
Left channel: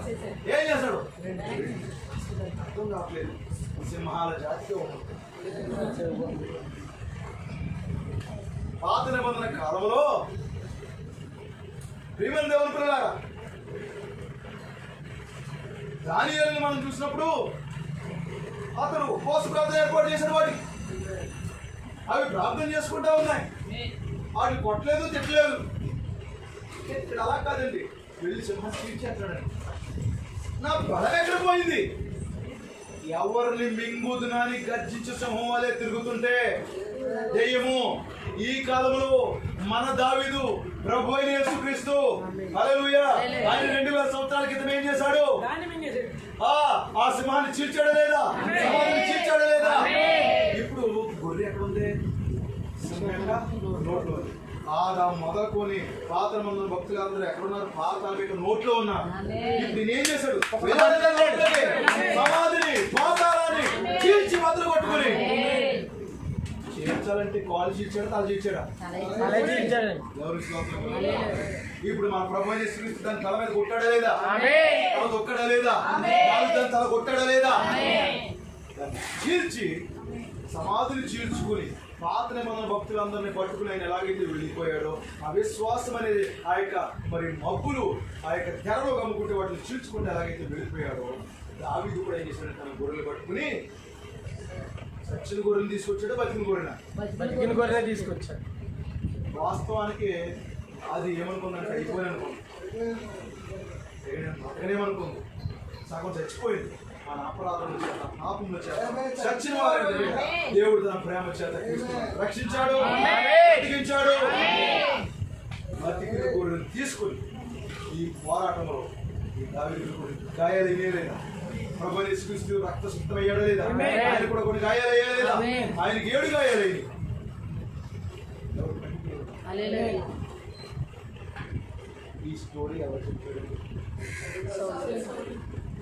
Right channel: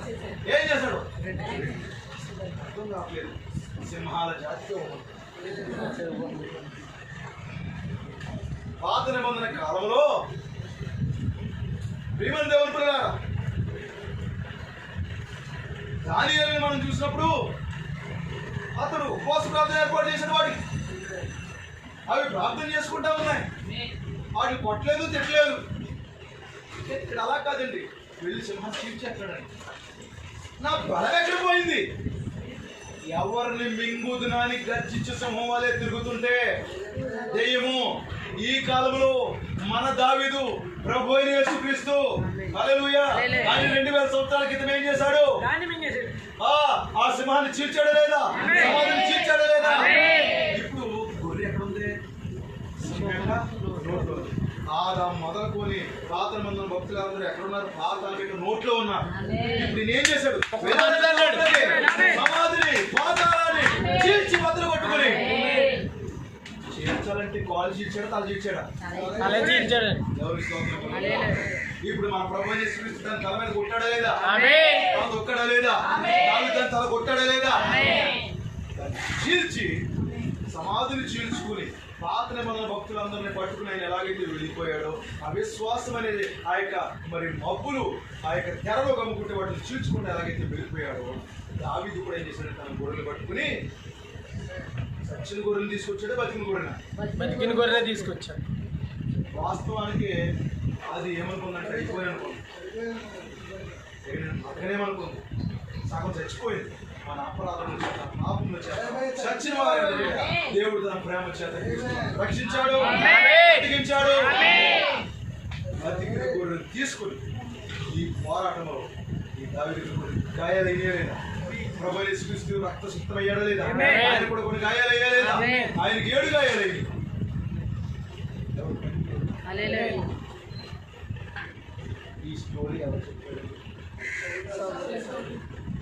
ఏం చేస్తాడు? అర్థం కావట్లేదు. సింహాల జాతితో పాత నిబంధన కాలంలో ప్రియమైన దేవుని పిల్లలు దానియేలుని మనం చూసినప్పుడు అతడు ఉపవాస ప్రార్థన ఏర్పాటు చేసిన వాడికి అవి ప్రార్థన చేసుకుంటా ఉన్నాయి. వాడు కొట్టలేదు, తిట్టలేదు. ఇక్కడ అలా కాదండి. వెళ్ళి సింహం చీల్చేస్తాడండి. నా బలం ఎక్కడ పోయింది? ఎవరిని మింగుదునని గర్జించు సింహం వాళ్ళే తిరుగుతుంటే దెయ్యము ఈ కాలంలో మన దావీదు ప్రభు అయిన యేసుక్రీస్తు హల్లెలూయా ఆయన 2000 సంవత్సరాల క్రితం ఏం చేశాడు? ఆ సింహాన్ని చీల్చాడా లేదా? సింహాన్ని చీల్చాడా లేదా? ఇప్పుడు గొర్రె ఎక్కడుంది? నోట్లో. ఆదాం మొదలుకొని పాత మందుల భక్తులందరూ ఎక్కడున్నారు? పాతాళం యొక్క నోట్లో ఉన్నారు. ఇప్పుడు నేనేం చేశాడు? సమాధిని పాతాళాన్ని చీల్చి వదలు కొట్టుకుని చీల్చాలంటే కాలు చీల్చాడా తల చీల్చాడా? అలా చీల్చాడు. ఎవరికి స్తోత్రం. ఇప్పుడు మన ప్రభు యేసుక్రీస్తు దాని తల మీద కొట్టాడా లేదా? తల తొక్కడా లేదా? దావీదు దాని తల కొట్టాడా లేదా? దాన్ని చీల్చి సమాధిని చీల్చుకుని పాత నిబంధన భక్తులందరినీ పట్టుకుని ఆయన ఎలాగైతే వెళ్ళిపోయాడో అవిశ్వాసం అనేది ఆ యొక్క మరి మబ్బులు ఆ యొక్క తెరలో గమ్ముకుంటే వాటిని చీల్చుకుంటే ఎలాగైతే వెళ్ళిపోయాడో దావీదు కూడా ఏం చేశాడు? తన గొర్రెలు పట్టుకుని సచ్చిన గొర్రెలు తీసుకొచ్చాడు, బతికిన గొర్రెన? బతికిన గొర్రె తీసుకొచ్చాడు. వాస్తవానికి అది ఏమనుకుందంటే అయిపోయి అనుకుంది, అక్కడేమనుకుంది, సగం చచ్చిపోయింది. మన అపరాధం పాపం చచ్చిన వారు దేవుడు తన ప్రేమ చేత రక్షించాడు, బతికించాడు. బతికిన గొర్రెలు తీసుకుని ఈ పోరాటంలో ఈ దావీదు గాయాలు అయ్యేలేదా? ప్రభు యేసుక్రీస్తు రక్తశుద్ధం అయ్యాడా లేదా? ఆయన కూడా కొన్ని గాయాలు అయ్యాలేదా? ఆయనకి 7 గాయాలయ్యి. ఈ స్టోరీ ఎవరు చెప్పాడు?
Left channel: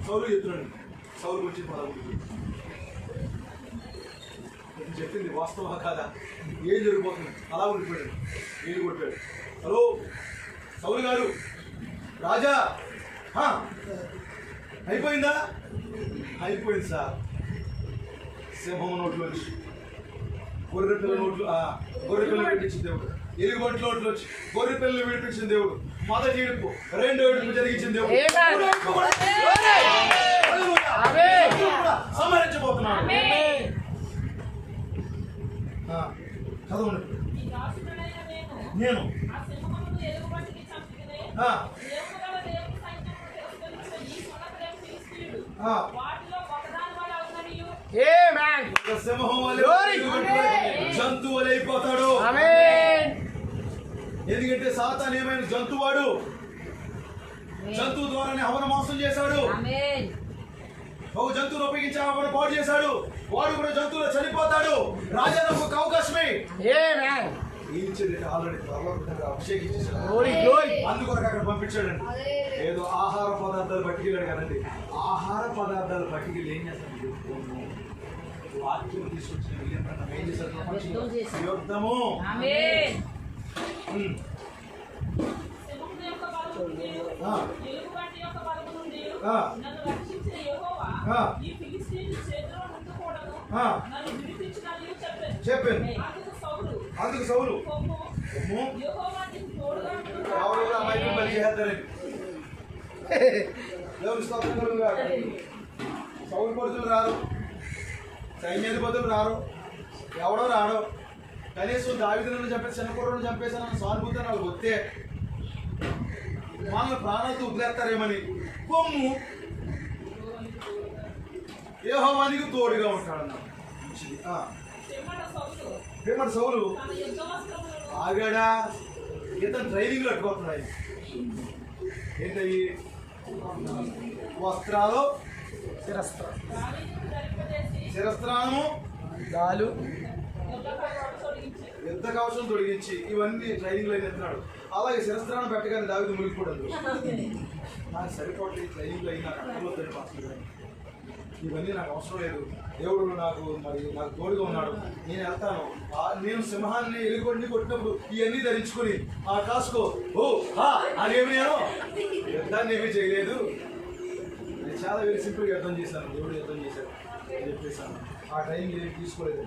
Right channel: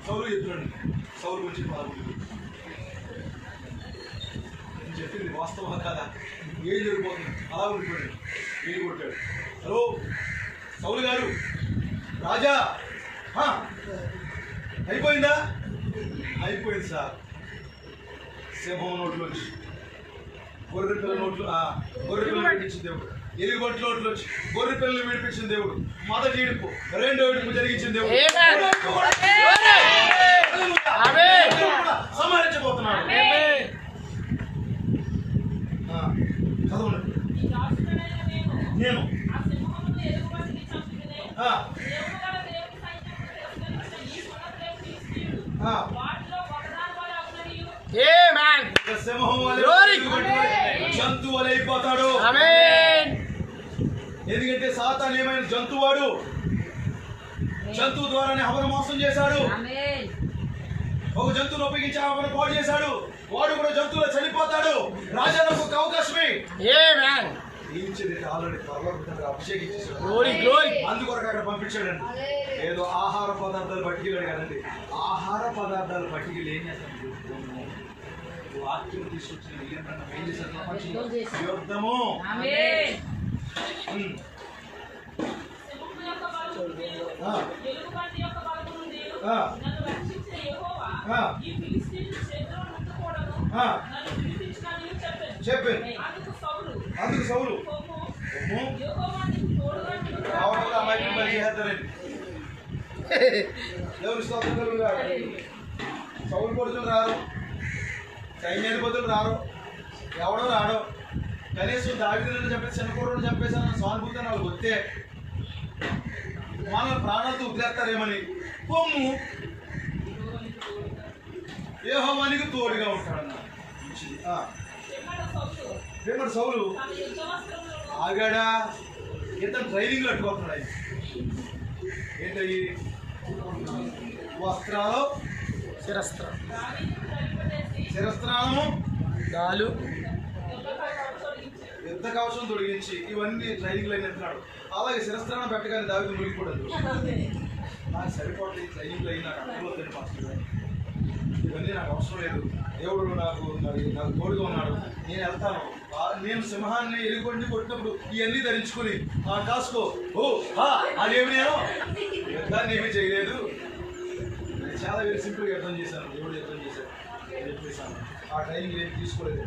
సౌలు చెప్తున్నాడు. సౌలు గురించి చెప్పింది వాస్తవా కాదా? ఏం జరిగిపోతుంది? అలా ఉండిపోయాడు, వీళ్ళు కొట్టాడు. హలో సౌలు గారు, రాజా అయిపోయిందా? అయిపోయింది సార్. సింహం నోట్లోంచి గొర్రె పిల్ల నోట్లు, గొర్రె పిల్లలు విడిపించిన దేవుడు. ఎలుగుబంటి నోట్లోంచి గొర్రె పిల్లలు విడిపించిన దేవుడు. మొదటి ఏడుపు, రెండో ఏడుపు జరిగించిన దేవుడు. సంహరించబోతున్నాడు. చదవండి. నేను జంతువు అయిపోతాడు. ఎందుకంటే సాతాను ఏమైనా జంతువాడు, జంతువు ద్వారానే హవన మోసం చేశాడు. ఒక జంతువును ఉపయోగించి హవన పాడు చేశాడు. వాడు కూడా జంతువులో చనిపోతాడు. రాజాలకు ఒక అవకాశమే ఆల్రెడీ అభిషేకించేశాడు. అందుకొరకు అక్కడ పంపించాడండి. ఏదో ఆహార పదార్థాలు పట్టుకెళ్ళాడు కదండి. ఆహార పదార్థాలు పట్టుకెళ్ళి ఏం చేస్తాడు? వాక్యం తీసుకొచ్చిన ఏం చేశారు? యుద్ధము. చెప్పాను. అందుకు సౌలు దేవుని స్తోత్రం గారు. సౌలు కొడుకులు రారు, సైన్యాధిపతులు రారు, ఎవడో రాడు. కనీసం దావీదులను చంపేసి చిన్నకూరను చంపేసాను సానుభూతి వాళ్ళు వస్తే మన ప్రాణాలతో వదిలేస్తారేమని పొమ్ము యెహోవానికి తోడుగా ఉంటాడన్న. సౌలు ఆగాడా? ఇతను ట్రైనింగ్ కట్టుకోతున్నాడు. ఏంటవి? వస్త్రాలు, శిరస్త్రాలము, యుద్ధ కవచం తొలగించి ఇవన్నీ ట్రైనింగ్లో ఎత్తున్నాడు. అలాగే శిరస్త్రాన్ని పెట్టగానే దావీదు మునిగిపోవడం. నాకు సరిపోతుంది ట్రైనింగ్లో అయినా పక్కన ఇవన్నీ నాకు అవసరం లేదు. దేవుడు నాకు తోడుగా ఉన్నాడు. నేను వెళ్తాను. నేను సింహాన్ని ఎలుగుబంటిని కొట్టినప్పుడు ఇవన్నీ ధరించుకుని కాసుకో అదేమి నేను యుద్ధాన్ని ఏమీ చేయలేదు. నేను చాలా వెరీ సింపుల్గా అర్థం చేశాను. దేవుడు అర్థం చేశాను చెప్పేశాను. ఆ ట్రైనింగ్ ఏం తీసుకోలేదు.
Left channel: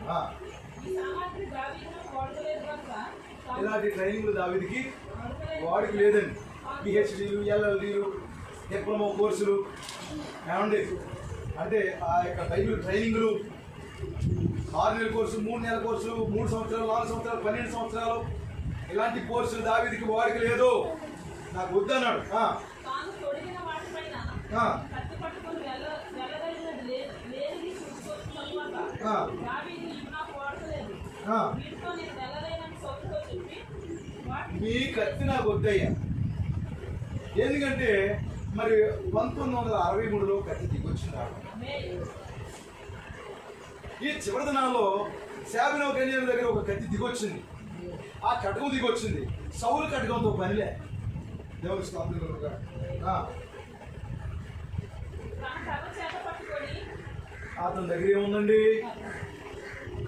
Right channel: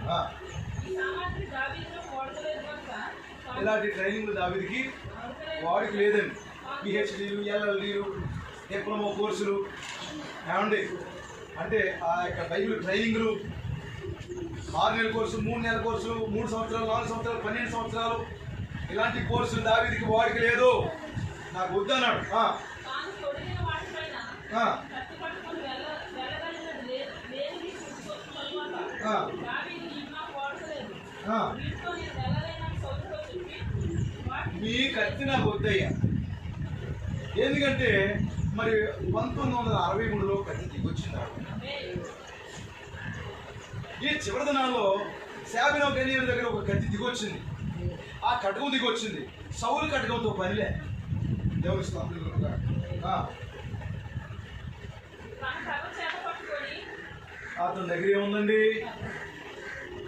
ఇలాంటి ట్రైనింగ్లు దావీదుకి వాడికి లేదండి. పిహెచ్డీలు, ఎల్ఎల్డీలు, డిప్లొమా కోర్సులు ఏమండి అంటే ఆ యొక్క ట్రైనింగ్లు 6 నెలల కోర్సు, 3 నెలల కోర్సు, 3 సంవత్సరాలు, 4 సంవత్సరాలు, 12 సంవత్సరాలు ఇలాంటి కోర్సులు దావీదుకి వాడికి లేదు. నాకు వద్దన్నాడు. మీ కత్తి నాకు వద్దయ్యా. ఎందుకంటే మరి 1963లో కత్తి దిగొచ్చింది. ఈ చివరి దినాల్లో శాబినో గనియర్ దగ్గర ఒక కత్తి దిగొచ్చింది. ఆ కటకం దిగొచ్చింది. సౌలు కటకంతో పనిలే. దేవుని స్థాపించగా అతని దగ్గర ఏముందండి?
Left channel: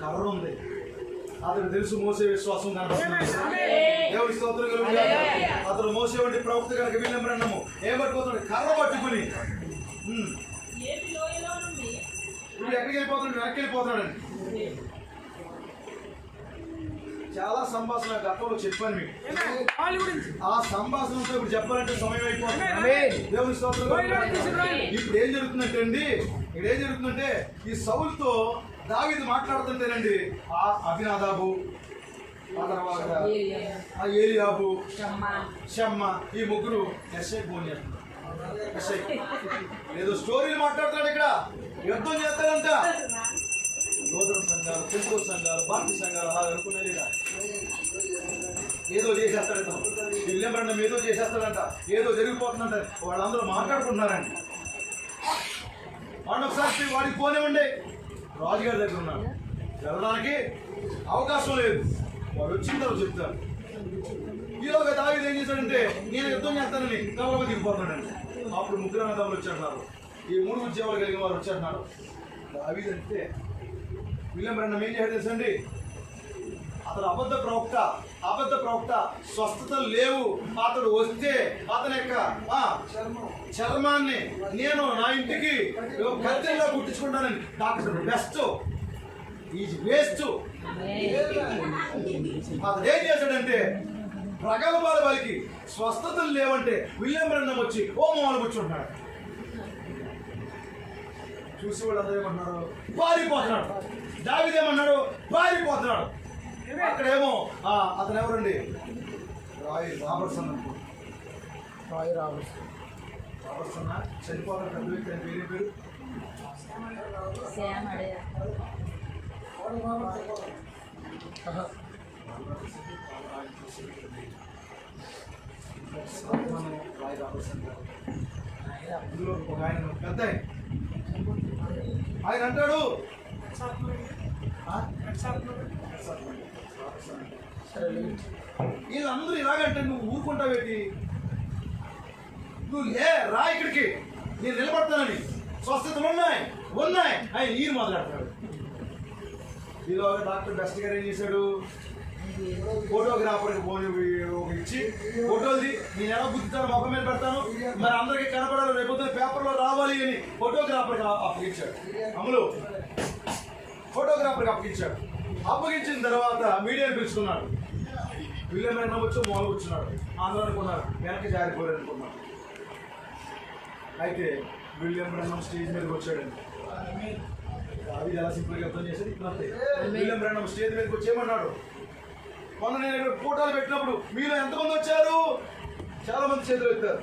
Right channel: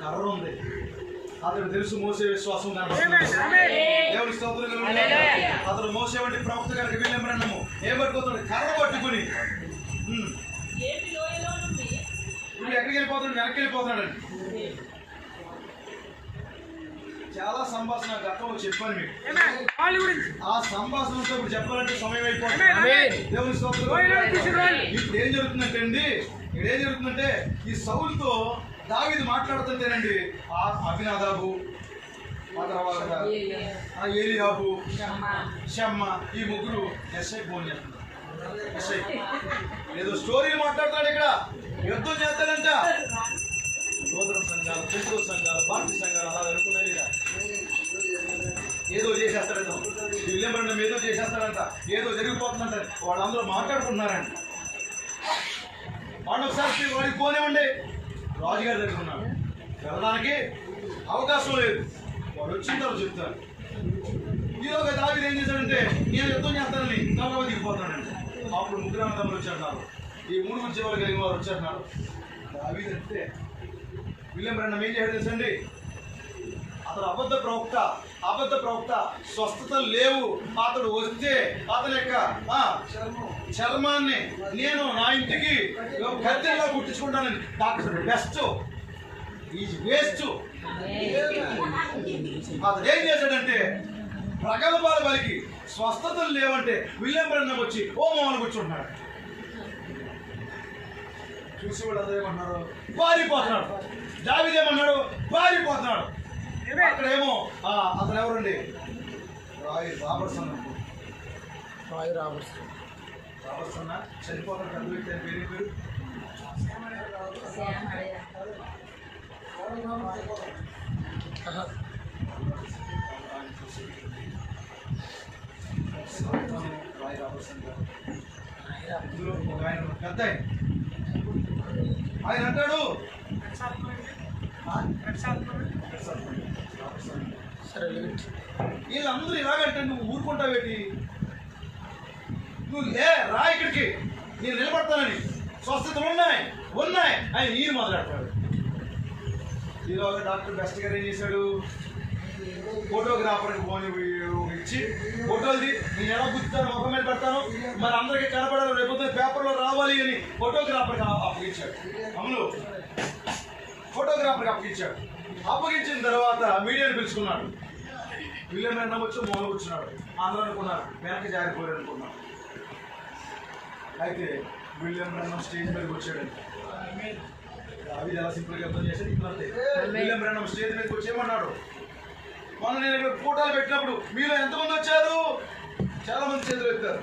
కర్ర ఉంది. అతను తెలుసు మోసే విశ్వాసం కనబడుతుంది. దేవుని స్తోత్రం కలుగును. అతను మోసే వంటి ప్రవక్త కనుక విలియమ్రన్నము ఏమడిపోతాడు కర్ర పట్టుకుని ఏపీ లోయలో నుండి ఇప్పుడు ఎక్కడికి వెళ్ళిపోతాడు? వెనక్కి వెళ్ళిపోతున్నాడండి. చాలా సంభాషణ గతంలో చెప్పాను మీకు. ఆ సంభాషణతో ఇప్పుడు చెప్పాలంటే సమయం అయిపోతుంది. దేవుని స్తోత్రం. ఇప్పుడు ఏం జరుగుతుందంటే అండి, ఇక్కడ ఏం జరుగుతుందంటే ఈ సౌలుతో దావీదు మాట్లాడుతుంటేనండి ఆ అభినాదాబు, ఆ తర్వాత ఆ ఏలియాబు, షమ్మ ఈ ముగ్గురు ఎస్ఐ ఫోన్ చేస్తున్నారు. ఎస్ఐ ఏదో స్టోరీలు మాట్లాడుతున్నాడు. ఇక్కడ యుద్ధం చేస్తాడంట. నూతన సంఘాలు, పెంతో సంఘాలు, పార్టీ సంఘాలు అలా అనుకున్నది. ఏదో చేసేస్తాడంట. విలియమ్రన్నం ఏదో చేసేస్తాడంట. ఏదో జరిగిపోతుందంట. వాళ్ళందరూ మాట్లాడుకుంటున్నారండి. వాడిని ఒకసారి వాడికి పోనే ఉండే రాజుగారి దగ్గర ఉన్నాడు. వెళ్ళడానికి అవకాశం లేదు. వాడు వచ్చిన తర్వాత చెప్తారు. ఈలోగా దావీదు ఏం చేశాడంటే నేను యుద్ధం చేస్తానని గౌరవ దిగిపోతాడండి. అప్పుడు ముగ్గురు అన్నదమ్ములు వచ్చేస్తున్నారు. ఈ మూడు ఉద్యోగాలు కలిగిన వారు వచ్చేస్తున్నారు. దావీదు అంటే విలియమ్రన్నం ఏం చేయడం తెలుసండి, అతను అబద్ధ ప్రవక్త, స్వస్థత లేవు. అతడు వస్తే అతని యొక్క చర్మాన్ని నేను నా ఇంటికి కత్తిలా కుట్టించుకుంటానని. Doctor best is waste. అతను ఏం చేశాడంటే ప్రగల్భాల వారికి స్వస్థతలు లేవంటే విలియమ్రన్నం వచ్చి హోమాలు కూర్చుంటున్నాడు. చూసి వాళ్ళు అందరూ ఏమన్నారు, పారిపోతున్నాడు. దావీదు ఏమన్నాడు, పారిపోతున్నాడు. అక్కడేమో అతను ఎవరండి, రాయ్ రాబర్ట్సన్ చనిపోతాడు. పెద్ద వ్యక్తి అని పేరు రాయ్ రాబర్ట్సన్. ఇందులో ఒక ఆయన పెద్ద ఆయన అంటాడు వీళ్ళందరూ ఇలాగంటే నువ్వు ఊరుకుంటావేటి, నువ్వు రా ఇక్కడికి, నేను నిలబడతానని, స్వస్థతలు ఉన్నాయి ఆయన ఈయన మాట్లాడతాడు. ఈలోగా డాక్టర్ బెస్ట్ గారు ఏం చేశాడు, ఫోటోగ్రాఫర్కి ఫోన్ ఇచ్చి ఫోటోది నేను ఎలా గుర్తుతాను మొక్క మీద పెడతాను, మరి అందరికీ కనపడాలి, రేపు పేపర్లో రావాలి అని ఫోటోగ్రాఫర్కి అప్పగించాడు. అమలు ఫోటోగ్రాఫర్కి అప్పగించాడు. అప్పగించిన తర్వాత మీడియాని పిలుచుకున్నాడు. విలియమ్రన్నం వచ్చి మూల కూర్చున్నాడు. అందరూ అనుకున్నారు వెనక్కి జారిపోయారు అనుకున్నారు. అయితే విలియమ్రన్నం స్టేజ్ మీదకి వచ్చాడండి. అవి ఎలా సింపుల్గా అర్థం చేసేది ఇప్పుడు అంతే. విలియమ్రన్నం స్టేజ్ మీదకి వచ్చి ఏమన్నాడు, మొన్న నేను ఫోటోలు పెట్టినప్పుడు మీలో ఎంతమంది వచ్చారు, చాలా మంది చేతులు ఎత్తారు.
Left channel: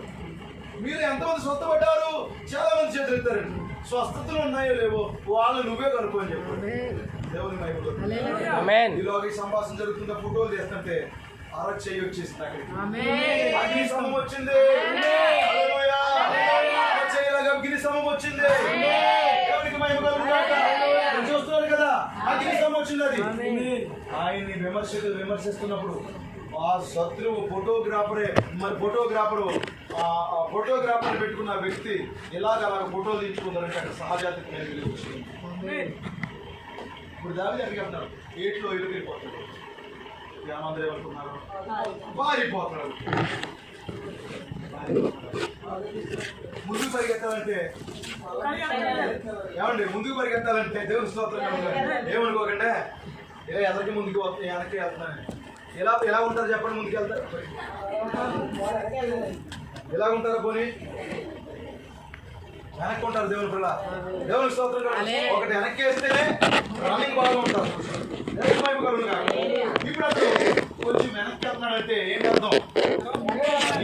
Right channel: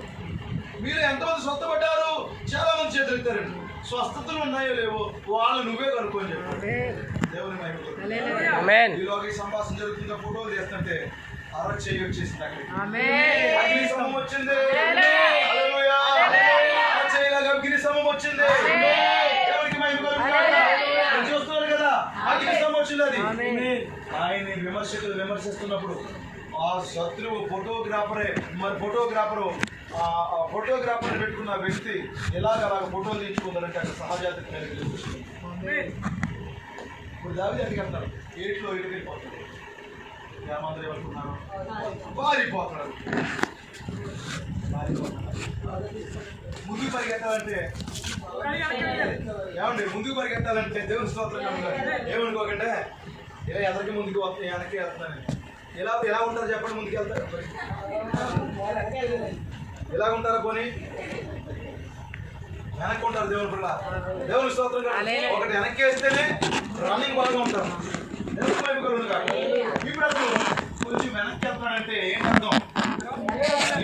మీరు ఎంతమంది స్వస్థపడ్డారు, చాలా మంది చేతులు ఎత్తారండి. స్వస్థతలు ఉన్నాయో లేవో వాళ్ళు నువ్వే కనుక్కొని చెప్పు. దేవుని మహిమ. ఈలోగా ఈ సంభాషణ జరుగుతుందో ఫోటోలు తీస్తుంటే అరవై చెయ్యి వచ్చేసింది. అక్కడికి అగ్ని స్తంభం వచ్చింది. అగ్ని స్తంభం వచ్చింది. దేవునికి మహిమ కలుగును. చూస్తున్నారు కదా అగ్ని స్తంభం వచ్చింది. అది ఆయన్ని విమర్శిస్తున్నప్పుడు ఆ శత్రువు ఫోటోగ్రాఫర్ పెట్టుకున్న వ్యక్తి అలాగ ఫోటోలు తీయించుకుంటారంటే అక్కడ సహజాతి ఇప్పుడు దావీదు ఎక్కడికి వెళ్తారు, ఏట్లో వెళ్ళిపోతాడు. గ్రామాంతరం ఏమనుకున్నారు, పారిపోతున్నాడు. ముందుకు పరిగెత్తాలంటే ఏమండి, ముందుకు పరిగెత్తాలంటే దేవుని స్తోత్రం ఏమనుకోకండి, ఇలా ఎదరికి ముందుకు వస్తాయి, వెనక్కి వెళ్తున్నాను. ఎలా ఉంటారు చెప్పండి, ముందుకు వెళ్తారు ఎలా ఉంటారా, పోనీ వెనక్కి ఉంటారు. దేవుని పిల్ల దేవుని స్తోత్రం. ఒకటి వెనక్కి వేస్తేనే రన్నింగ్ బాగా ఉంటారు. ఇప్పుడు అసలు కొంచెం వెనక్కి వెళ్తున్నాడంటే ఏం అర్థం,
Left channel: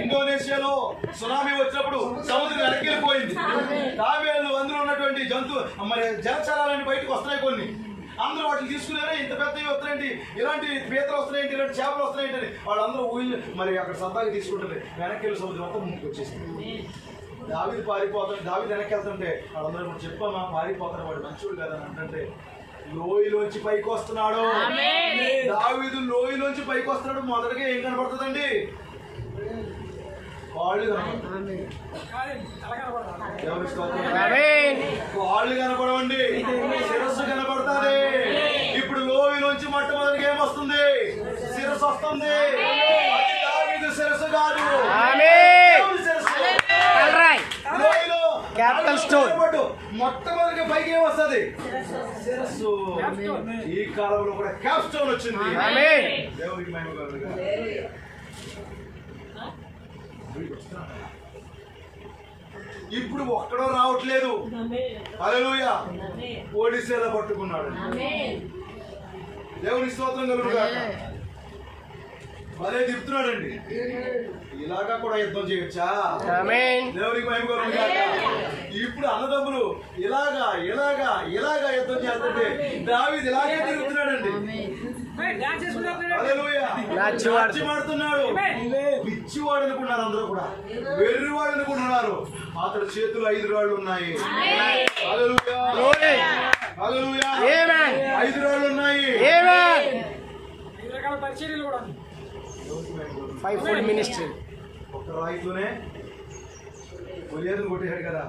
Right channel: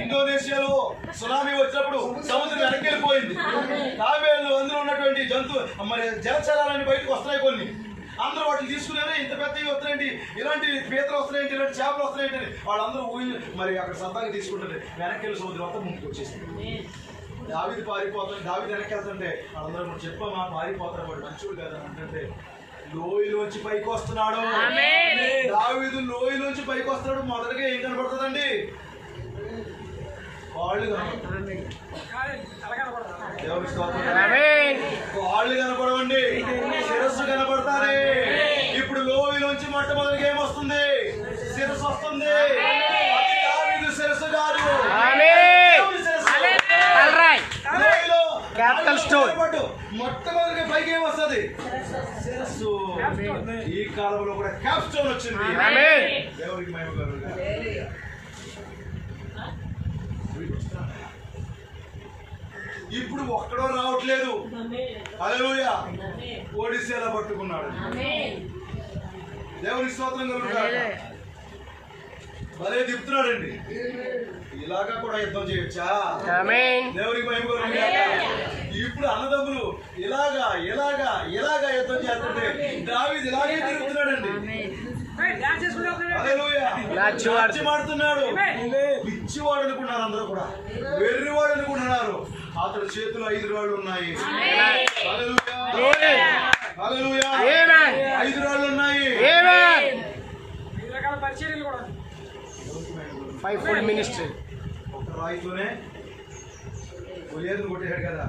ఇండోనేషియాలో సునామీ వచ్చినప్పుడు సముద్రం వెనక్కి వెళ్ళిపోయింది. తాబేళ్లు అందులో ఉన్నటువంటి మరి జలచరాలన్నీ బయటకు వస్తున్నాయి. కొన్ని అందరూ వాటిని తీసుకునేవే, ఇంత పెద్దవి వస్తున్నాయండి, ఇలాంటి పీతలు వస్తున్నాయండి, ఇలాంటి చేపలు వస్తున్నాయండి అని వాళ్ళందరూ మరి అక్కడ సరదాగా తీసుకుంటుంది. వెనక్కి వెళ్ళి సముద్రం మొత్తం ముందుకు వచ్చేసింది. దావీదు పారిపోతాడు. దావీదు వెనక్కి వెళ్తుంటే వాళ్ళందరూ కూడా చెప్పామా పారిపోతాడు, వాడు మంచోడు కాదని అంటే లోయలోంచి పైకి వస్తున్నాడు. దావీదు లోయలోంచి పైకి వస్తున్నాడు. మొదటగా ఏం కనబడుతుందండి, వాళ్ళు కనపడతారు. వాళ్ళు కనపడవండి, శిరస్సు కనపడతారే. ఇప్పుడు లోయలోంచి నుంచి మొట్టమొదటిగా ఏమొస్తుంది? శిరస్సు వస్తుంది. అది దావీదు శిరస్సు కాదు. ఆమేన్. దేవుని శిరస్సు. తలరాయ్. లోయలో క్యాపిటల్ స్టోన్. మొట్టమొదటిగా పైకి ఏమొస్తుంది? శిరస్సు. ఈ కాలంలో కూడా క్యాప్ స్టోన్ వచ్చింది. ఆమేన్. దేవునికి మహిమ కలుగును. ఇప్పుడు ఒక్కడో రావట్లేదు. హల్లెలూయా. ఒడిసేలా పట్టుకున్నాడు. దేవుని స్తోత్రం కలుగును. భలే తిప్పుతున్నాడండి. ఇలాగా కూడా యుద్ధం చేయొచ్చా? ఆమేన్. దేవునికి మహిమ కలుగును గాక. ఇప్పుడు అన్నదమ్ములు ఇలాగా ఇలాగా ఇలాగా యుద్ధం చేస్తుంటే దావీదు ఇలాగే తిరుగుతున్నాడండి. హల్లెలూయా. నాట్యమాడుతున్నాడు. పిచ్చివాడు అనుకున్నారు అందరూ కూడా, వెర్రివాడు అనుకుంటున్నారు. అతడి చేతులు 5 రాళ్ళు ఉన్నాయి. హల్లెలూయా. హల్లెలూయా. 5 రాళ్ళు ఉన్నాయి. Five full ministry. ఒక రాయితోనే గొలియాతును కొట్టేశాడు కదా,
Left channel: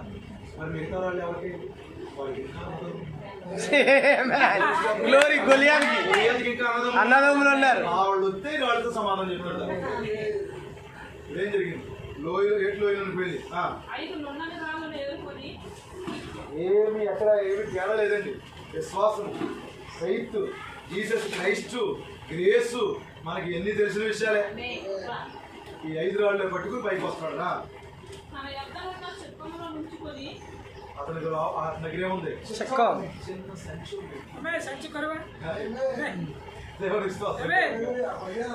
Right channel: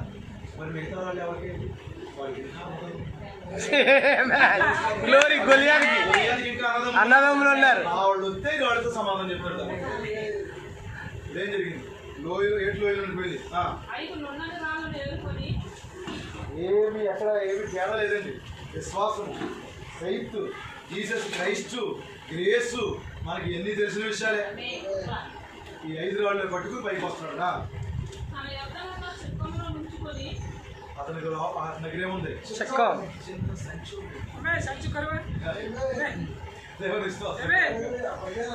మరి మిగతా వాళ్ళు ఎవరికి? వాళ్ళకి గ్లోరీ గొలియాతుకి. గొలియాతుకి ఇంకా అన్నదమ్ములు ఉన్నారు. వాళ్ళు వస్తే వాళ్ళతో సమాధానం చెప్తారు. ఏం జరిగింది? లోయలో ఎట్లు లోయలో పోయింది. 5 నున్నని రాళ్ళను ఎదుర్కొని ఏమి ఎక్కడ ఏమి తేడా లేదండి. విశ్వాసం, ఫెయిత్, జీసస్ క్రైస్ట్, గ్రేసు మనకి ఎన్ని తెలిసిన విషయాలే. ఈ 5 రాళ్ళు పట్టుకుని పైకి వస్తున్నాడు. తన యొద్దనున్న చక్రములో నుంచుకొని అతని దగ్గర ఏముంది? చక్కం. చిన్న సంచి ఉంది. దేవుని విశ్వాసం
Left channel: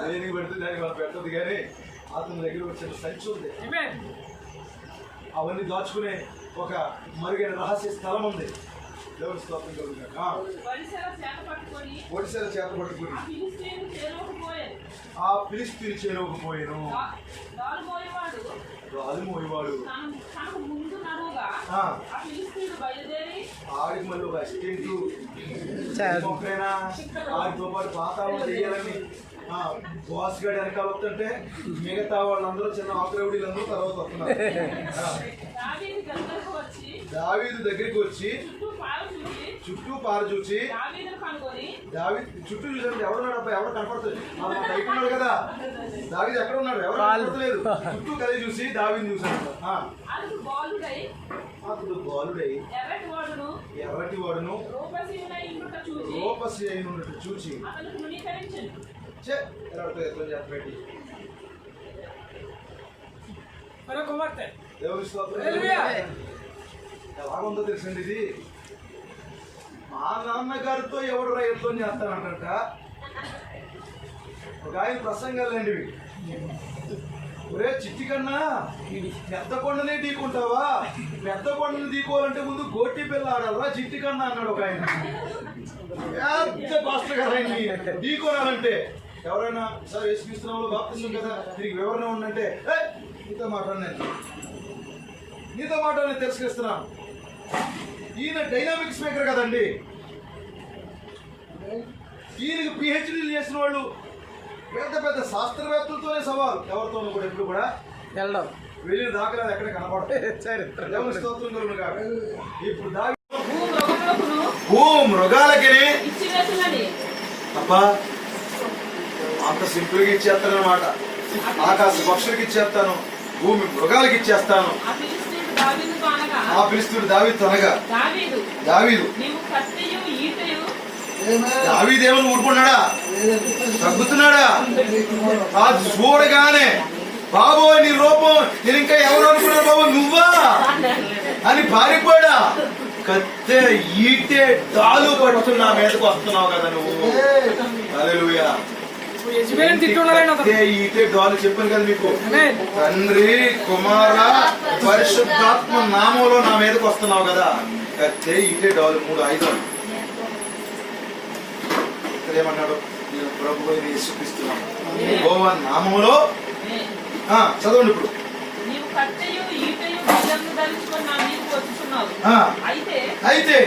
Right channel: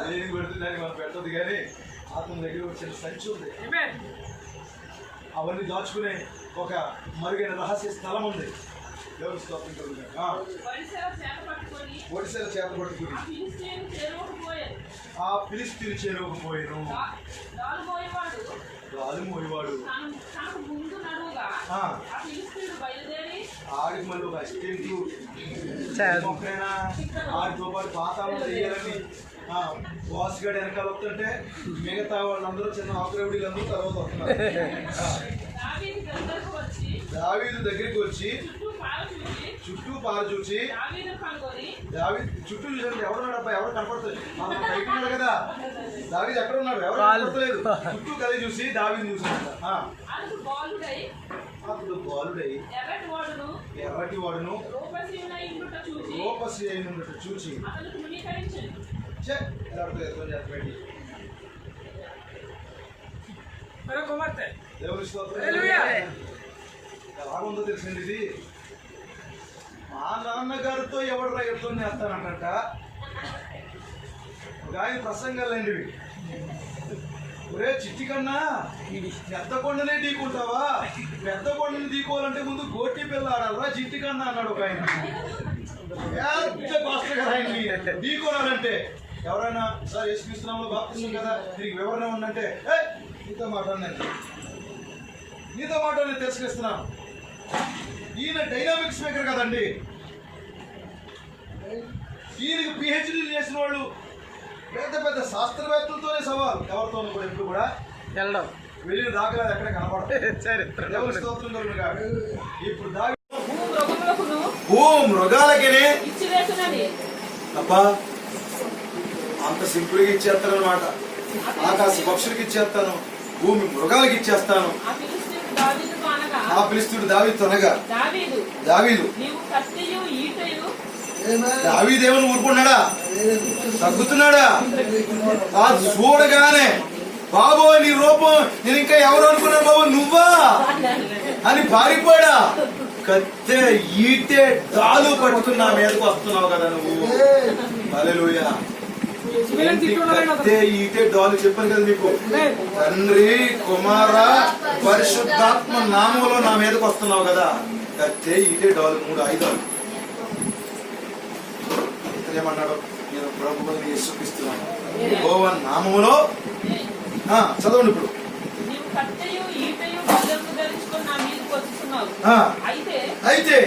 దేనికి పెడుతుంది, దానికి మనం పెట్టదు. కానీ అతని దగ్గర ఒక చిన్న సంచి ఉంది. అవన్నీ దాచుకునే ఒక మరుగైన రహస్య స్థలం ఉంది. దేవుని స్తోత్రం కలుగును. వడిసెల చేత పట్టుకొని ఒడిసేల చేత పట్టుకుని ఆ ఫిలిష్తీయుని చేరువకుపోయాను. ఆ ఫిలిష్తీయుని చేరువకుపోయాను. రాలుమోయేవాడు తనకు ముందు నడువుగా ఆ ఫిలిష్తీయుడు బయలుదేరి ఆడికి మళ్ళీ ఒక అసిస్టెంట్ మొక్కైనా ఆడితో పాటు పాతాళం చేయాలని బాస్ గడి వెనకాల వస్తుంటే మిగతా వాళ్ళందరూ చిన్న ఆకురవుడీలందరూ తర్వాత వస్తున్నారు. దావీదు దగ్గరికి వచ్చి చుట్టూ పారు చూసి దావీదు చుట్టూ చూసాడు. ఎవడున్నాడు అబ్బాయి? ఎవరు కనపడుతుంది? బయట ఉన్నాడు కదా. దావీదు ఎక్కడ ఉన్నాడు? ఎవరు కనపడలేదు. చుట్టూ కలిసి చూసి దావీదు చూసాడు. అప్పుడు బాలుడై ఎర్రటి వాడును రూపసి అయిన చూచి దేవుని స్తోత్రం. ఎలాగుందో తెలిసింది ఇది. మా నాన్నగారితో ఎవడు యుద్ధం చేస్తానంట. ఒక ఆయన ప్రసంగాలండి ఇవి. ఒరే చిట్టి కన్నా పెద్ద కొండనే ఢీకుంటావా? పెద్ద కొండని ఢీకోవాలంటే ముందు గోటి పిల్ల ఆడాలరా చిట్టి కన్నా అన్నాడు ఒక ఆయన. పెద్ద పాస్టర్ కదా ఆయన్ని ఢీకోనాలంటే. ఎవరైనా సార్ యేసుక్రీస్తునామములో బాప్తిసం కదా, దీనికి వివరణ ఉందంటే నీతో మాట్లాడినాను తిరస్కరిస్తున్నాను. ఈయన డైనామిక్ స్పీకర్ కదండి. ఈయనకి పిహెచ్డీ చేసిన వాళ్ళు పెద్ద పెద్ద శాస్త్రవేత్తలతోనే సవాల్. ఎవరితోనూ కూడా ఎప్పుడు కూడా వెళ్ళడం వెళ్ళిన దాఖలాలు ఎక్కడ కనపడతాయి. ఇప్పుడు మృగాలకి అబ్బా అంత సింపుల్ గా ఇచ్చేస్తానమాట. ఆకాశ పక్షులకి ఇచ్చేస్తాను, భూమి మృగాలకి ఇచ్చేస్తాను. ఆ పిలుస్తుడు దావీదు అనగా దావీదు దావీదేవుని ఊరుకున్నాడా? తగ్గుతున్నాడా? అది చూడగానే బాబోయ్ నీ రూపం నేను ఇంకా ఎవరు అనుకున్నా బాబు నువ్వా అని పారిపోయాడా? కత్తె ఈటే డాలు పట్టుకుని నా మీదకు వస్తున్నావు కదా నువ్వు. హల్లెలూయా. ఈటే డాలు చెప్పాను కదా మీకు. తండ్రి కుమార పరిశుద్ధాత్మ నామంలో నా మీదకు వస్తున్నావు కదా. కత్తె ఈటే డాలు 3 ఆయుధాలు. ఇక్కడ ఏమన్నాడు? నేను ప్రభువుని యేసుక్రీస్తున్నాను యెహోవా నామములో. చదవండి ఇప్పుడు. అయితే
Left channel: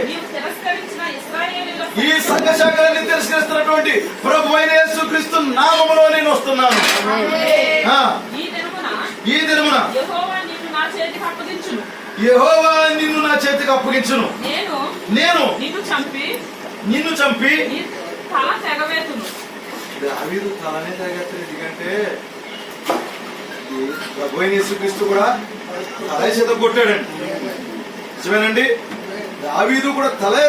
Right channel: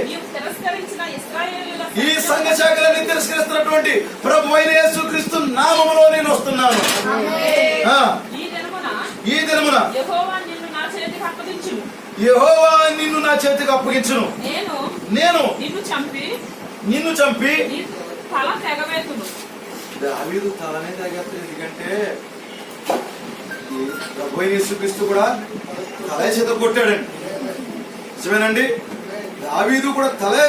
ఈ సంఘ శాఖలన్నీ తిరస్కరిస్తున్నటువంటి ప్రభు అయిన యేసుక్రీస్తు నామములో నేను వస్తున్నాను. ఈ దినమున యెహోవా నిన్ను నా చేతికి అప్పగించును. నేను నిన్ను చంపి తల తెగవేతును. దావీదు తలనే తాగేస్తాడు. ఎందుకంటే ప్రభు అయిన యేసుక్రీస్తు కూడా తలే చేత కొట్టాడండి. నిజమేనండి. దావీదు కూడా తలే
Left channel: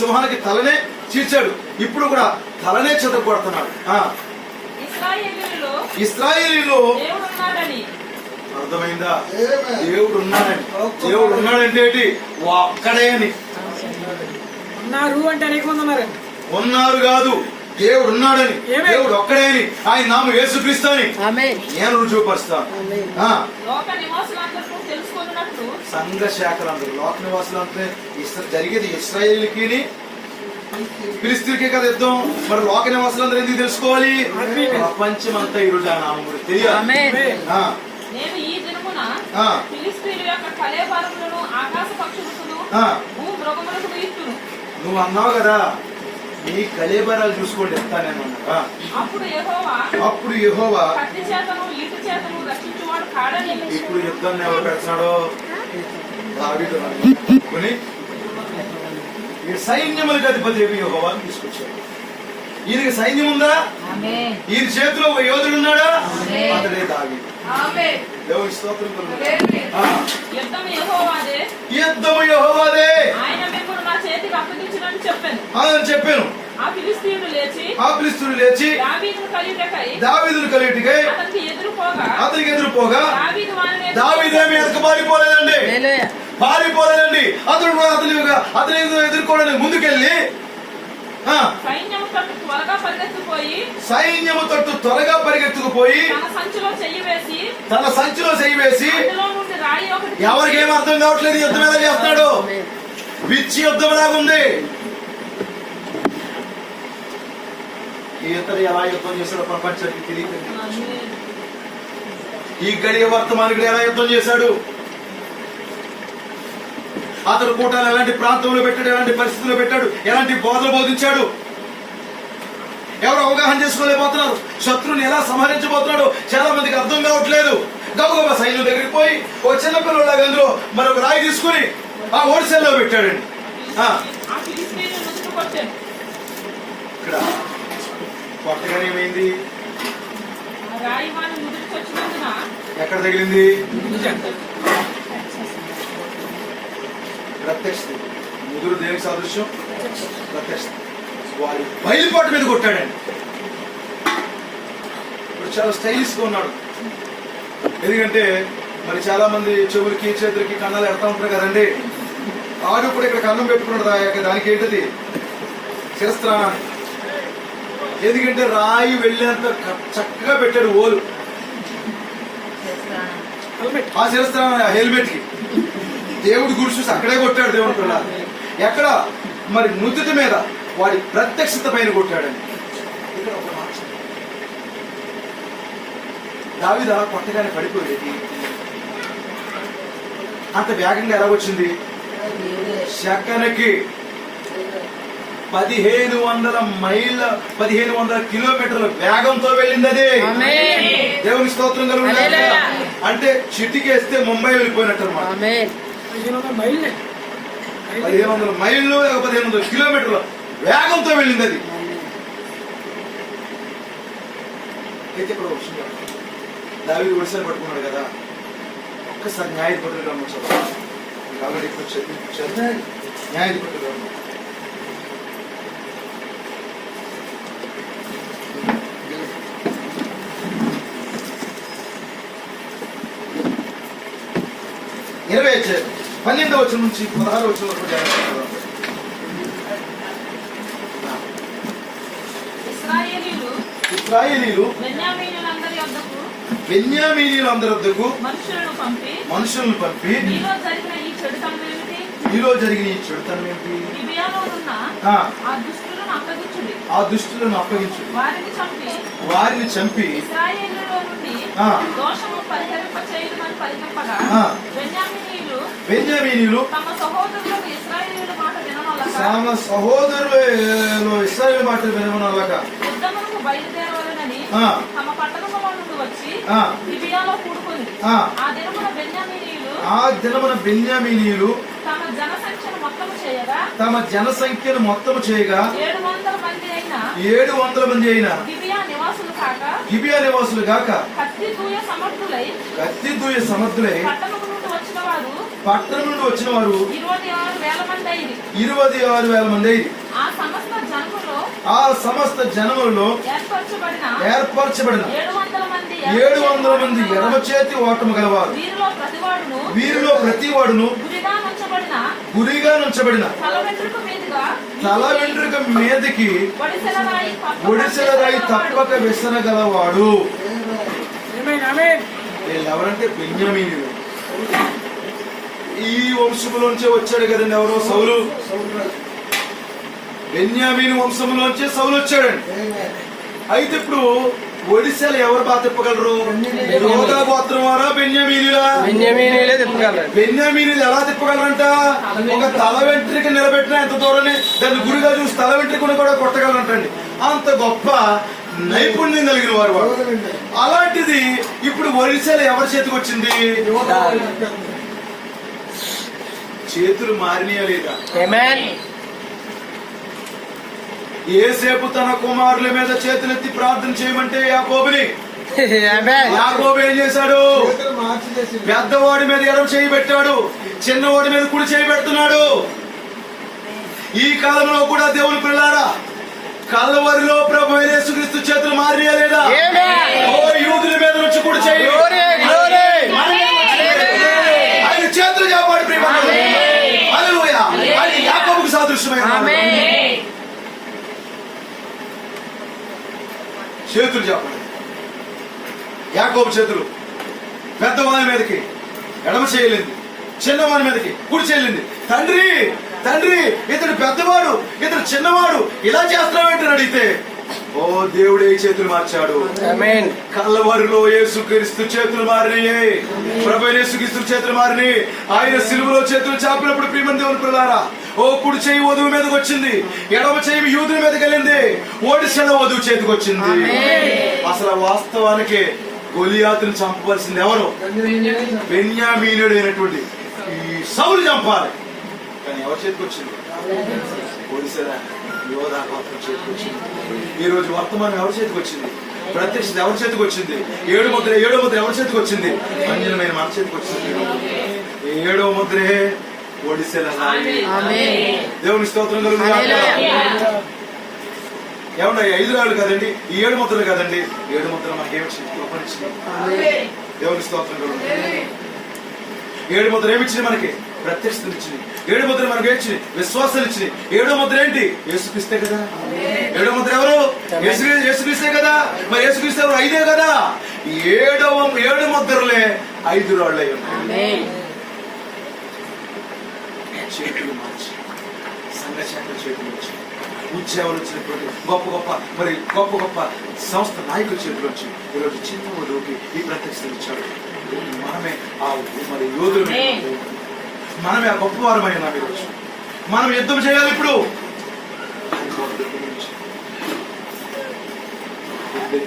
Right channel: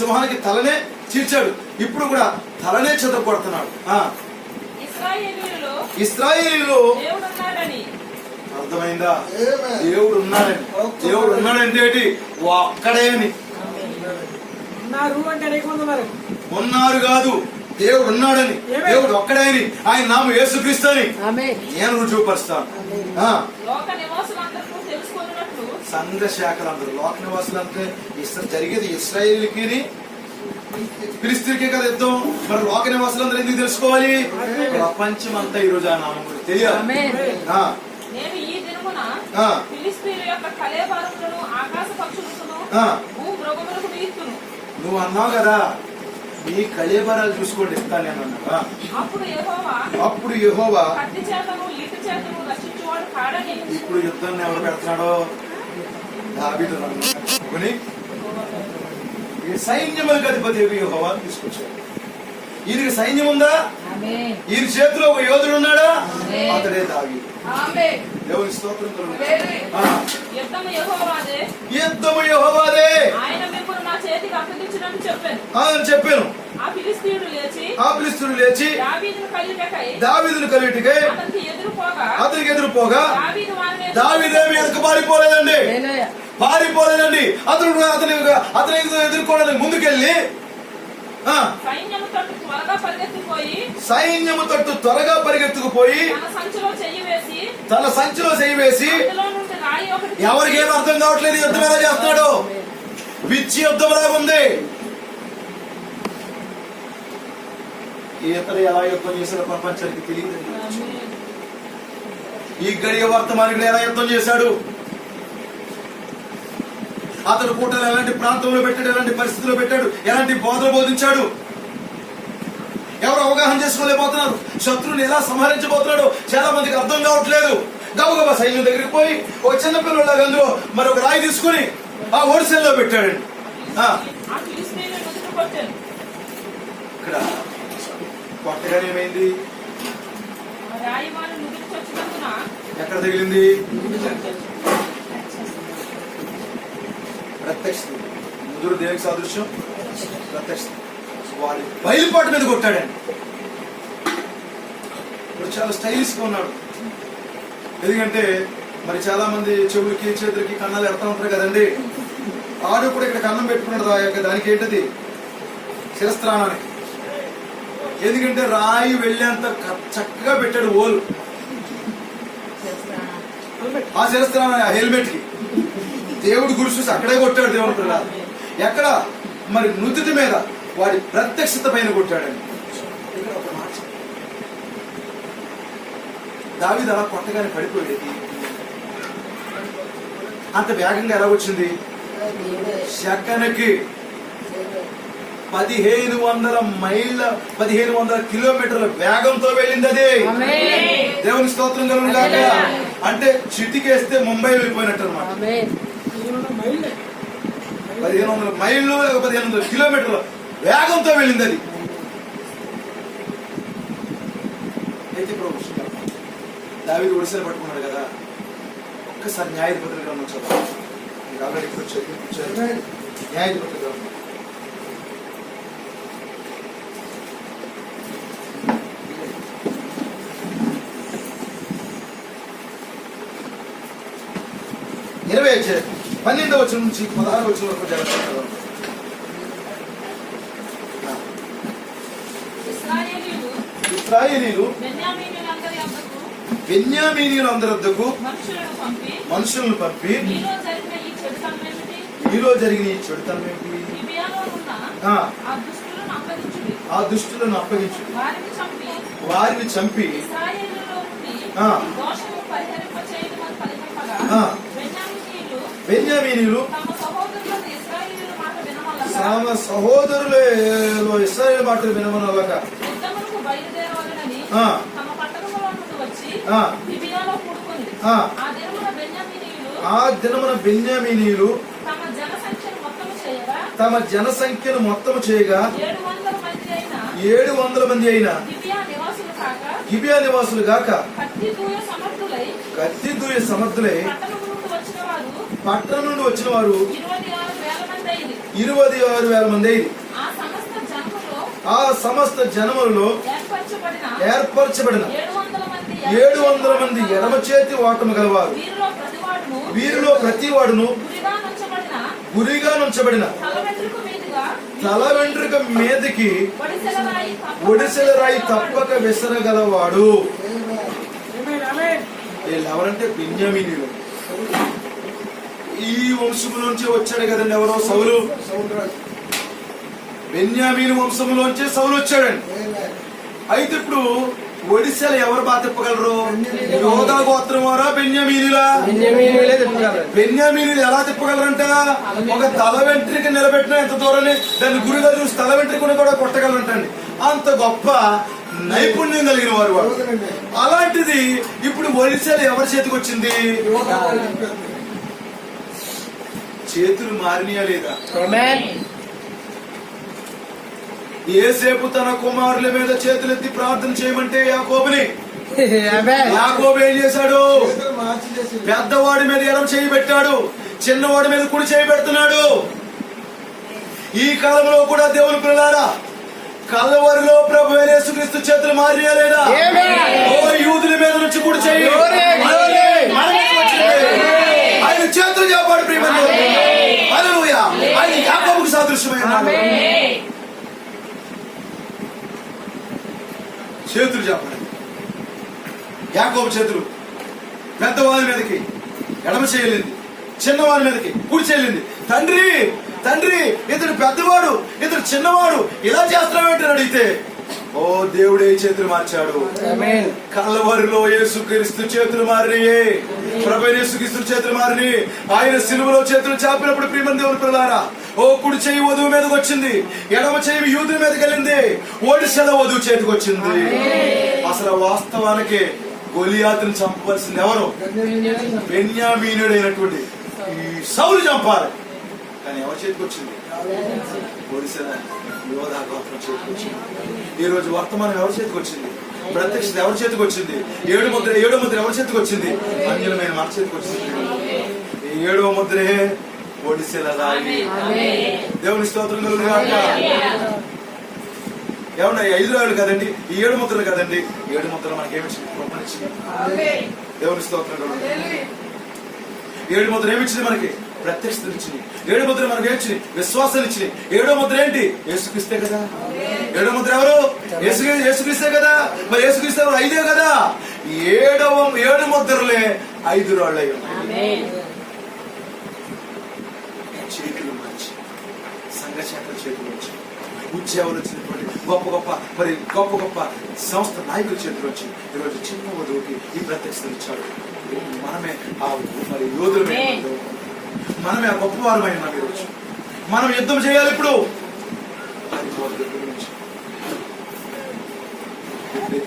సింహానికి తలనే చీల్చాడు. ఇప్పుడు కూడా తలనే చేత కొడుతున్నాడు. ఇశ్రాయేలీలో దేవుడున్నాడని అర్థమైందా? దేవుడు ఉన్నాడని. దేవుడు ఉన్నాడంటే ఏంటి? ఒక్కడే అని. ఉన్నారు అంటే అనేక మంది ఉన్నారు. ఉన్నారు కాదు, దేవుడు ఉన్నాడని, దేవుడు ఒక్కడే అని, ఆయన నామం యేసుక్రీస్తు అని నేను రుజువుపరుస్తాను. లోక నివాసులందరూ తెలుసుకున్నట్లు సంఘ శాఖలందరూ, లోక నివాసులంటే జరిగేది ఇశ్రాయేలుకి ఫిలిస్తీన్కి కదా యుద్ధం. మరి లోక నివాసులందరూ ఎందుకు తెలుసుకోవాలి? ప్రపంచం అంతా ఈ రోజు ఆ నామం తెలియాలి. నేను ఈ దినమున ఫిలిస్తీయుల యొక్క కళేబరములను ఆకాశ పక్షులను భూమృగములకు విధిస్తును. నువ్వు అన్నావు కదా, నీ కళేబరాలు చూసుకోండి ఇస్తానేమన్నా. అప్పుడు యెహోవా కత్తి చేతను లిట్టు చేతను రక్షించువాడు కాడని. ఇప్పుడు యుద్ధాన్ని ఎవరు పెడుతున్నాడో? దావీదు కొని ఈ సైన్యములకు అధిపతి యెహోవా తీసుకొచ్చాడు. ఈయనకి సైన్యం ఉందా? ఈయన చేతిలో ఒక యోధుడు ఉన్నాడా? అతడే దావీదు. దేవుని స్తోత్రం. యుద్ధము యెహోవాదే, యుద్ధము యెహోవాదే. ఆయన మిమ్మల్ని నా చేతికి అప్పగించునని చెప్పాను. ఆ ఫిలిస్తీయుడు లేచి దావీదును కలియుటకై అతనికి ఎదురుపోగా దావీదేమి వెనక పారిపోలేదండి. అతను ఎదుర్కోవడానికి ముందుకెళ్ళి సైన్యము తట్టు త్వరగా పరిగెత్తుకుపోయి తన సంచిలో చెయ్యి వేసి, ఎవరికి ఏం అర్థం కావట్లేదు యుద్ధం ఎలా చేస్తున్నాడు. పిచ్చి యుద్ధం లాగుంది. ఇతడు ఎలా యుద్ధం చేశాడో ప్రపంచానికి తెలియదు. ఈ గడియ వర్తమానికుడు ఎలా యుద్ధం చేశాడు, అతడు కూటాను ఎలాంటి ప్రాంతంలో పెట్టాడు, ఎలాంటి పరిస్థితుల్లో పెట్టాడు, ఎలాంటి బోధలు బోధించాడు, ఎవరు అవగాహన చేసుకోలేకపోతున్నారు, శత్రువుని ఎలా సంహరించబోతున్నాడు చాలా మందికి అర్థం కావట్లేదు. గబగబా సైన్యం దగ్గరికి పోయి ఒక చిన్న పిల్లలాగా అందులో మరొక రాయి తీసుకుని ఆ ఓడిసెల్లో పెట్టాడండి. ఇక్కడ కొట్టగానే ఏమైంది? ఎక్కడ తగిలింది? ప్రత్యక్ష. ముదురు దేనికి సాదృశ్యం? ప్రత్యక్ష. వారి బయలుపాటు మీద కొట్టాడండి. ఇప్పుడు చాలా స్టైలిష్ గా ఉన్నాడు. ఎందుకంటే మరి చాలా మంది చెవులకి చేతులకి కన్నాలు ఎడతా ఉంటారు కదండి. ఆడు కూడా ఇక్కడ కన్నం పెట్టుకున్నాడు. దానికి ఏంటది? శిరస్త్రాణాన్ని. ఎందుకంటే రాయి వెళ్ళేంత చక్కగా పెట్టాడు ఓలు ఆ శిరస్త్రాణాన్ని, ఆ హెల్మెట్ కి. దేవుడు గురి చూసి అక్కడే కొట్టాడు. దేవుడు కూడా ఎక్కడ? మరి నుదుటి మీద వాడి ప్రత్యక్షత పైన కొట్టాడండి. దావీదు అలా కొట్టగానే పడిపోయేది. అంత వేగంగా ఎలా వచ్చింది? సెకనుకి 1500 కిలోమీటర్ల వేగంతో వెళ్ళింది అది. దేవుని స్తోత్రం కలుగుతుంది. అంటే చిటికేస్తే ముంబై వెళ్ళిపోయినట్టు అనమాట. 1500 మైళ్ళు 1500 కిలోమీటర్ల వేగంతో వెళ్ళింది అది. అయితే ఇప్పుడు దావీదు ఒడిశాలు పట్టుకున్నాడు కదా, ఒక్కసారి న్యాయాధిపతులు గమనించారు. కాబట్టి ఇప్పుడు చదివించారు న్యాయాధిపతులు గమనించారు. ఇరవై 12వ వచనం నుంచి 16వ వచనం వరకు ఇశ్రాయేలీలు బెన్యామీనీయులందరి వద్దకు మనుషులను పంపి మీలో జరిగిన ఈ చెడుతనం ఏమిటి? ఆ దుష్టులను అప్పగించు, వారిని చంపి బెన్యామీనీయులు తమ సహోదరులు ఇశ్రాయేలు మాటలు వినమనలాగ ఆ దినమున బెన్యామీనీయులు తమ జనసంఖ్యను మొత్తము చేయగా 700 మంది అయిన గిబియా నివాసులు కాక గిబియా నివాసులు గాక కత్తి దూయ సమర్థులై కత్తి దూయ సమర్థులై పట్టణము నుండి వచ్చిన వారు పట్టణం నుండి వచ్చిన వారు 26,000 మంది అయింది. 26,000 మంది అయింది. ఆ సమస్త జనములో ఏర్పరచబడిన 700 మంది ఎడమ చేతి ఓటము గలవారు. వీరిలో ప్రతి వాడును గురిగా నుంచబడిన తల వెంట్రుక మీదకి ఒడిసెల రాయి తప్పక విసరగలవాడు. వీళ్ళెవరంటే బెన్యామీనీయులు. ఈ వంశములోంచే వచ్చాడు కదండి ఎవరో సౌలు. బెన్యామీను వంశంలోంచే సౌలు వచ్చాడండి. అయితే ఇప్పుడు ఒడిశాలు ఎవరు బాగా తిప్పగలరు? యోధా గోత్రం వారా బెన్యామీనులా? బెన్యామీనీలే తిప్పగలరు. బెన్యామీనులు ఎలా తిప్పగలరంట? ఒక తల వెంట్రిక నిలబెట్టిన ఎంత దూరాన్ని దాన్ని గురిగా చూసి తల వెంట్రికను కూడా కొట్టగలరంటండి. అంత గొప్ప నైపుణ్యం కలిగిన వారు వారు. అలాంటిది ఇప్పుడు ఒడిశాలు ఎవరి చేతికి వచ్చింది? చేతులు మారినాయా లేదా? ఏసేపు తన కుమారుల మీద చేతులెత్తి ప్రార్థన చేయమంటే యాకోబుని యాకోబు ఏం చేశాడు? పెద్దవాడి మీద ఎడమ చేయి పెట్టాడు, చిన్నవాడి మీద కుడి చేయి పెడుతున్నాడు. ఈ కాలంలో కూడా దేవుని పిల్లారా కలవరిలో ప్రభు యేసుక్రీస్తు చేతులు మారినా లేదా? ఓ యూదుల మీద నుంచి కుడి చేయి ఆయన చేతులు చెప్పాడు. ప్రియమైన హల్లెలూయా. ఆయన యాకోబుకు సాదృశ్యమైన చేతులు చెప్పండి. యాకోబు చేతులు పెద్దవాని మీదకి ఎడమ చేయలేంది, చిన్నవాని మీదకి కుడి చేయలేంది. తండ్రి తండ్రి ఇతడు పెద్దవాడు, ఇతడు చిన్నవాడు, ఇలా చేస్తున్నావేంటని అడిగితే ఓ దేవుడే చేతులు మార్చాడు. కల్లవరిలో యేసుక్రీస్తు చేతులు మారినాయి. ప్రభు యేసుక్రీస్తు చేతులు మారిని. ఆయన సిలువలో చేతులు చాపినప్పుడు ప్రియమైన దేవుని పిల్లారా ఓ కుడి చేయి వధువు మీదకి వచ్చింది, ఎడమ చేయి యూదుల మీదకి వెళ్ళింది, ఒడిశల వధువు చేతికి వచ్చింది. అసలు వాస్తవానికి గొలియాతుని చంపవలసింది ఎవరు? బెన్యామీనుడు అయినటువంటి ఈ సౌలు చంపాలి. కానీ ఎవరి చేతికి వచ్చింది? ఒడిశల యోధా గోత్రం చేతికి వచ్చింది. ఈ రోజు వర్తమానం ఎవరి చేతికి వచ్చింది? ప్రత్యక్షత ఎవరి చేతికి వచ్చింది? ఏడో ముద్ర ఎవరి చేతికి వచ్చింది? అంజనమైన మన చేతికి వచ్చింది. ఈ 7వ ముద్రే ఒడిశల రాయి. దేవుని స్తోత్రం కలుగుగాక. ఏమన్నా 5 రాళ్ళు కదండి, ఈ 7 ముద్రలు కదండి. 7 ముద్రలు మనకేమిచ్చింది? కృపనిచ్చింది. దేవుని స్తోత్రం కలుగుగాక. 7 ముద్ర ఏమిచ్చింది? మనకి ప్రత్యక్షతలు ఇచ్చింది. 7 ముద్ర మనకి ఏమిచ్చింది? విశ్వాసాలు ఇచ్చింది. 7వ ముద్ర ఏంటి? యేసుక్రీస్తే కదా. 7వ ముద్ర ఎవరు? యేసుక్రీస్తే కదా. మరి యేసుక్రీస్తే ఎవరు? 5 కదా. 7 ముద్రలే 5 రాళ్ళు అయి ఉన్నాయి. చేతులు మార్చి సంఘ శాఖల చేతులు వచ్చి ఉద్యోగాలు వచ్చినటువంటి గొప్ప గొప్ప సంస్థ నాయకుల చేతులు వచ్చి ఈరోజు చిన్న వధువుకి ఈ ప్రత్యక్షతలు ఇచ్చాడు. మనమే ఆ మరి యోధులమే, మనమే ఆ గొప్పవారమైన ఈరోజు మనం యుద్ధం చేయాలి. ఇప్పుడు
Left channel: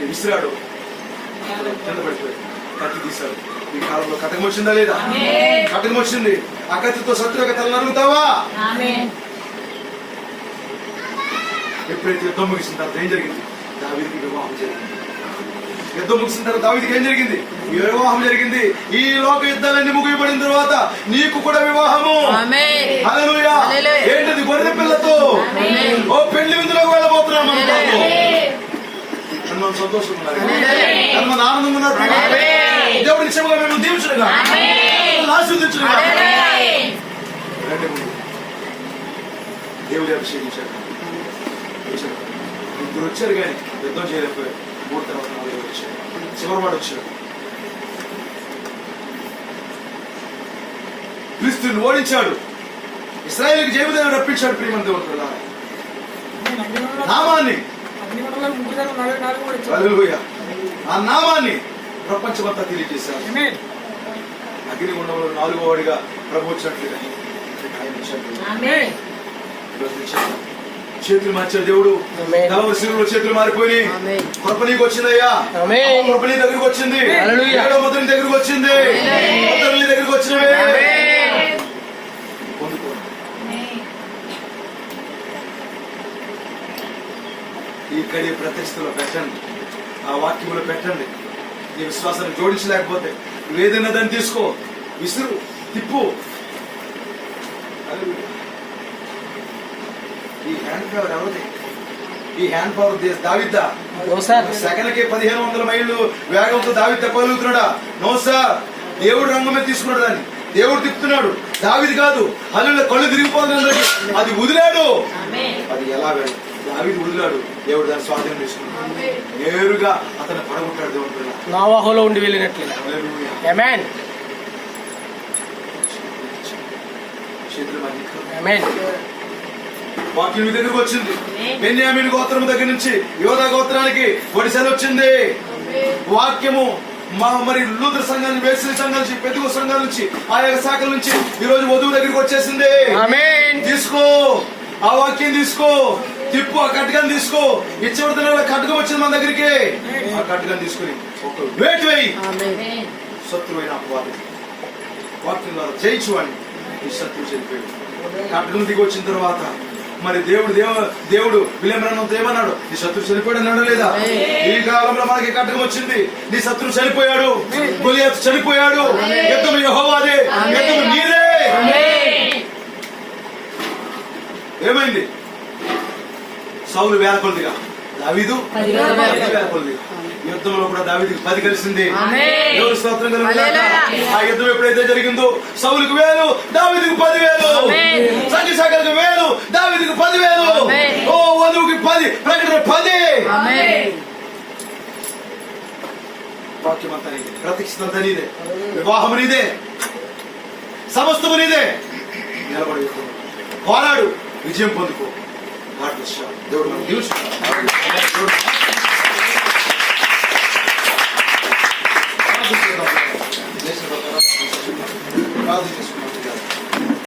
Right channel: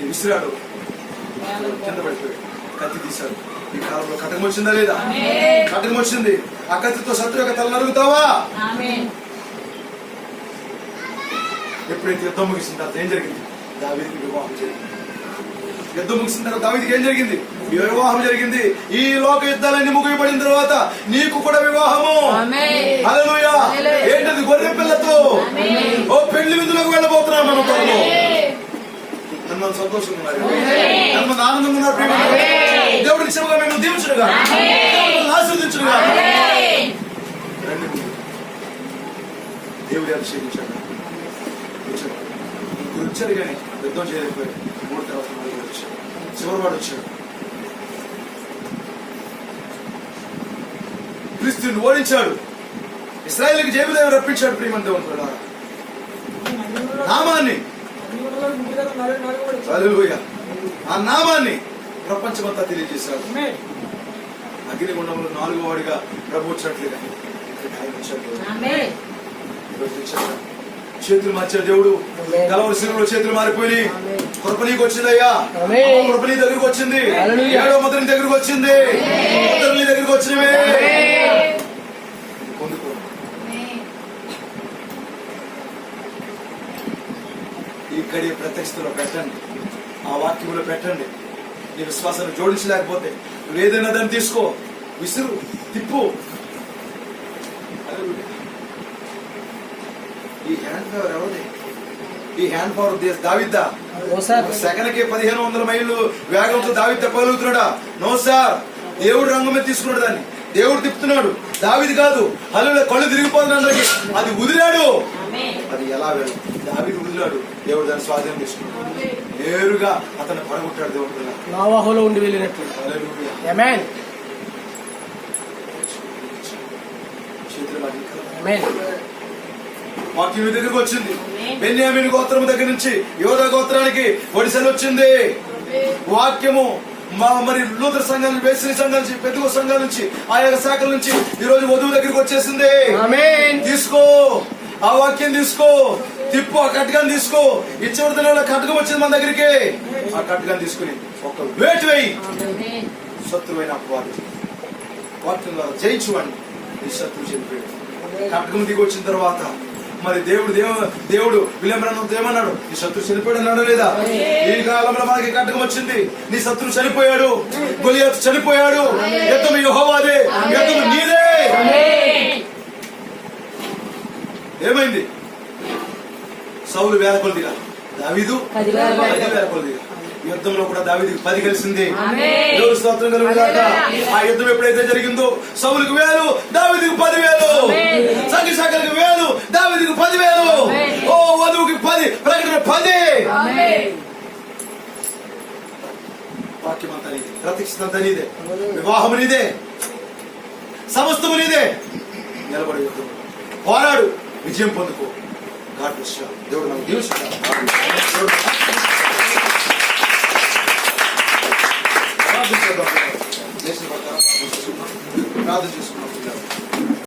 విసిరాడు, కింద పడిపోయి కత్తి తీశాడు. ఈ కాలంలో కటకం వచ్చిందా లేదా? కటకం వచ్చింది. ఆ కత్తితో శత్రు యొక్క తల నరుగుతావా? ఎప్పుడైతే యుద్ధం ముగిసిన తర్వాత ఏం జరిగింది? దావీదుకి వివాహం జరిగింది. యుద్ధం ముగిసిన తర్వాత దావీదుకి ఏం జరిగింది? వివాహం జరిగింది. ఈ లోక యుద్ధాలన్నీ ముగిపడిన తర్వాత నీకు కూడా వివాహము. హల్లెలూయా. ఏంటది? గొర్రె పిల్లతో ఓ పెళ్లి విందులోకి వెళ్ళబోతున్నాం. మన ఎంతమంది సంతోషంగా ఉన్నారు, ఎంతమంది ఆనందంగా ఉన్నారు. దేవుడికి సేవగా మేము దీవించుడుగా ఆస్వాదించుడుగా దేవుడి అభిషేకించారు. ఇప్పుడు వచ్చారు కానీ యుద్ధం చేయలేకపోయారు. 3 తర్వాత 4 వచ్చారు. చివరివాడు వచ్చాడు. క్రీస్తుని ఓడించాడు. ఇశ్రాయేలుకి జయముదేవుడు రప్పించాడు. ప్రియమైన దేవుని ప్రధాన నామాన్ని, హల్లెలూయా, ఆ నామాన్ని ప్రపంచమంతా తెలియజేశారు. అగ్నిగుండంలో 4వ వాడిగా ప్రభు వచ్చినట్లుగా ఆయన చేతులు మార్చాడు దేవుడు. కలవరి శిలువలో చేతులు మారిపోయి కృప నీకు వచ్చిందయ్యా. కృప నీ దగ్గరకు వచ్చింది. 7వ ముద్ర నీ దగ్గరకు వచ్చింది. ముద్ర నీ దగ్గరకు వచ్చినవే. ఈ కడియ ప్రత్యక్షతలో పెట్టండి, ఆ వాక్యంలో పెట్టండి. నీ విశ్వాసాన్ని జోడించలేకపోతే నువ్వేదైనా దాన్ని తీసుకో, విసురు, తిప్పు. ఈ హ్యాండ్ పవర్ ఎవరిది? ఈ హ్యాండ్ పవర్ దావిద్దా? సెకండ్ కి 1500 మైళ్ళు వేగంతో దావిద్ తప్పగలుగుతున్నాడా? No sir. దేవుడు రంగం మీద తీసుకున్నాడు దాన్ని, దేవుడు తిప్పుతున్నాడు. దావిది కాదు. అల్లు కళ్ళు తిరిగిపోతుంది, అది వదిలాడు. అది ఎలా వెళ్ళదు? దావిది వదిలాడు, దేవుడు దాన్ని స్వాధీనం తీసుకున్నాడు. నేరుగా అతను పడగొట్టాడు దేవుడు. నోవాహులో ఉండి వెళ్ళినట్లు. ఆమేన్. చేతులు మరి ఆమేన్. వాక్యం మీ దగ్గరకు వచ్చింది. బెన్యామీను గోత్రం దగ్గర నుంచి యోధా గోత్రానికి ఒడిశలు వచ్చింది. వాక్యము మరి లూథర్ సంఘం నుంచి, వేసిన సంఘం నుంచి, పెద్దగో సంఘం నుంచి, ఆయా శాఖల నుంచి ఈ రోజు వధువు దగ్గరికి వచ్చేసింది. ఆమేన్. తీసుకో, ఆ వాక్యం తీసుకో, తిప్పు, ఆ కట్టుకని తీసుకో. ఇచ్చబడుతున్న కట్టుకం వచ్చింది మన దగ్గరికి. ఆ కట్టుకని తీసుకుని ఒక వేటు వేయి. శత్రువైన అపవాది వాక్యం ద్వారా జయించువాడిని ఈ శత్రువు చనిపోయాడు. కట్టుకం దిగి వచ్చిన తర్వాత మరి దేవుడు విలియమ్రాన్తో ఏమన్నాడు? నీ శత్రువు చనిపోయాడు అన్నాడు లేదా? ఈ కాలంలో మనకి కట్టకం వచ్చింది. నీ శత్రువు చనిపోయాడు, గొలియాతు చనిపోయాడు. యుద్ధం యెహోవాదే, యుద్ధం నీదే. ఏమైంది? సౌలు వేల కొలదిగా, దావీదు 10 వేల కొలదిగా. యుద్ధంలో కూడా దావీదుకి 10 కలిసింది. దేవుడు స్తోత్రం కలుగుగాక. ఆ యుద్ధం ఎప్పుడైతే జరిగిందో సౌలుకు 1000, దావీదుకు 10,000. సంఘశాఖలకు 1000, దావీదుకు 10,000. ఓ వధువుకి 10, ప్రకటన 10. వాక్యం అంతా నీదే, ప్రత్యక్షత నీదే, వివాహం నీదే, సమస్తము నీదే. నిలబడి పోరాడు, విజయం పొందుకో. దేవుడు నాకు దీవించుకుంటాడు.